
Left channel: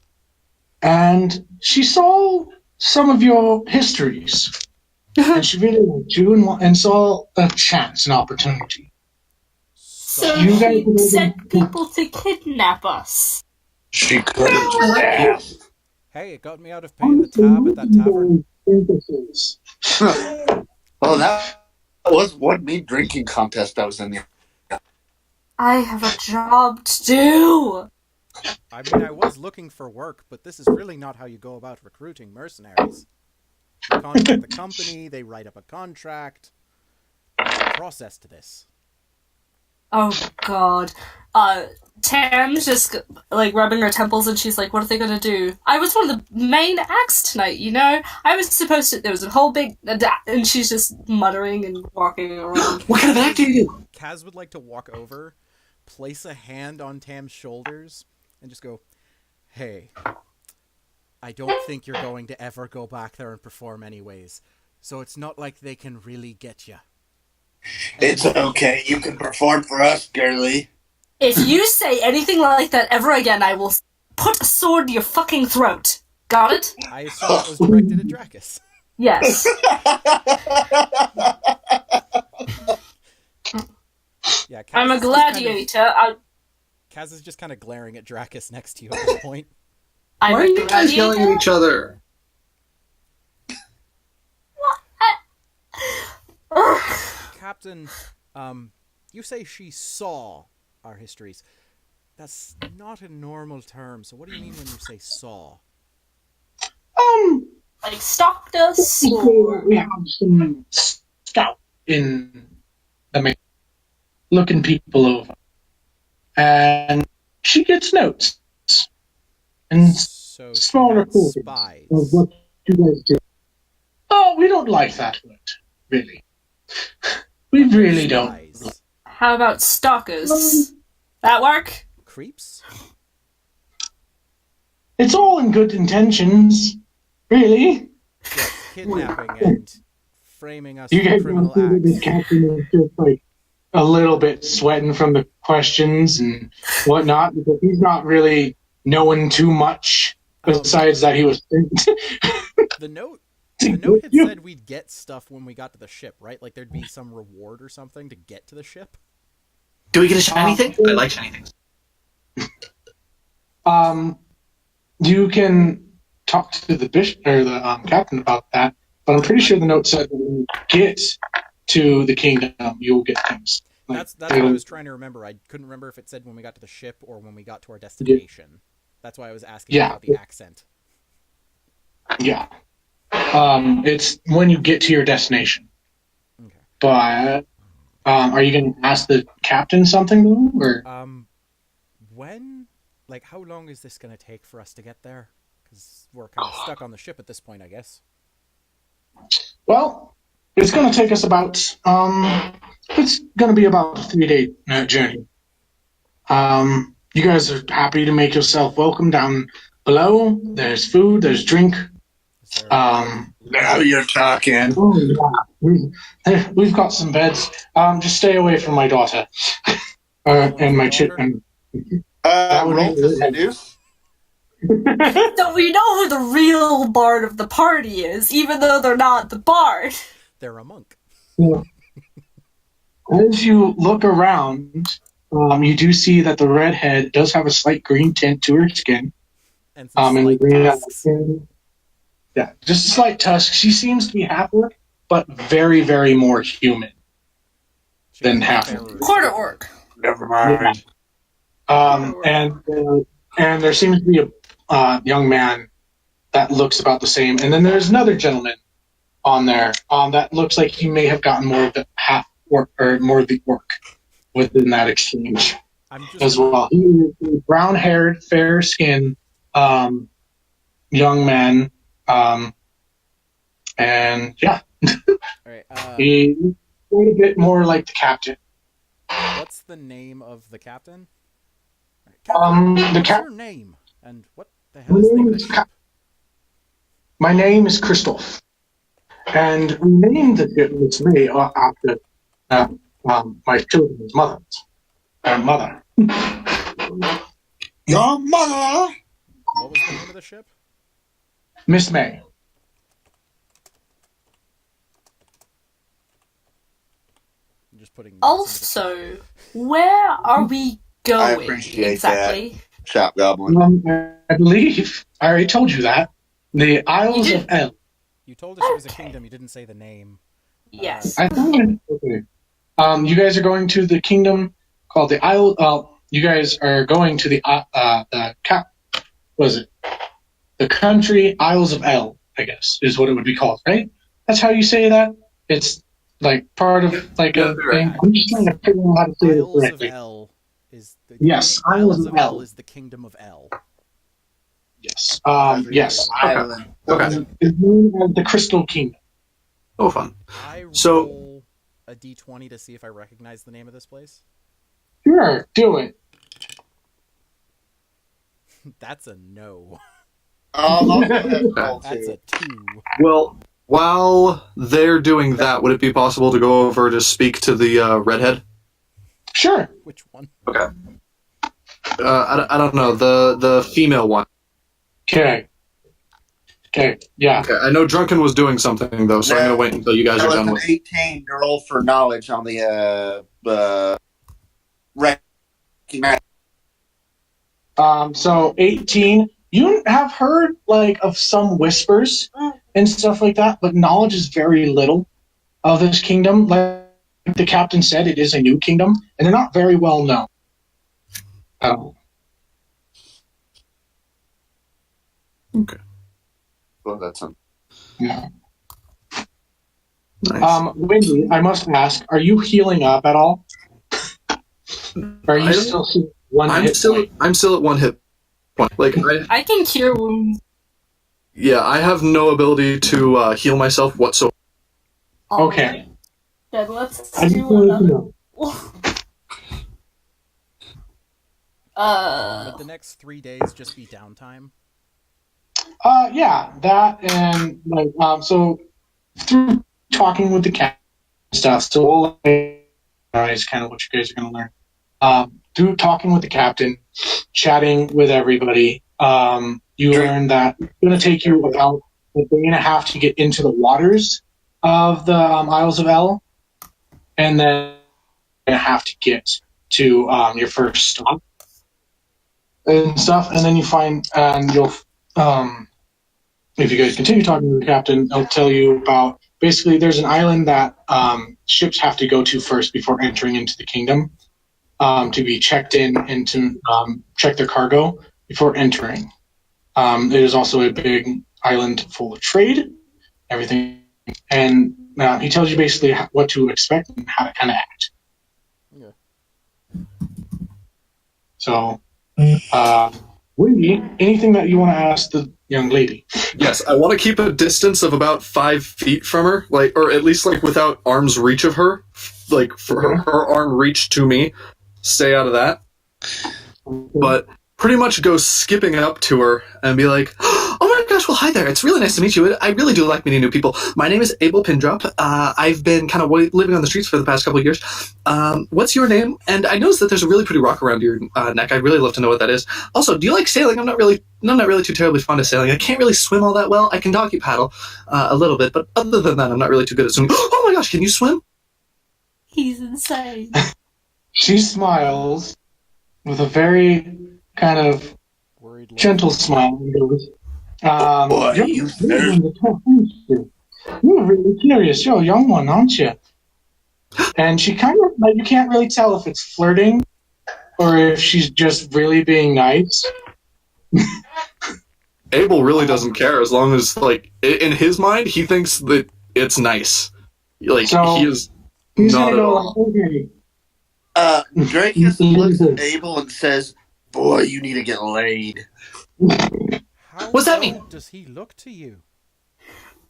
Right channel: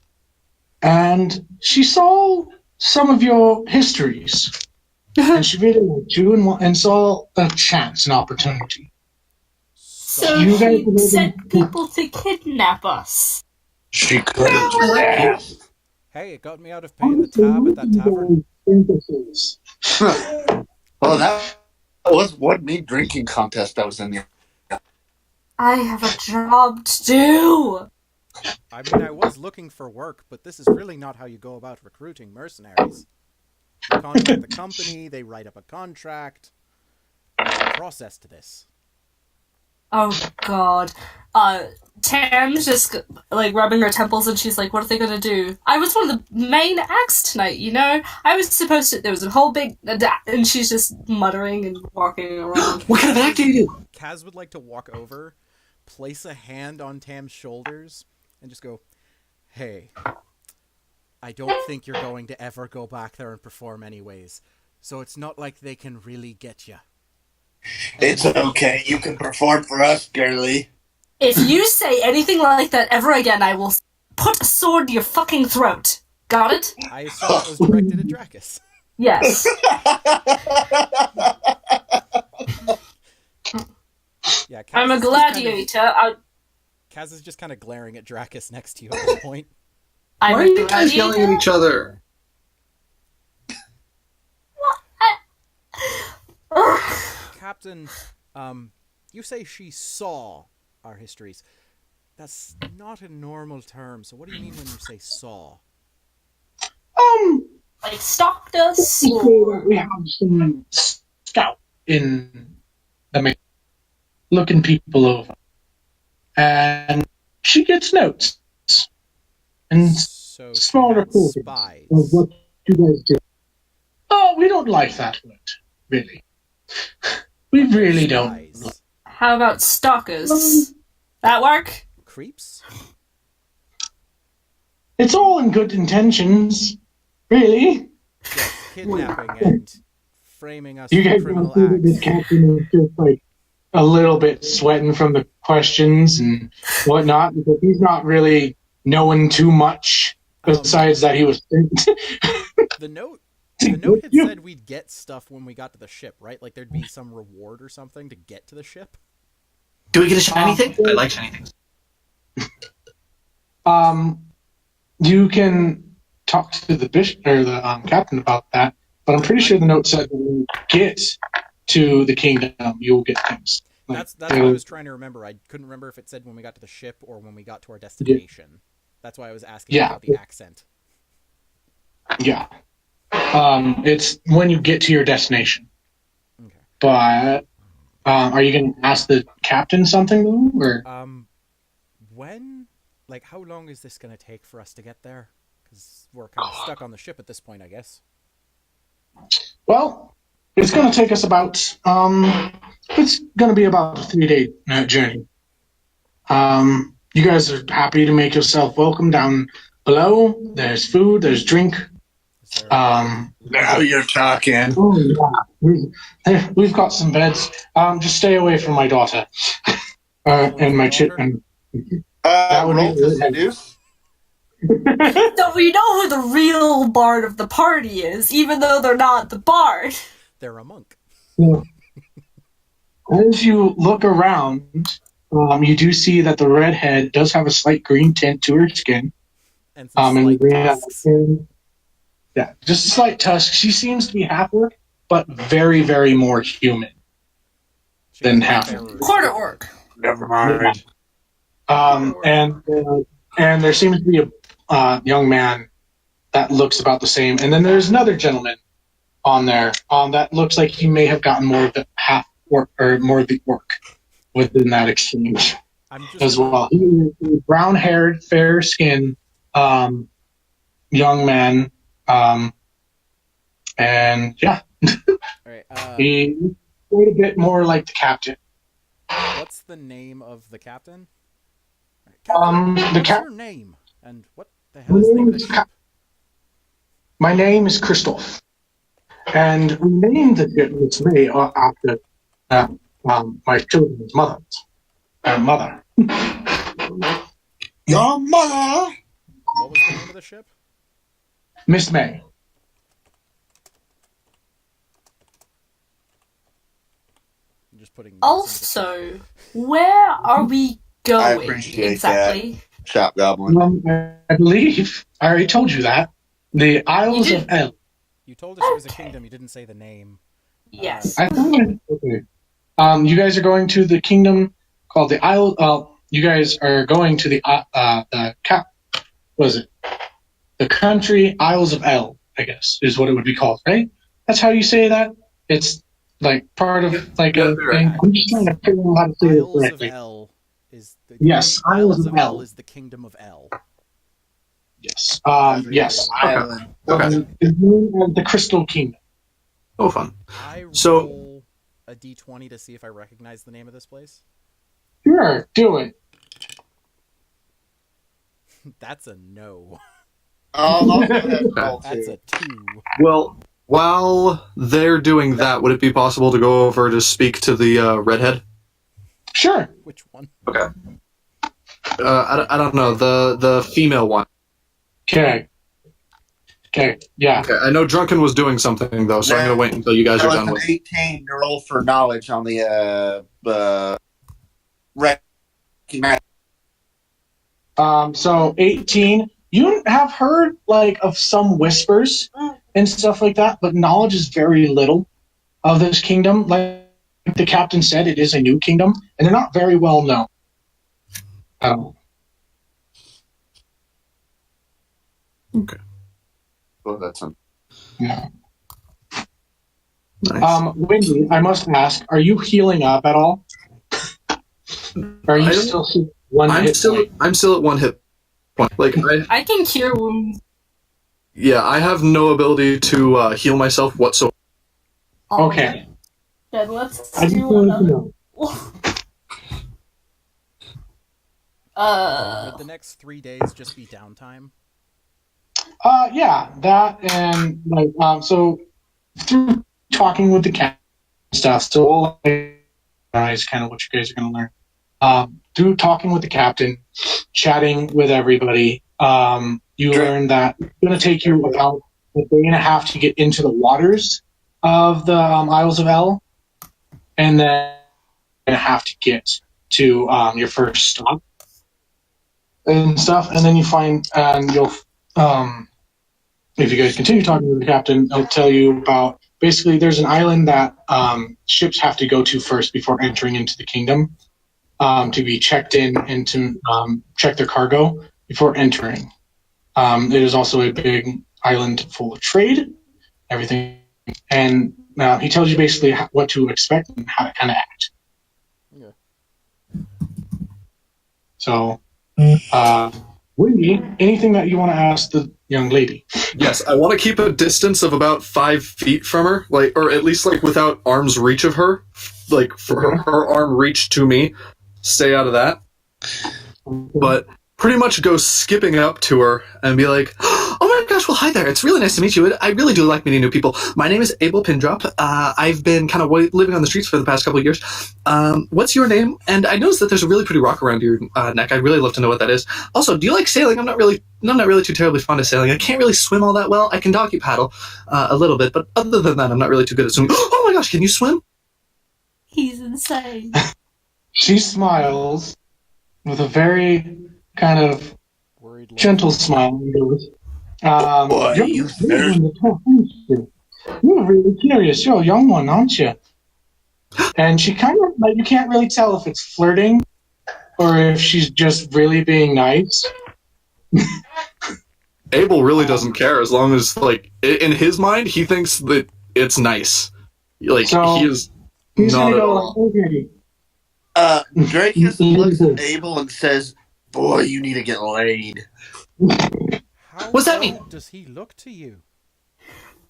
And she saw some of your histories. And she really liked you and saw a chance, an opportunity. So You guys she can sent people to kidnap us. She could have just asked. Hey, it got me out of paying the tab at that tavern. Oh, that was one mean drinking contest I was in there. I have a job to do. I mean, I was looking for work, but this is really not how you go about recruiting mercenaries. You contact the company, they write up a contract. There's a process to this. Oh god. Tam's just like rubbing her temples, and she's like, "What are they gonna do? I was one of the main acts tonight, you know. I was supposed to. There was a whole big, and she's just muttering and walking around. What kind of act do you do? Kaz would like to walk over, place a hand on Tam's shoulders, and just go, "Hey, I don't think you're going to ever go back there and perform anyways. So it's not like they can really get you." It's okay. You can perform for us, girly. If you say anything like that ever again, I will put a sword to your fucking throat. Got it? I assume it was directed at Dracus. Yes. Yeah, Kaz I'm a is just gladiator. Kaz is just kind of glaring at Dracus next to you at this point. I'm Why are a you guys yelling gladiator. at each other? Captain, you say she saw our histories. That's not a normal term, so what do you mean when you say saw? Like stalked us. We have some scout in the main, looking people over, and she gets notes and So she small had reports spies. of what you guys do. Oh, we don't like that word, really. We But they're really don't. spies. How about stalkers? That work? Creeps? It's all in good intentions, really. Yes, kidnapping and framing us You for guys criminal don't see that the acts. captain is just like a little bit sweating from the questions and whatnot because he's not really knowing too much besides that he was. The note had said we'd get stuff when we got to the ship, right? Like there'd be some reward or something to get to the ship. Do we get a shiny thing? I like shiny things. You can talk to the bishop or the captain about that, but I'm pretty sure the note said when you get to the kingdom, you'll get things. That's what I was trying to remember. I couldn't remember if it said when we got to the ship or when we got to our destination. That's why I was asking about the accent. Yeah. It's when you get to your destination. Okay. But are you going to ask the captain something though, or? When? Like, how long is this going to take for us to get there? Because we're kind of stuck on the ship at this point, I guess. Well, it's going to take us about. It's going to be about a 3-day journey. You guys are happy to make yourself welcome down below. There's food. There's drink. Now you're talking. Oh yeah, we've got some beds. Just stay away from my daughter and my children. Roll to seduce. So we know who the real bard of the party is, even though they're not the bard. They're a monk. Yeah. As you look around, you do see that the redhead does have a slight green tint to her skin. And some slight tusks. Yeah, just a slight tusk. She seems to be half orc, but very, very more human than half orc. Quarter orc. Never mind. And there seems to be a young man that looks about the same. And then there's another gentleman on there that looks like he may have gotten more of the half orc or more of the orc within that exchange well. He is a brown-haired, fair-skinned young man. And yeah, All right, he's quite a bit more like the captain. what's the name of the captain? Captain, what's your name? And what the hell is the name of the ship? My name is Christoph. And we named the ship this way after my children's mother. Your mother. What was the name of the ship? Miss May. I'm just putting. Also, where are we going I appreciate exactly? that. Shop goblin. I believe I already told you that. The Isles of El. You told us it was a kingdom. You didn't say the name. Yes. I thought. Okay. You guys are going to the kingdom called the Isle. You guys are going to the what is it? The country Isles of El, I guess, is what it would be called, right? That's how you say that. It's like part of like a thing. I'm just trying to figure out how to say it Isles of correctly. El Is the Yes, Islands of L. El is the Kingdom of El. Yes. That's Yes. an island. Okay. It's known as the Crystal Kingdom. Oh, fun. I So- roll a d20 to see if I recognize the name of this place. Sure, do it. That's a no. I'll go ahead and roll That's too. a 2. Well, while they're doing that, would it be possible to go over to speak to the redhead? Sure. Which one? Okay. I don't know, the female one. Okay. Yeah. Okay, I know Drunken was doing something though, so I'm gonna wait until you guys That are was done an with. 18 to roll for knowledge on the recognize. So 18. You have heard like of some whispers and stuff like that, but knowledge is very little of this kingdom. Like the captain said, it is a new kingdom, and they're not very well known. Well, that's a, Yeah. Nice. Wendy, I must ask, are you healing up at all? Are you I- still one I'm hit still point? I'm still at 1 hit point. Like I can cure wounds. I have no ability to heal myself whatsoever. Okay. Then let's I just do wanted to another. know. Would the next 3 days just be downtime? Yeah, that and like so through talking with the cat and stuff. So all is kind of what you guys are going to learn. Through talking with the captain, chatting with everybody, you learn that it's going to take you about a day and a half to get into the waters of the Isles of El, and then a half to get to your first stop and stuff. And then you find, and you'll, if you guys continue talking to the captain, he'll tell you about basically there's an island that ships have to go to first before entering into the kingdom to be checked in and to check their cargo before entering. It is also a big island full of trade, everything. And he tells you basically what to expect and how to kind of act. Yeah. So, Wendy, anything that you want to ask the young lady? Yes, I want to keep a distance of about 5 feet from her, like, or at least like without arm's reach of her, like for her arm reach to me. Stay out of that. But pretty much go skipping up to her and be like, "Oh my gosh, well hi there. It's really nice to meet you. I really do like meeting new people. My name is Abel Pindrop. I've been kind of living on the streets for the past couple of years. What's your name? And I noticed that there's a really pretty rock around your neck. I'd really love to know what that is. Also, do you like sailing? I'm not really too terribly fond of sailing. I can't really swim all that well. I can doggy paddle a little bit, but other than that, I'm not really too good at swimming. Oh my gosh, can you swim? He's insane. She smiles with a very kind of Worried look. gentle smile. And goes, boy, you're you really one to talk, aren't you? You're really curious. You're a young one, aren't you? And she kind of, like, you can't really tell if it's flirting or if she's just really being nice. Abel really doesn't care as long as, like, in his mind, he thinks that it's nice. Like, So, he is He's not gonna at go all. like, okay. Dracus looks at Abel and says, "Boy, you need to get laid." How What's that old mean? does he look to you?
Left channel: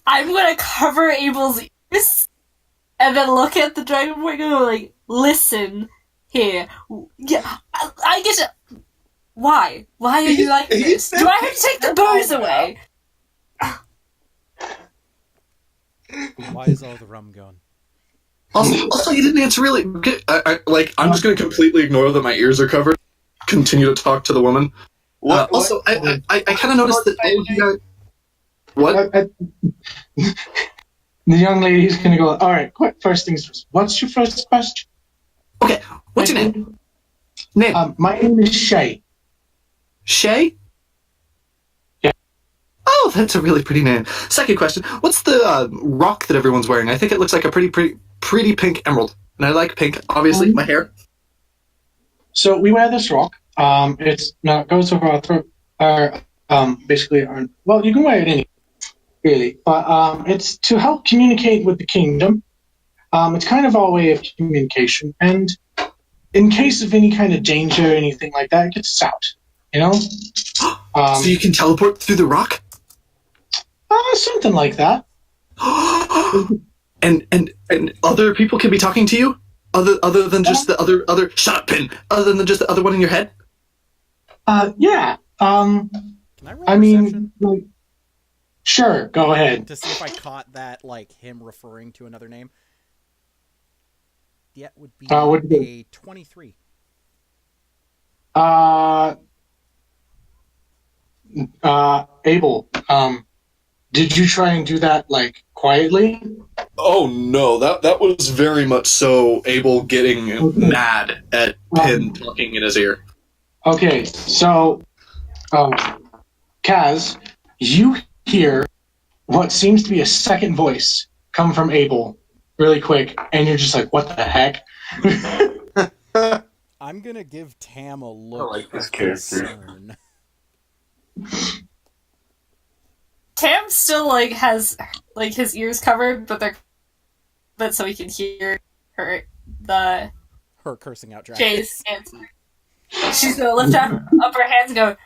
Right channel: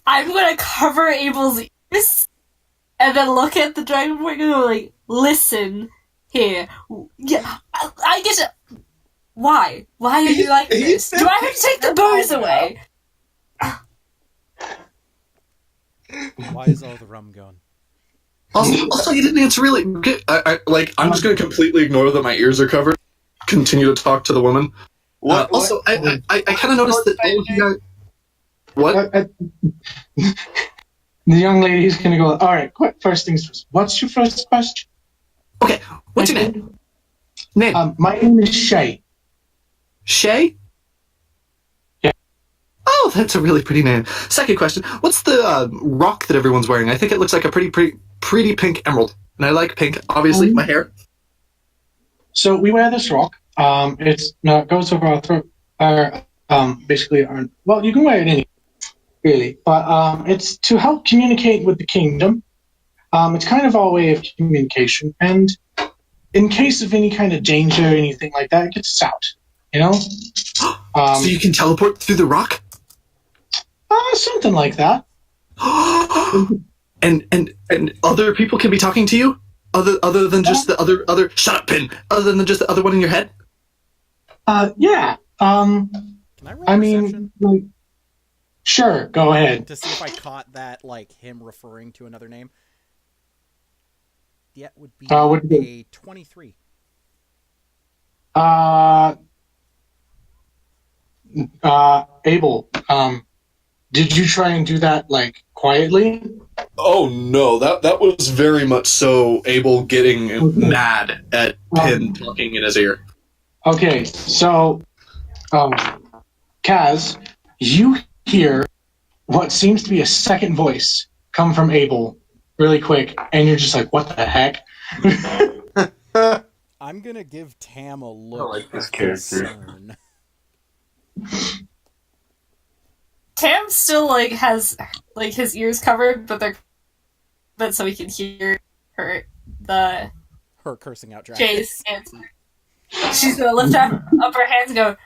I'm gonna cover Abel's ears and then look at the dragon boy and go like, listen here. Yeah, I get it. Why? Why are you like this? Do I have to take the booze away? Why is all the rum gone? Also, you didn't answer really. I'm just going to completely ignore that my ears are covered. Continue to talk to the woman. Also, I kind of noticed that all of you guys. What? The young lady's gonna go, all right, quick, first things first. What's your first question? Okay, what's your name? Name? My name is Shay. Shay? Yeah. Oh, that's a really pretty name. Second question: what's the rock that everyone's wearing? I think it looks like a pretty pink emerald, and I like pink. Obviously, my hair. So we wear this rock. It goes over our throat. Basically, well, you can wear it anywhere, really. But it's to help communicate with the kingdom. It's kind of our way of communication, and in case of any kind of danger or anything like that, it gets us out. You know? So you can teleport through the rock? Something like that. and other people can be talking to you? Other than just the other shut up, Pin. Other than just the other one in your head? Yeah. Can I roll perception? Like, sure, go ahead. To see if I caught that, like, him referring to another name? That would be a 23. Abel, did you try and do that, like, quietly? Oh no, that was very much so Abel getting mad at Pin talking in his ear. Okay, so, Kaz, you hear what seems to be a second voice come from Abel really quick, and you're just like, what the heck? I'm gonna give Tam a look like this of character. concern. Tam still like has like his ears covered, but so he can hear her cursing out Dragon. Jay's answer. She's gonna lift up her hands and go,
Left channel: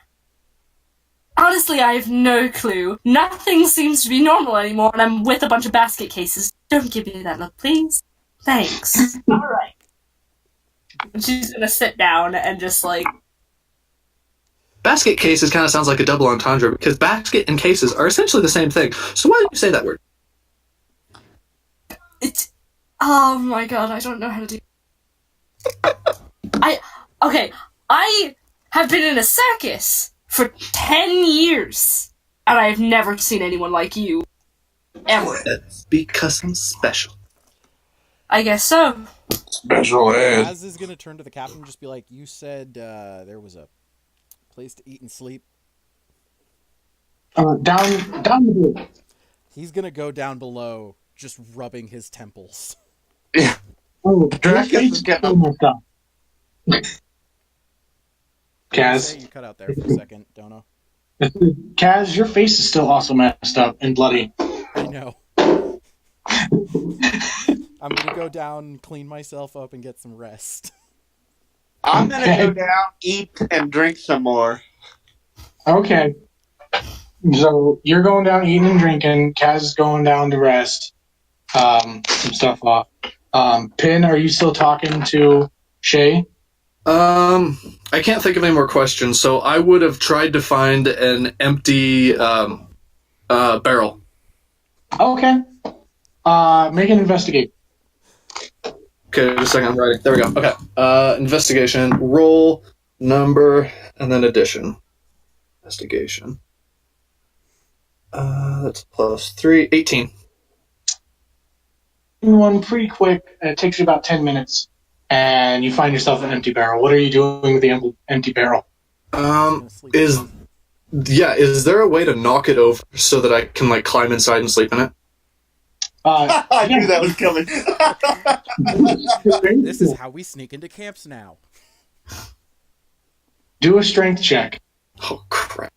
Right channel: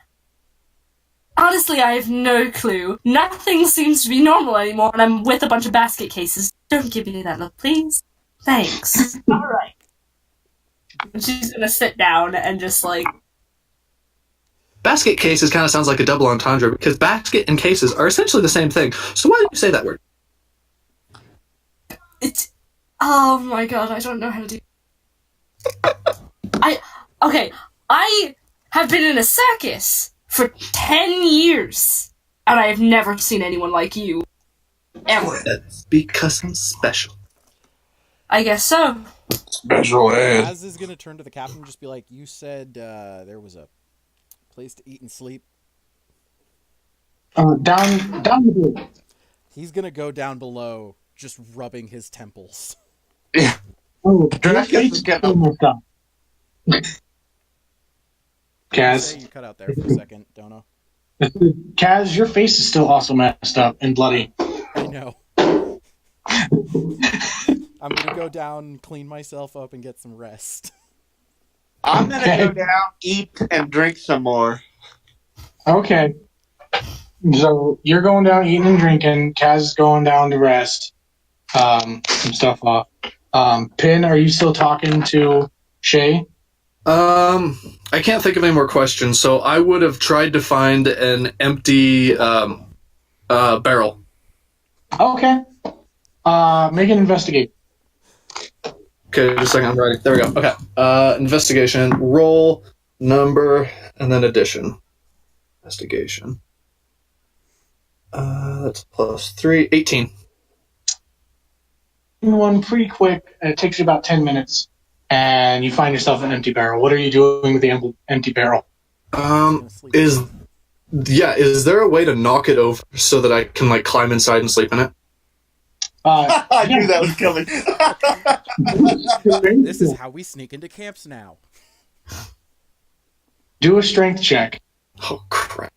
honestly, I have no clue. Nothing seems to be normal anymore, and I'm with a bunch of basket cases. Don't give me that look, please. Thanks. Alright. She's gonna sit down and just like... Basket cases kind of sounds like a double entendre because basket and cases are essentially the same thing. So why did you say that word? It's... Oh my god, I don't know how to do... I have been in a circus for 10 years, and I have never seen anyone like you. Ever. That's because I'm special. I guess so. Special ed. Az is gonna turn to the captain and just be like, you said there was a place to eat and sleep? Down the road. He's gonna go down below, just rubbing his temples. Yeah. Oh, Dracus is getting up. Say Kaz, you cut out there for a second, Dono. Kaz, your face is still also messed up and bloody. I know. I'm gonna go down, clean myself up, and get some rest. I'm gonna go down, eat, and drink some more. Okay. So you're going down eating and drinking. Kaz is going down to rest. Some stuff off. Pin, are you still talking to Shay? I can't think of any more questions, so I would have tried to find an empty barrel. Okay. Make an investigate. Okay, just a second, I'm writing. There we go. Okay. Investigation, roll, number, and then addition. Investigation. That's plus 3, 18. One pretty quick. It takes you about 10 minutes, and you find yourself an empty barrel. What are you doing with the empty barrel? Is there a way to knock it over so that I can like climb inside and sleep in it? I knew that was coming. This is how we sneak into camps now. Do a strength check. Oh crap!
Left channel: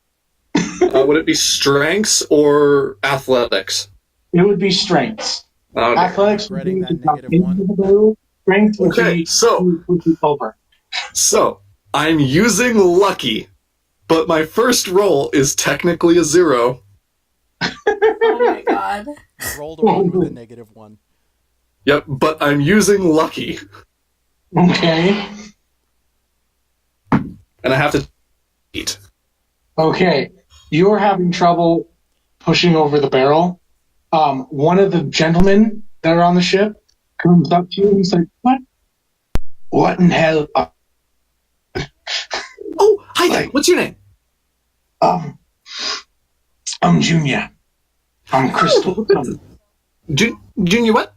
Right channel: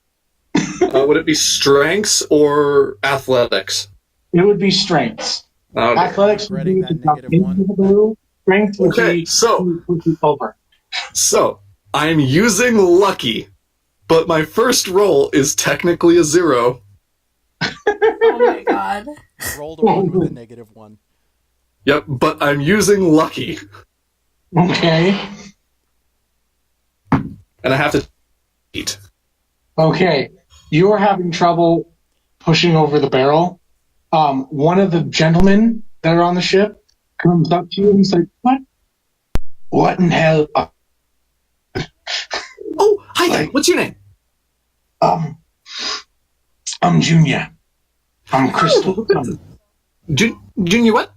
Would it be strengths or athletics? It would be strengths. Oh, no. Athletics would be Regretting that -1. Strength would Okay, be so- would be over. So I'm using lucky, but my first roll is technically a 0. Oh my god. Rolled a 1 with a -1. Yep, but I'm using lucky, Okay. and I have to eat. Okay. You are having trouble pushing over the barrel. One of the gentlemen that are on the ship comes up to you and he's like, "What? What in hell?" Oh, hi there. What's your name? I'm Junior. I'm Crystal. Junior what?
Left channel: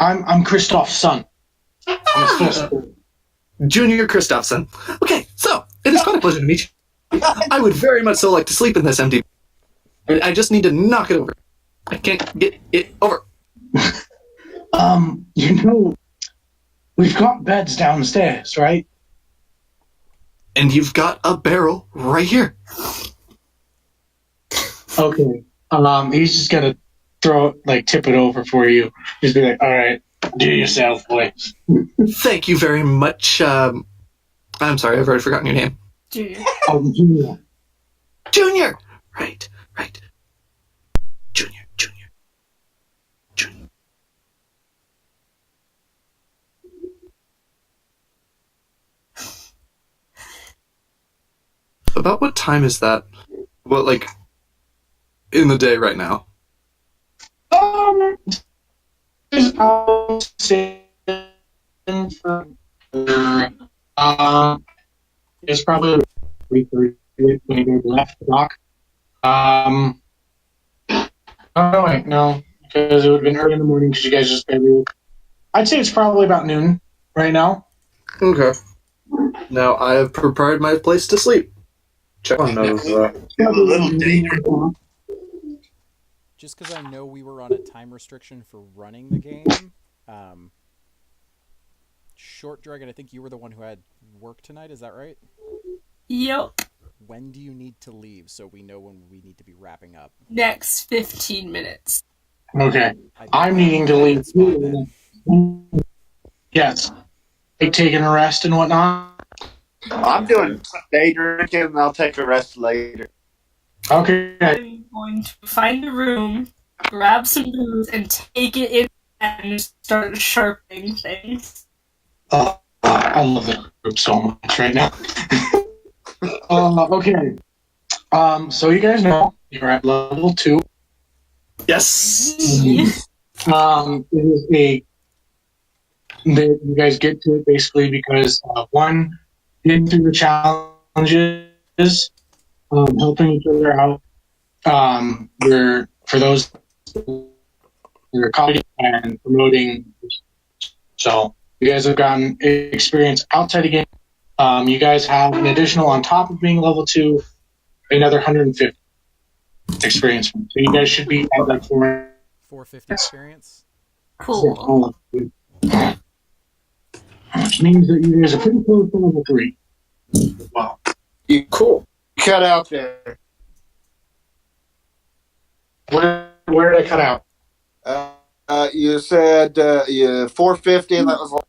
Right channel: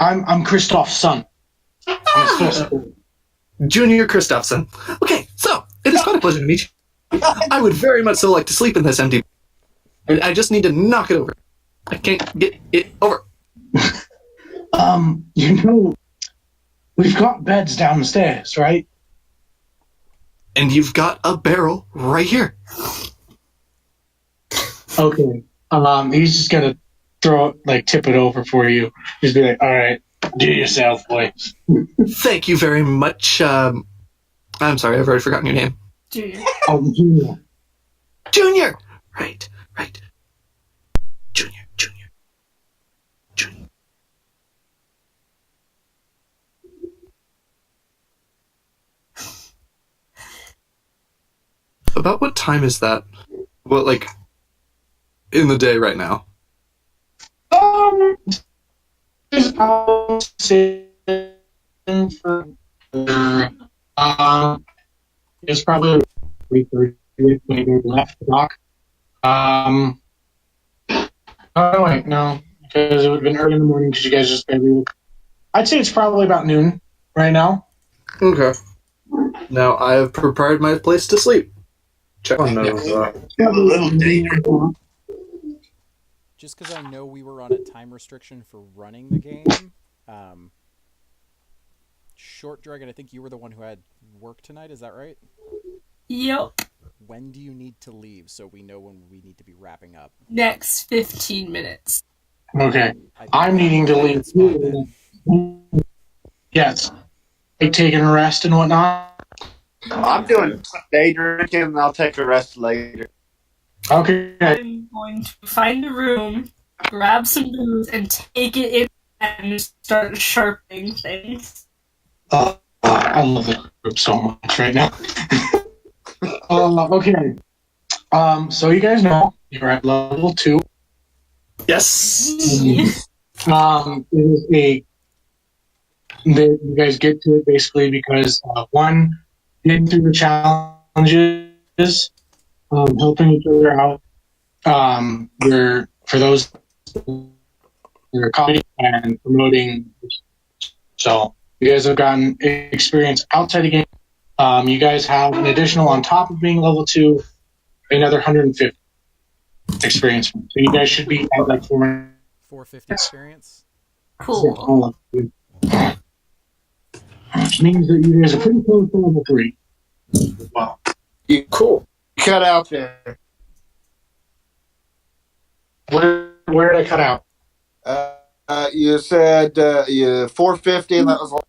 I'm Christoph's son. I'm supposed to. Junior Christopherson. Okay, so it is quite a pleasure to meet you. I would very much so like to sleep in this empty. I just need to knock it over. I can't get it over. We've got beds downstairs, right? And you've got a barrel right here. Okay. He's just gonna tip it over for you. Just be like, all right. Do yourself, boy. Thank you very much. I'm sorry, I've already forgotten your name. Junior. Oh, Junior. Junior! Right. Junior. About what time is that? What, like, in the day right now? I'll say for it's probably 3:30, maybe left the dock. Oh wait, no, because it would have been early in the morning because you guys just barely woke. I'd say it's probably about noon right now. Okay. Now, I have prepared my place to sleep. Check on those. A little dangerous. Just because I know we were on a time restriction for running the game, Short Dragon, I think you were the one who had work tonight, is that right? Yep. When do you need to leave so we know when we need to be wrapping up? Next 15 minutes. Okay, I think I'm that needing would to be a leave. good spot then. Yes, like taking a rest and whatnot. I'm doing some day drinking, and I'll take a rest later. Okay. I'm going to find a room, grab some booze, and take it in and start sharpening things. I love the group so much right now. Okay. So you guys know you're at level 2. Yes! It is you guys get to it basically because one, getting through the challenges, helping each other out. You're for those you're copying and promoting. So you guys have gotten experience outside the game. You guys have an additional on top of being level 2, another 150 experience. So you guys should be at like 450 experience? Cool. Which means that you guys are pretty close to level 3. Wow. Cool. Cut out there. Where did I cut out? You said 450, and that was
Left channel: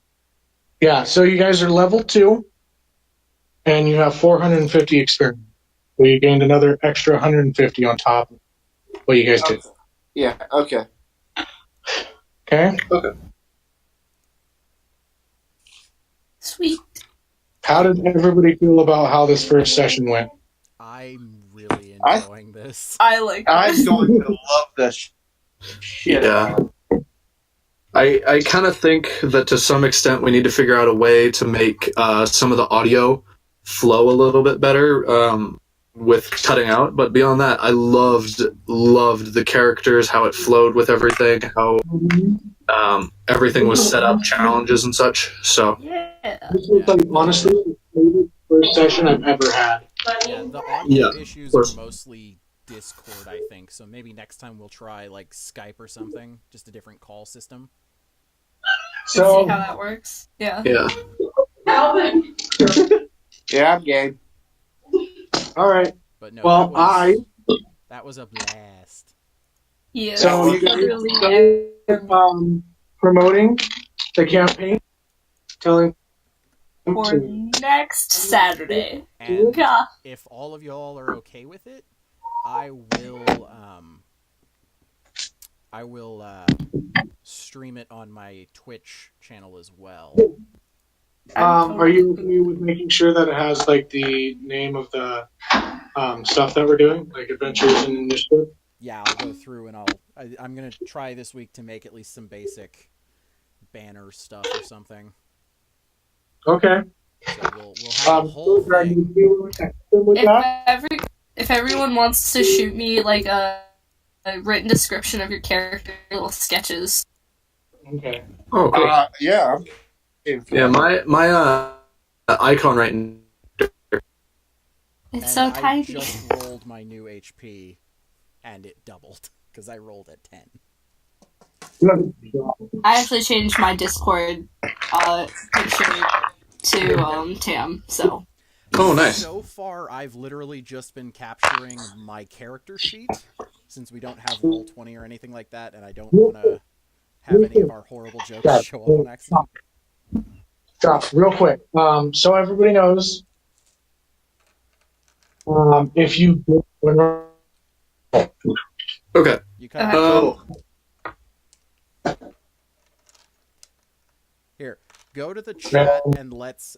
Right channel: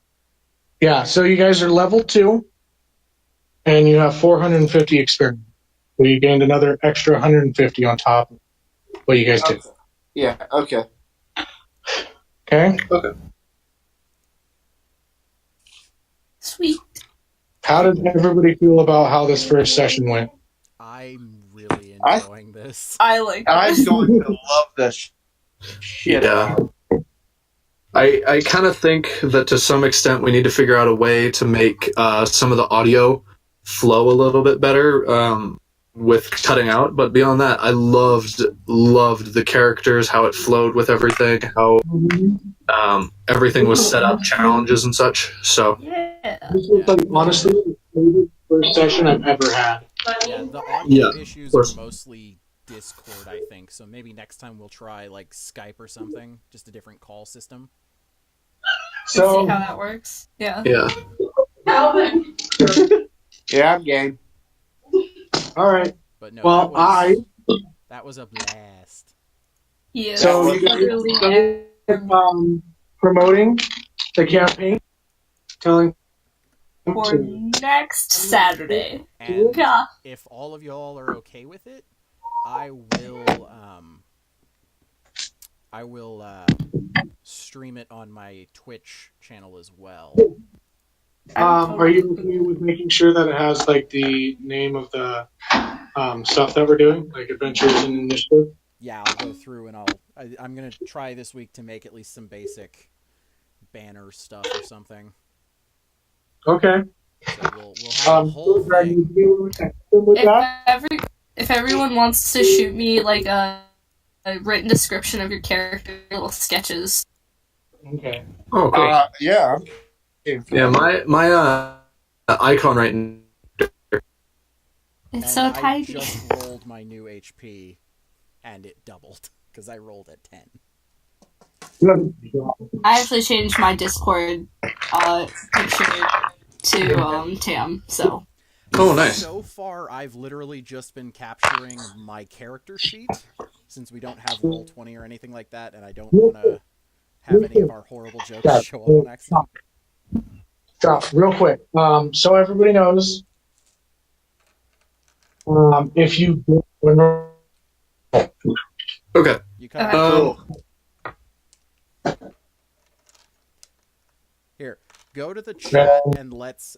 Yeah, so you guys are level 2, and you have 450 experience. So you gained another extra 150 on top of what you guys did. yeah. Okay. Okay? Sweet. How did everybody feel about how this first session went? I'm really enjoying this. I like I'm this. going to love this shit. Yeah. I kind of think that to some extent we need to figure out a way to make some of the audio flow a little bit better with cutting out. But beyond that, I loved the characters, how it flowed with everything, how everything was set up, challenges and such. So Yeah. This was like honestly the favorite first session I've ever had. Yeah, the audio Yeah, issues of course. are mostly Discord, I think. So maybe next time we'll try like Skype or something, just a different call system. See So how that works. Yeah. yeah. Yeah, I'm game. all right. But no, Well, that was a blast. Yeah. So you really guys promoting the campaign, telling for next Saturday. And Yeah. if all of y'all are okay with it, I will stream it on my Twitch channel as well. are you okay with making sure that it has like the name of the stuff that we're doing, like adventures and initiative? Yeah, I'll go through and I'm gonna try this week to make at least some basic banner stuff or something. Okay. So we'll have a whole thing. If everyone wants to shoot me like a written description of your character, little sketches. Okay. Oh, cool. Yeah. Yeah, my icon right now. It's And so I tiny. just rolled my new HP, and it doubled because I rolled at 10. I actually changed my Discord picture to Tam. So. Oh, nice. So far, I've literally just been capturing my character sheet, since we don't have Roll20 or anything like that, and I don't want to have any of our horrible jokes show up on accident. Stop, real quick. So everybody knows, if you Okay. You cut Okay. out. Oh, Here, go to the chat and let's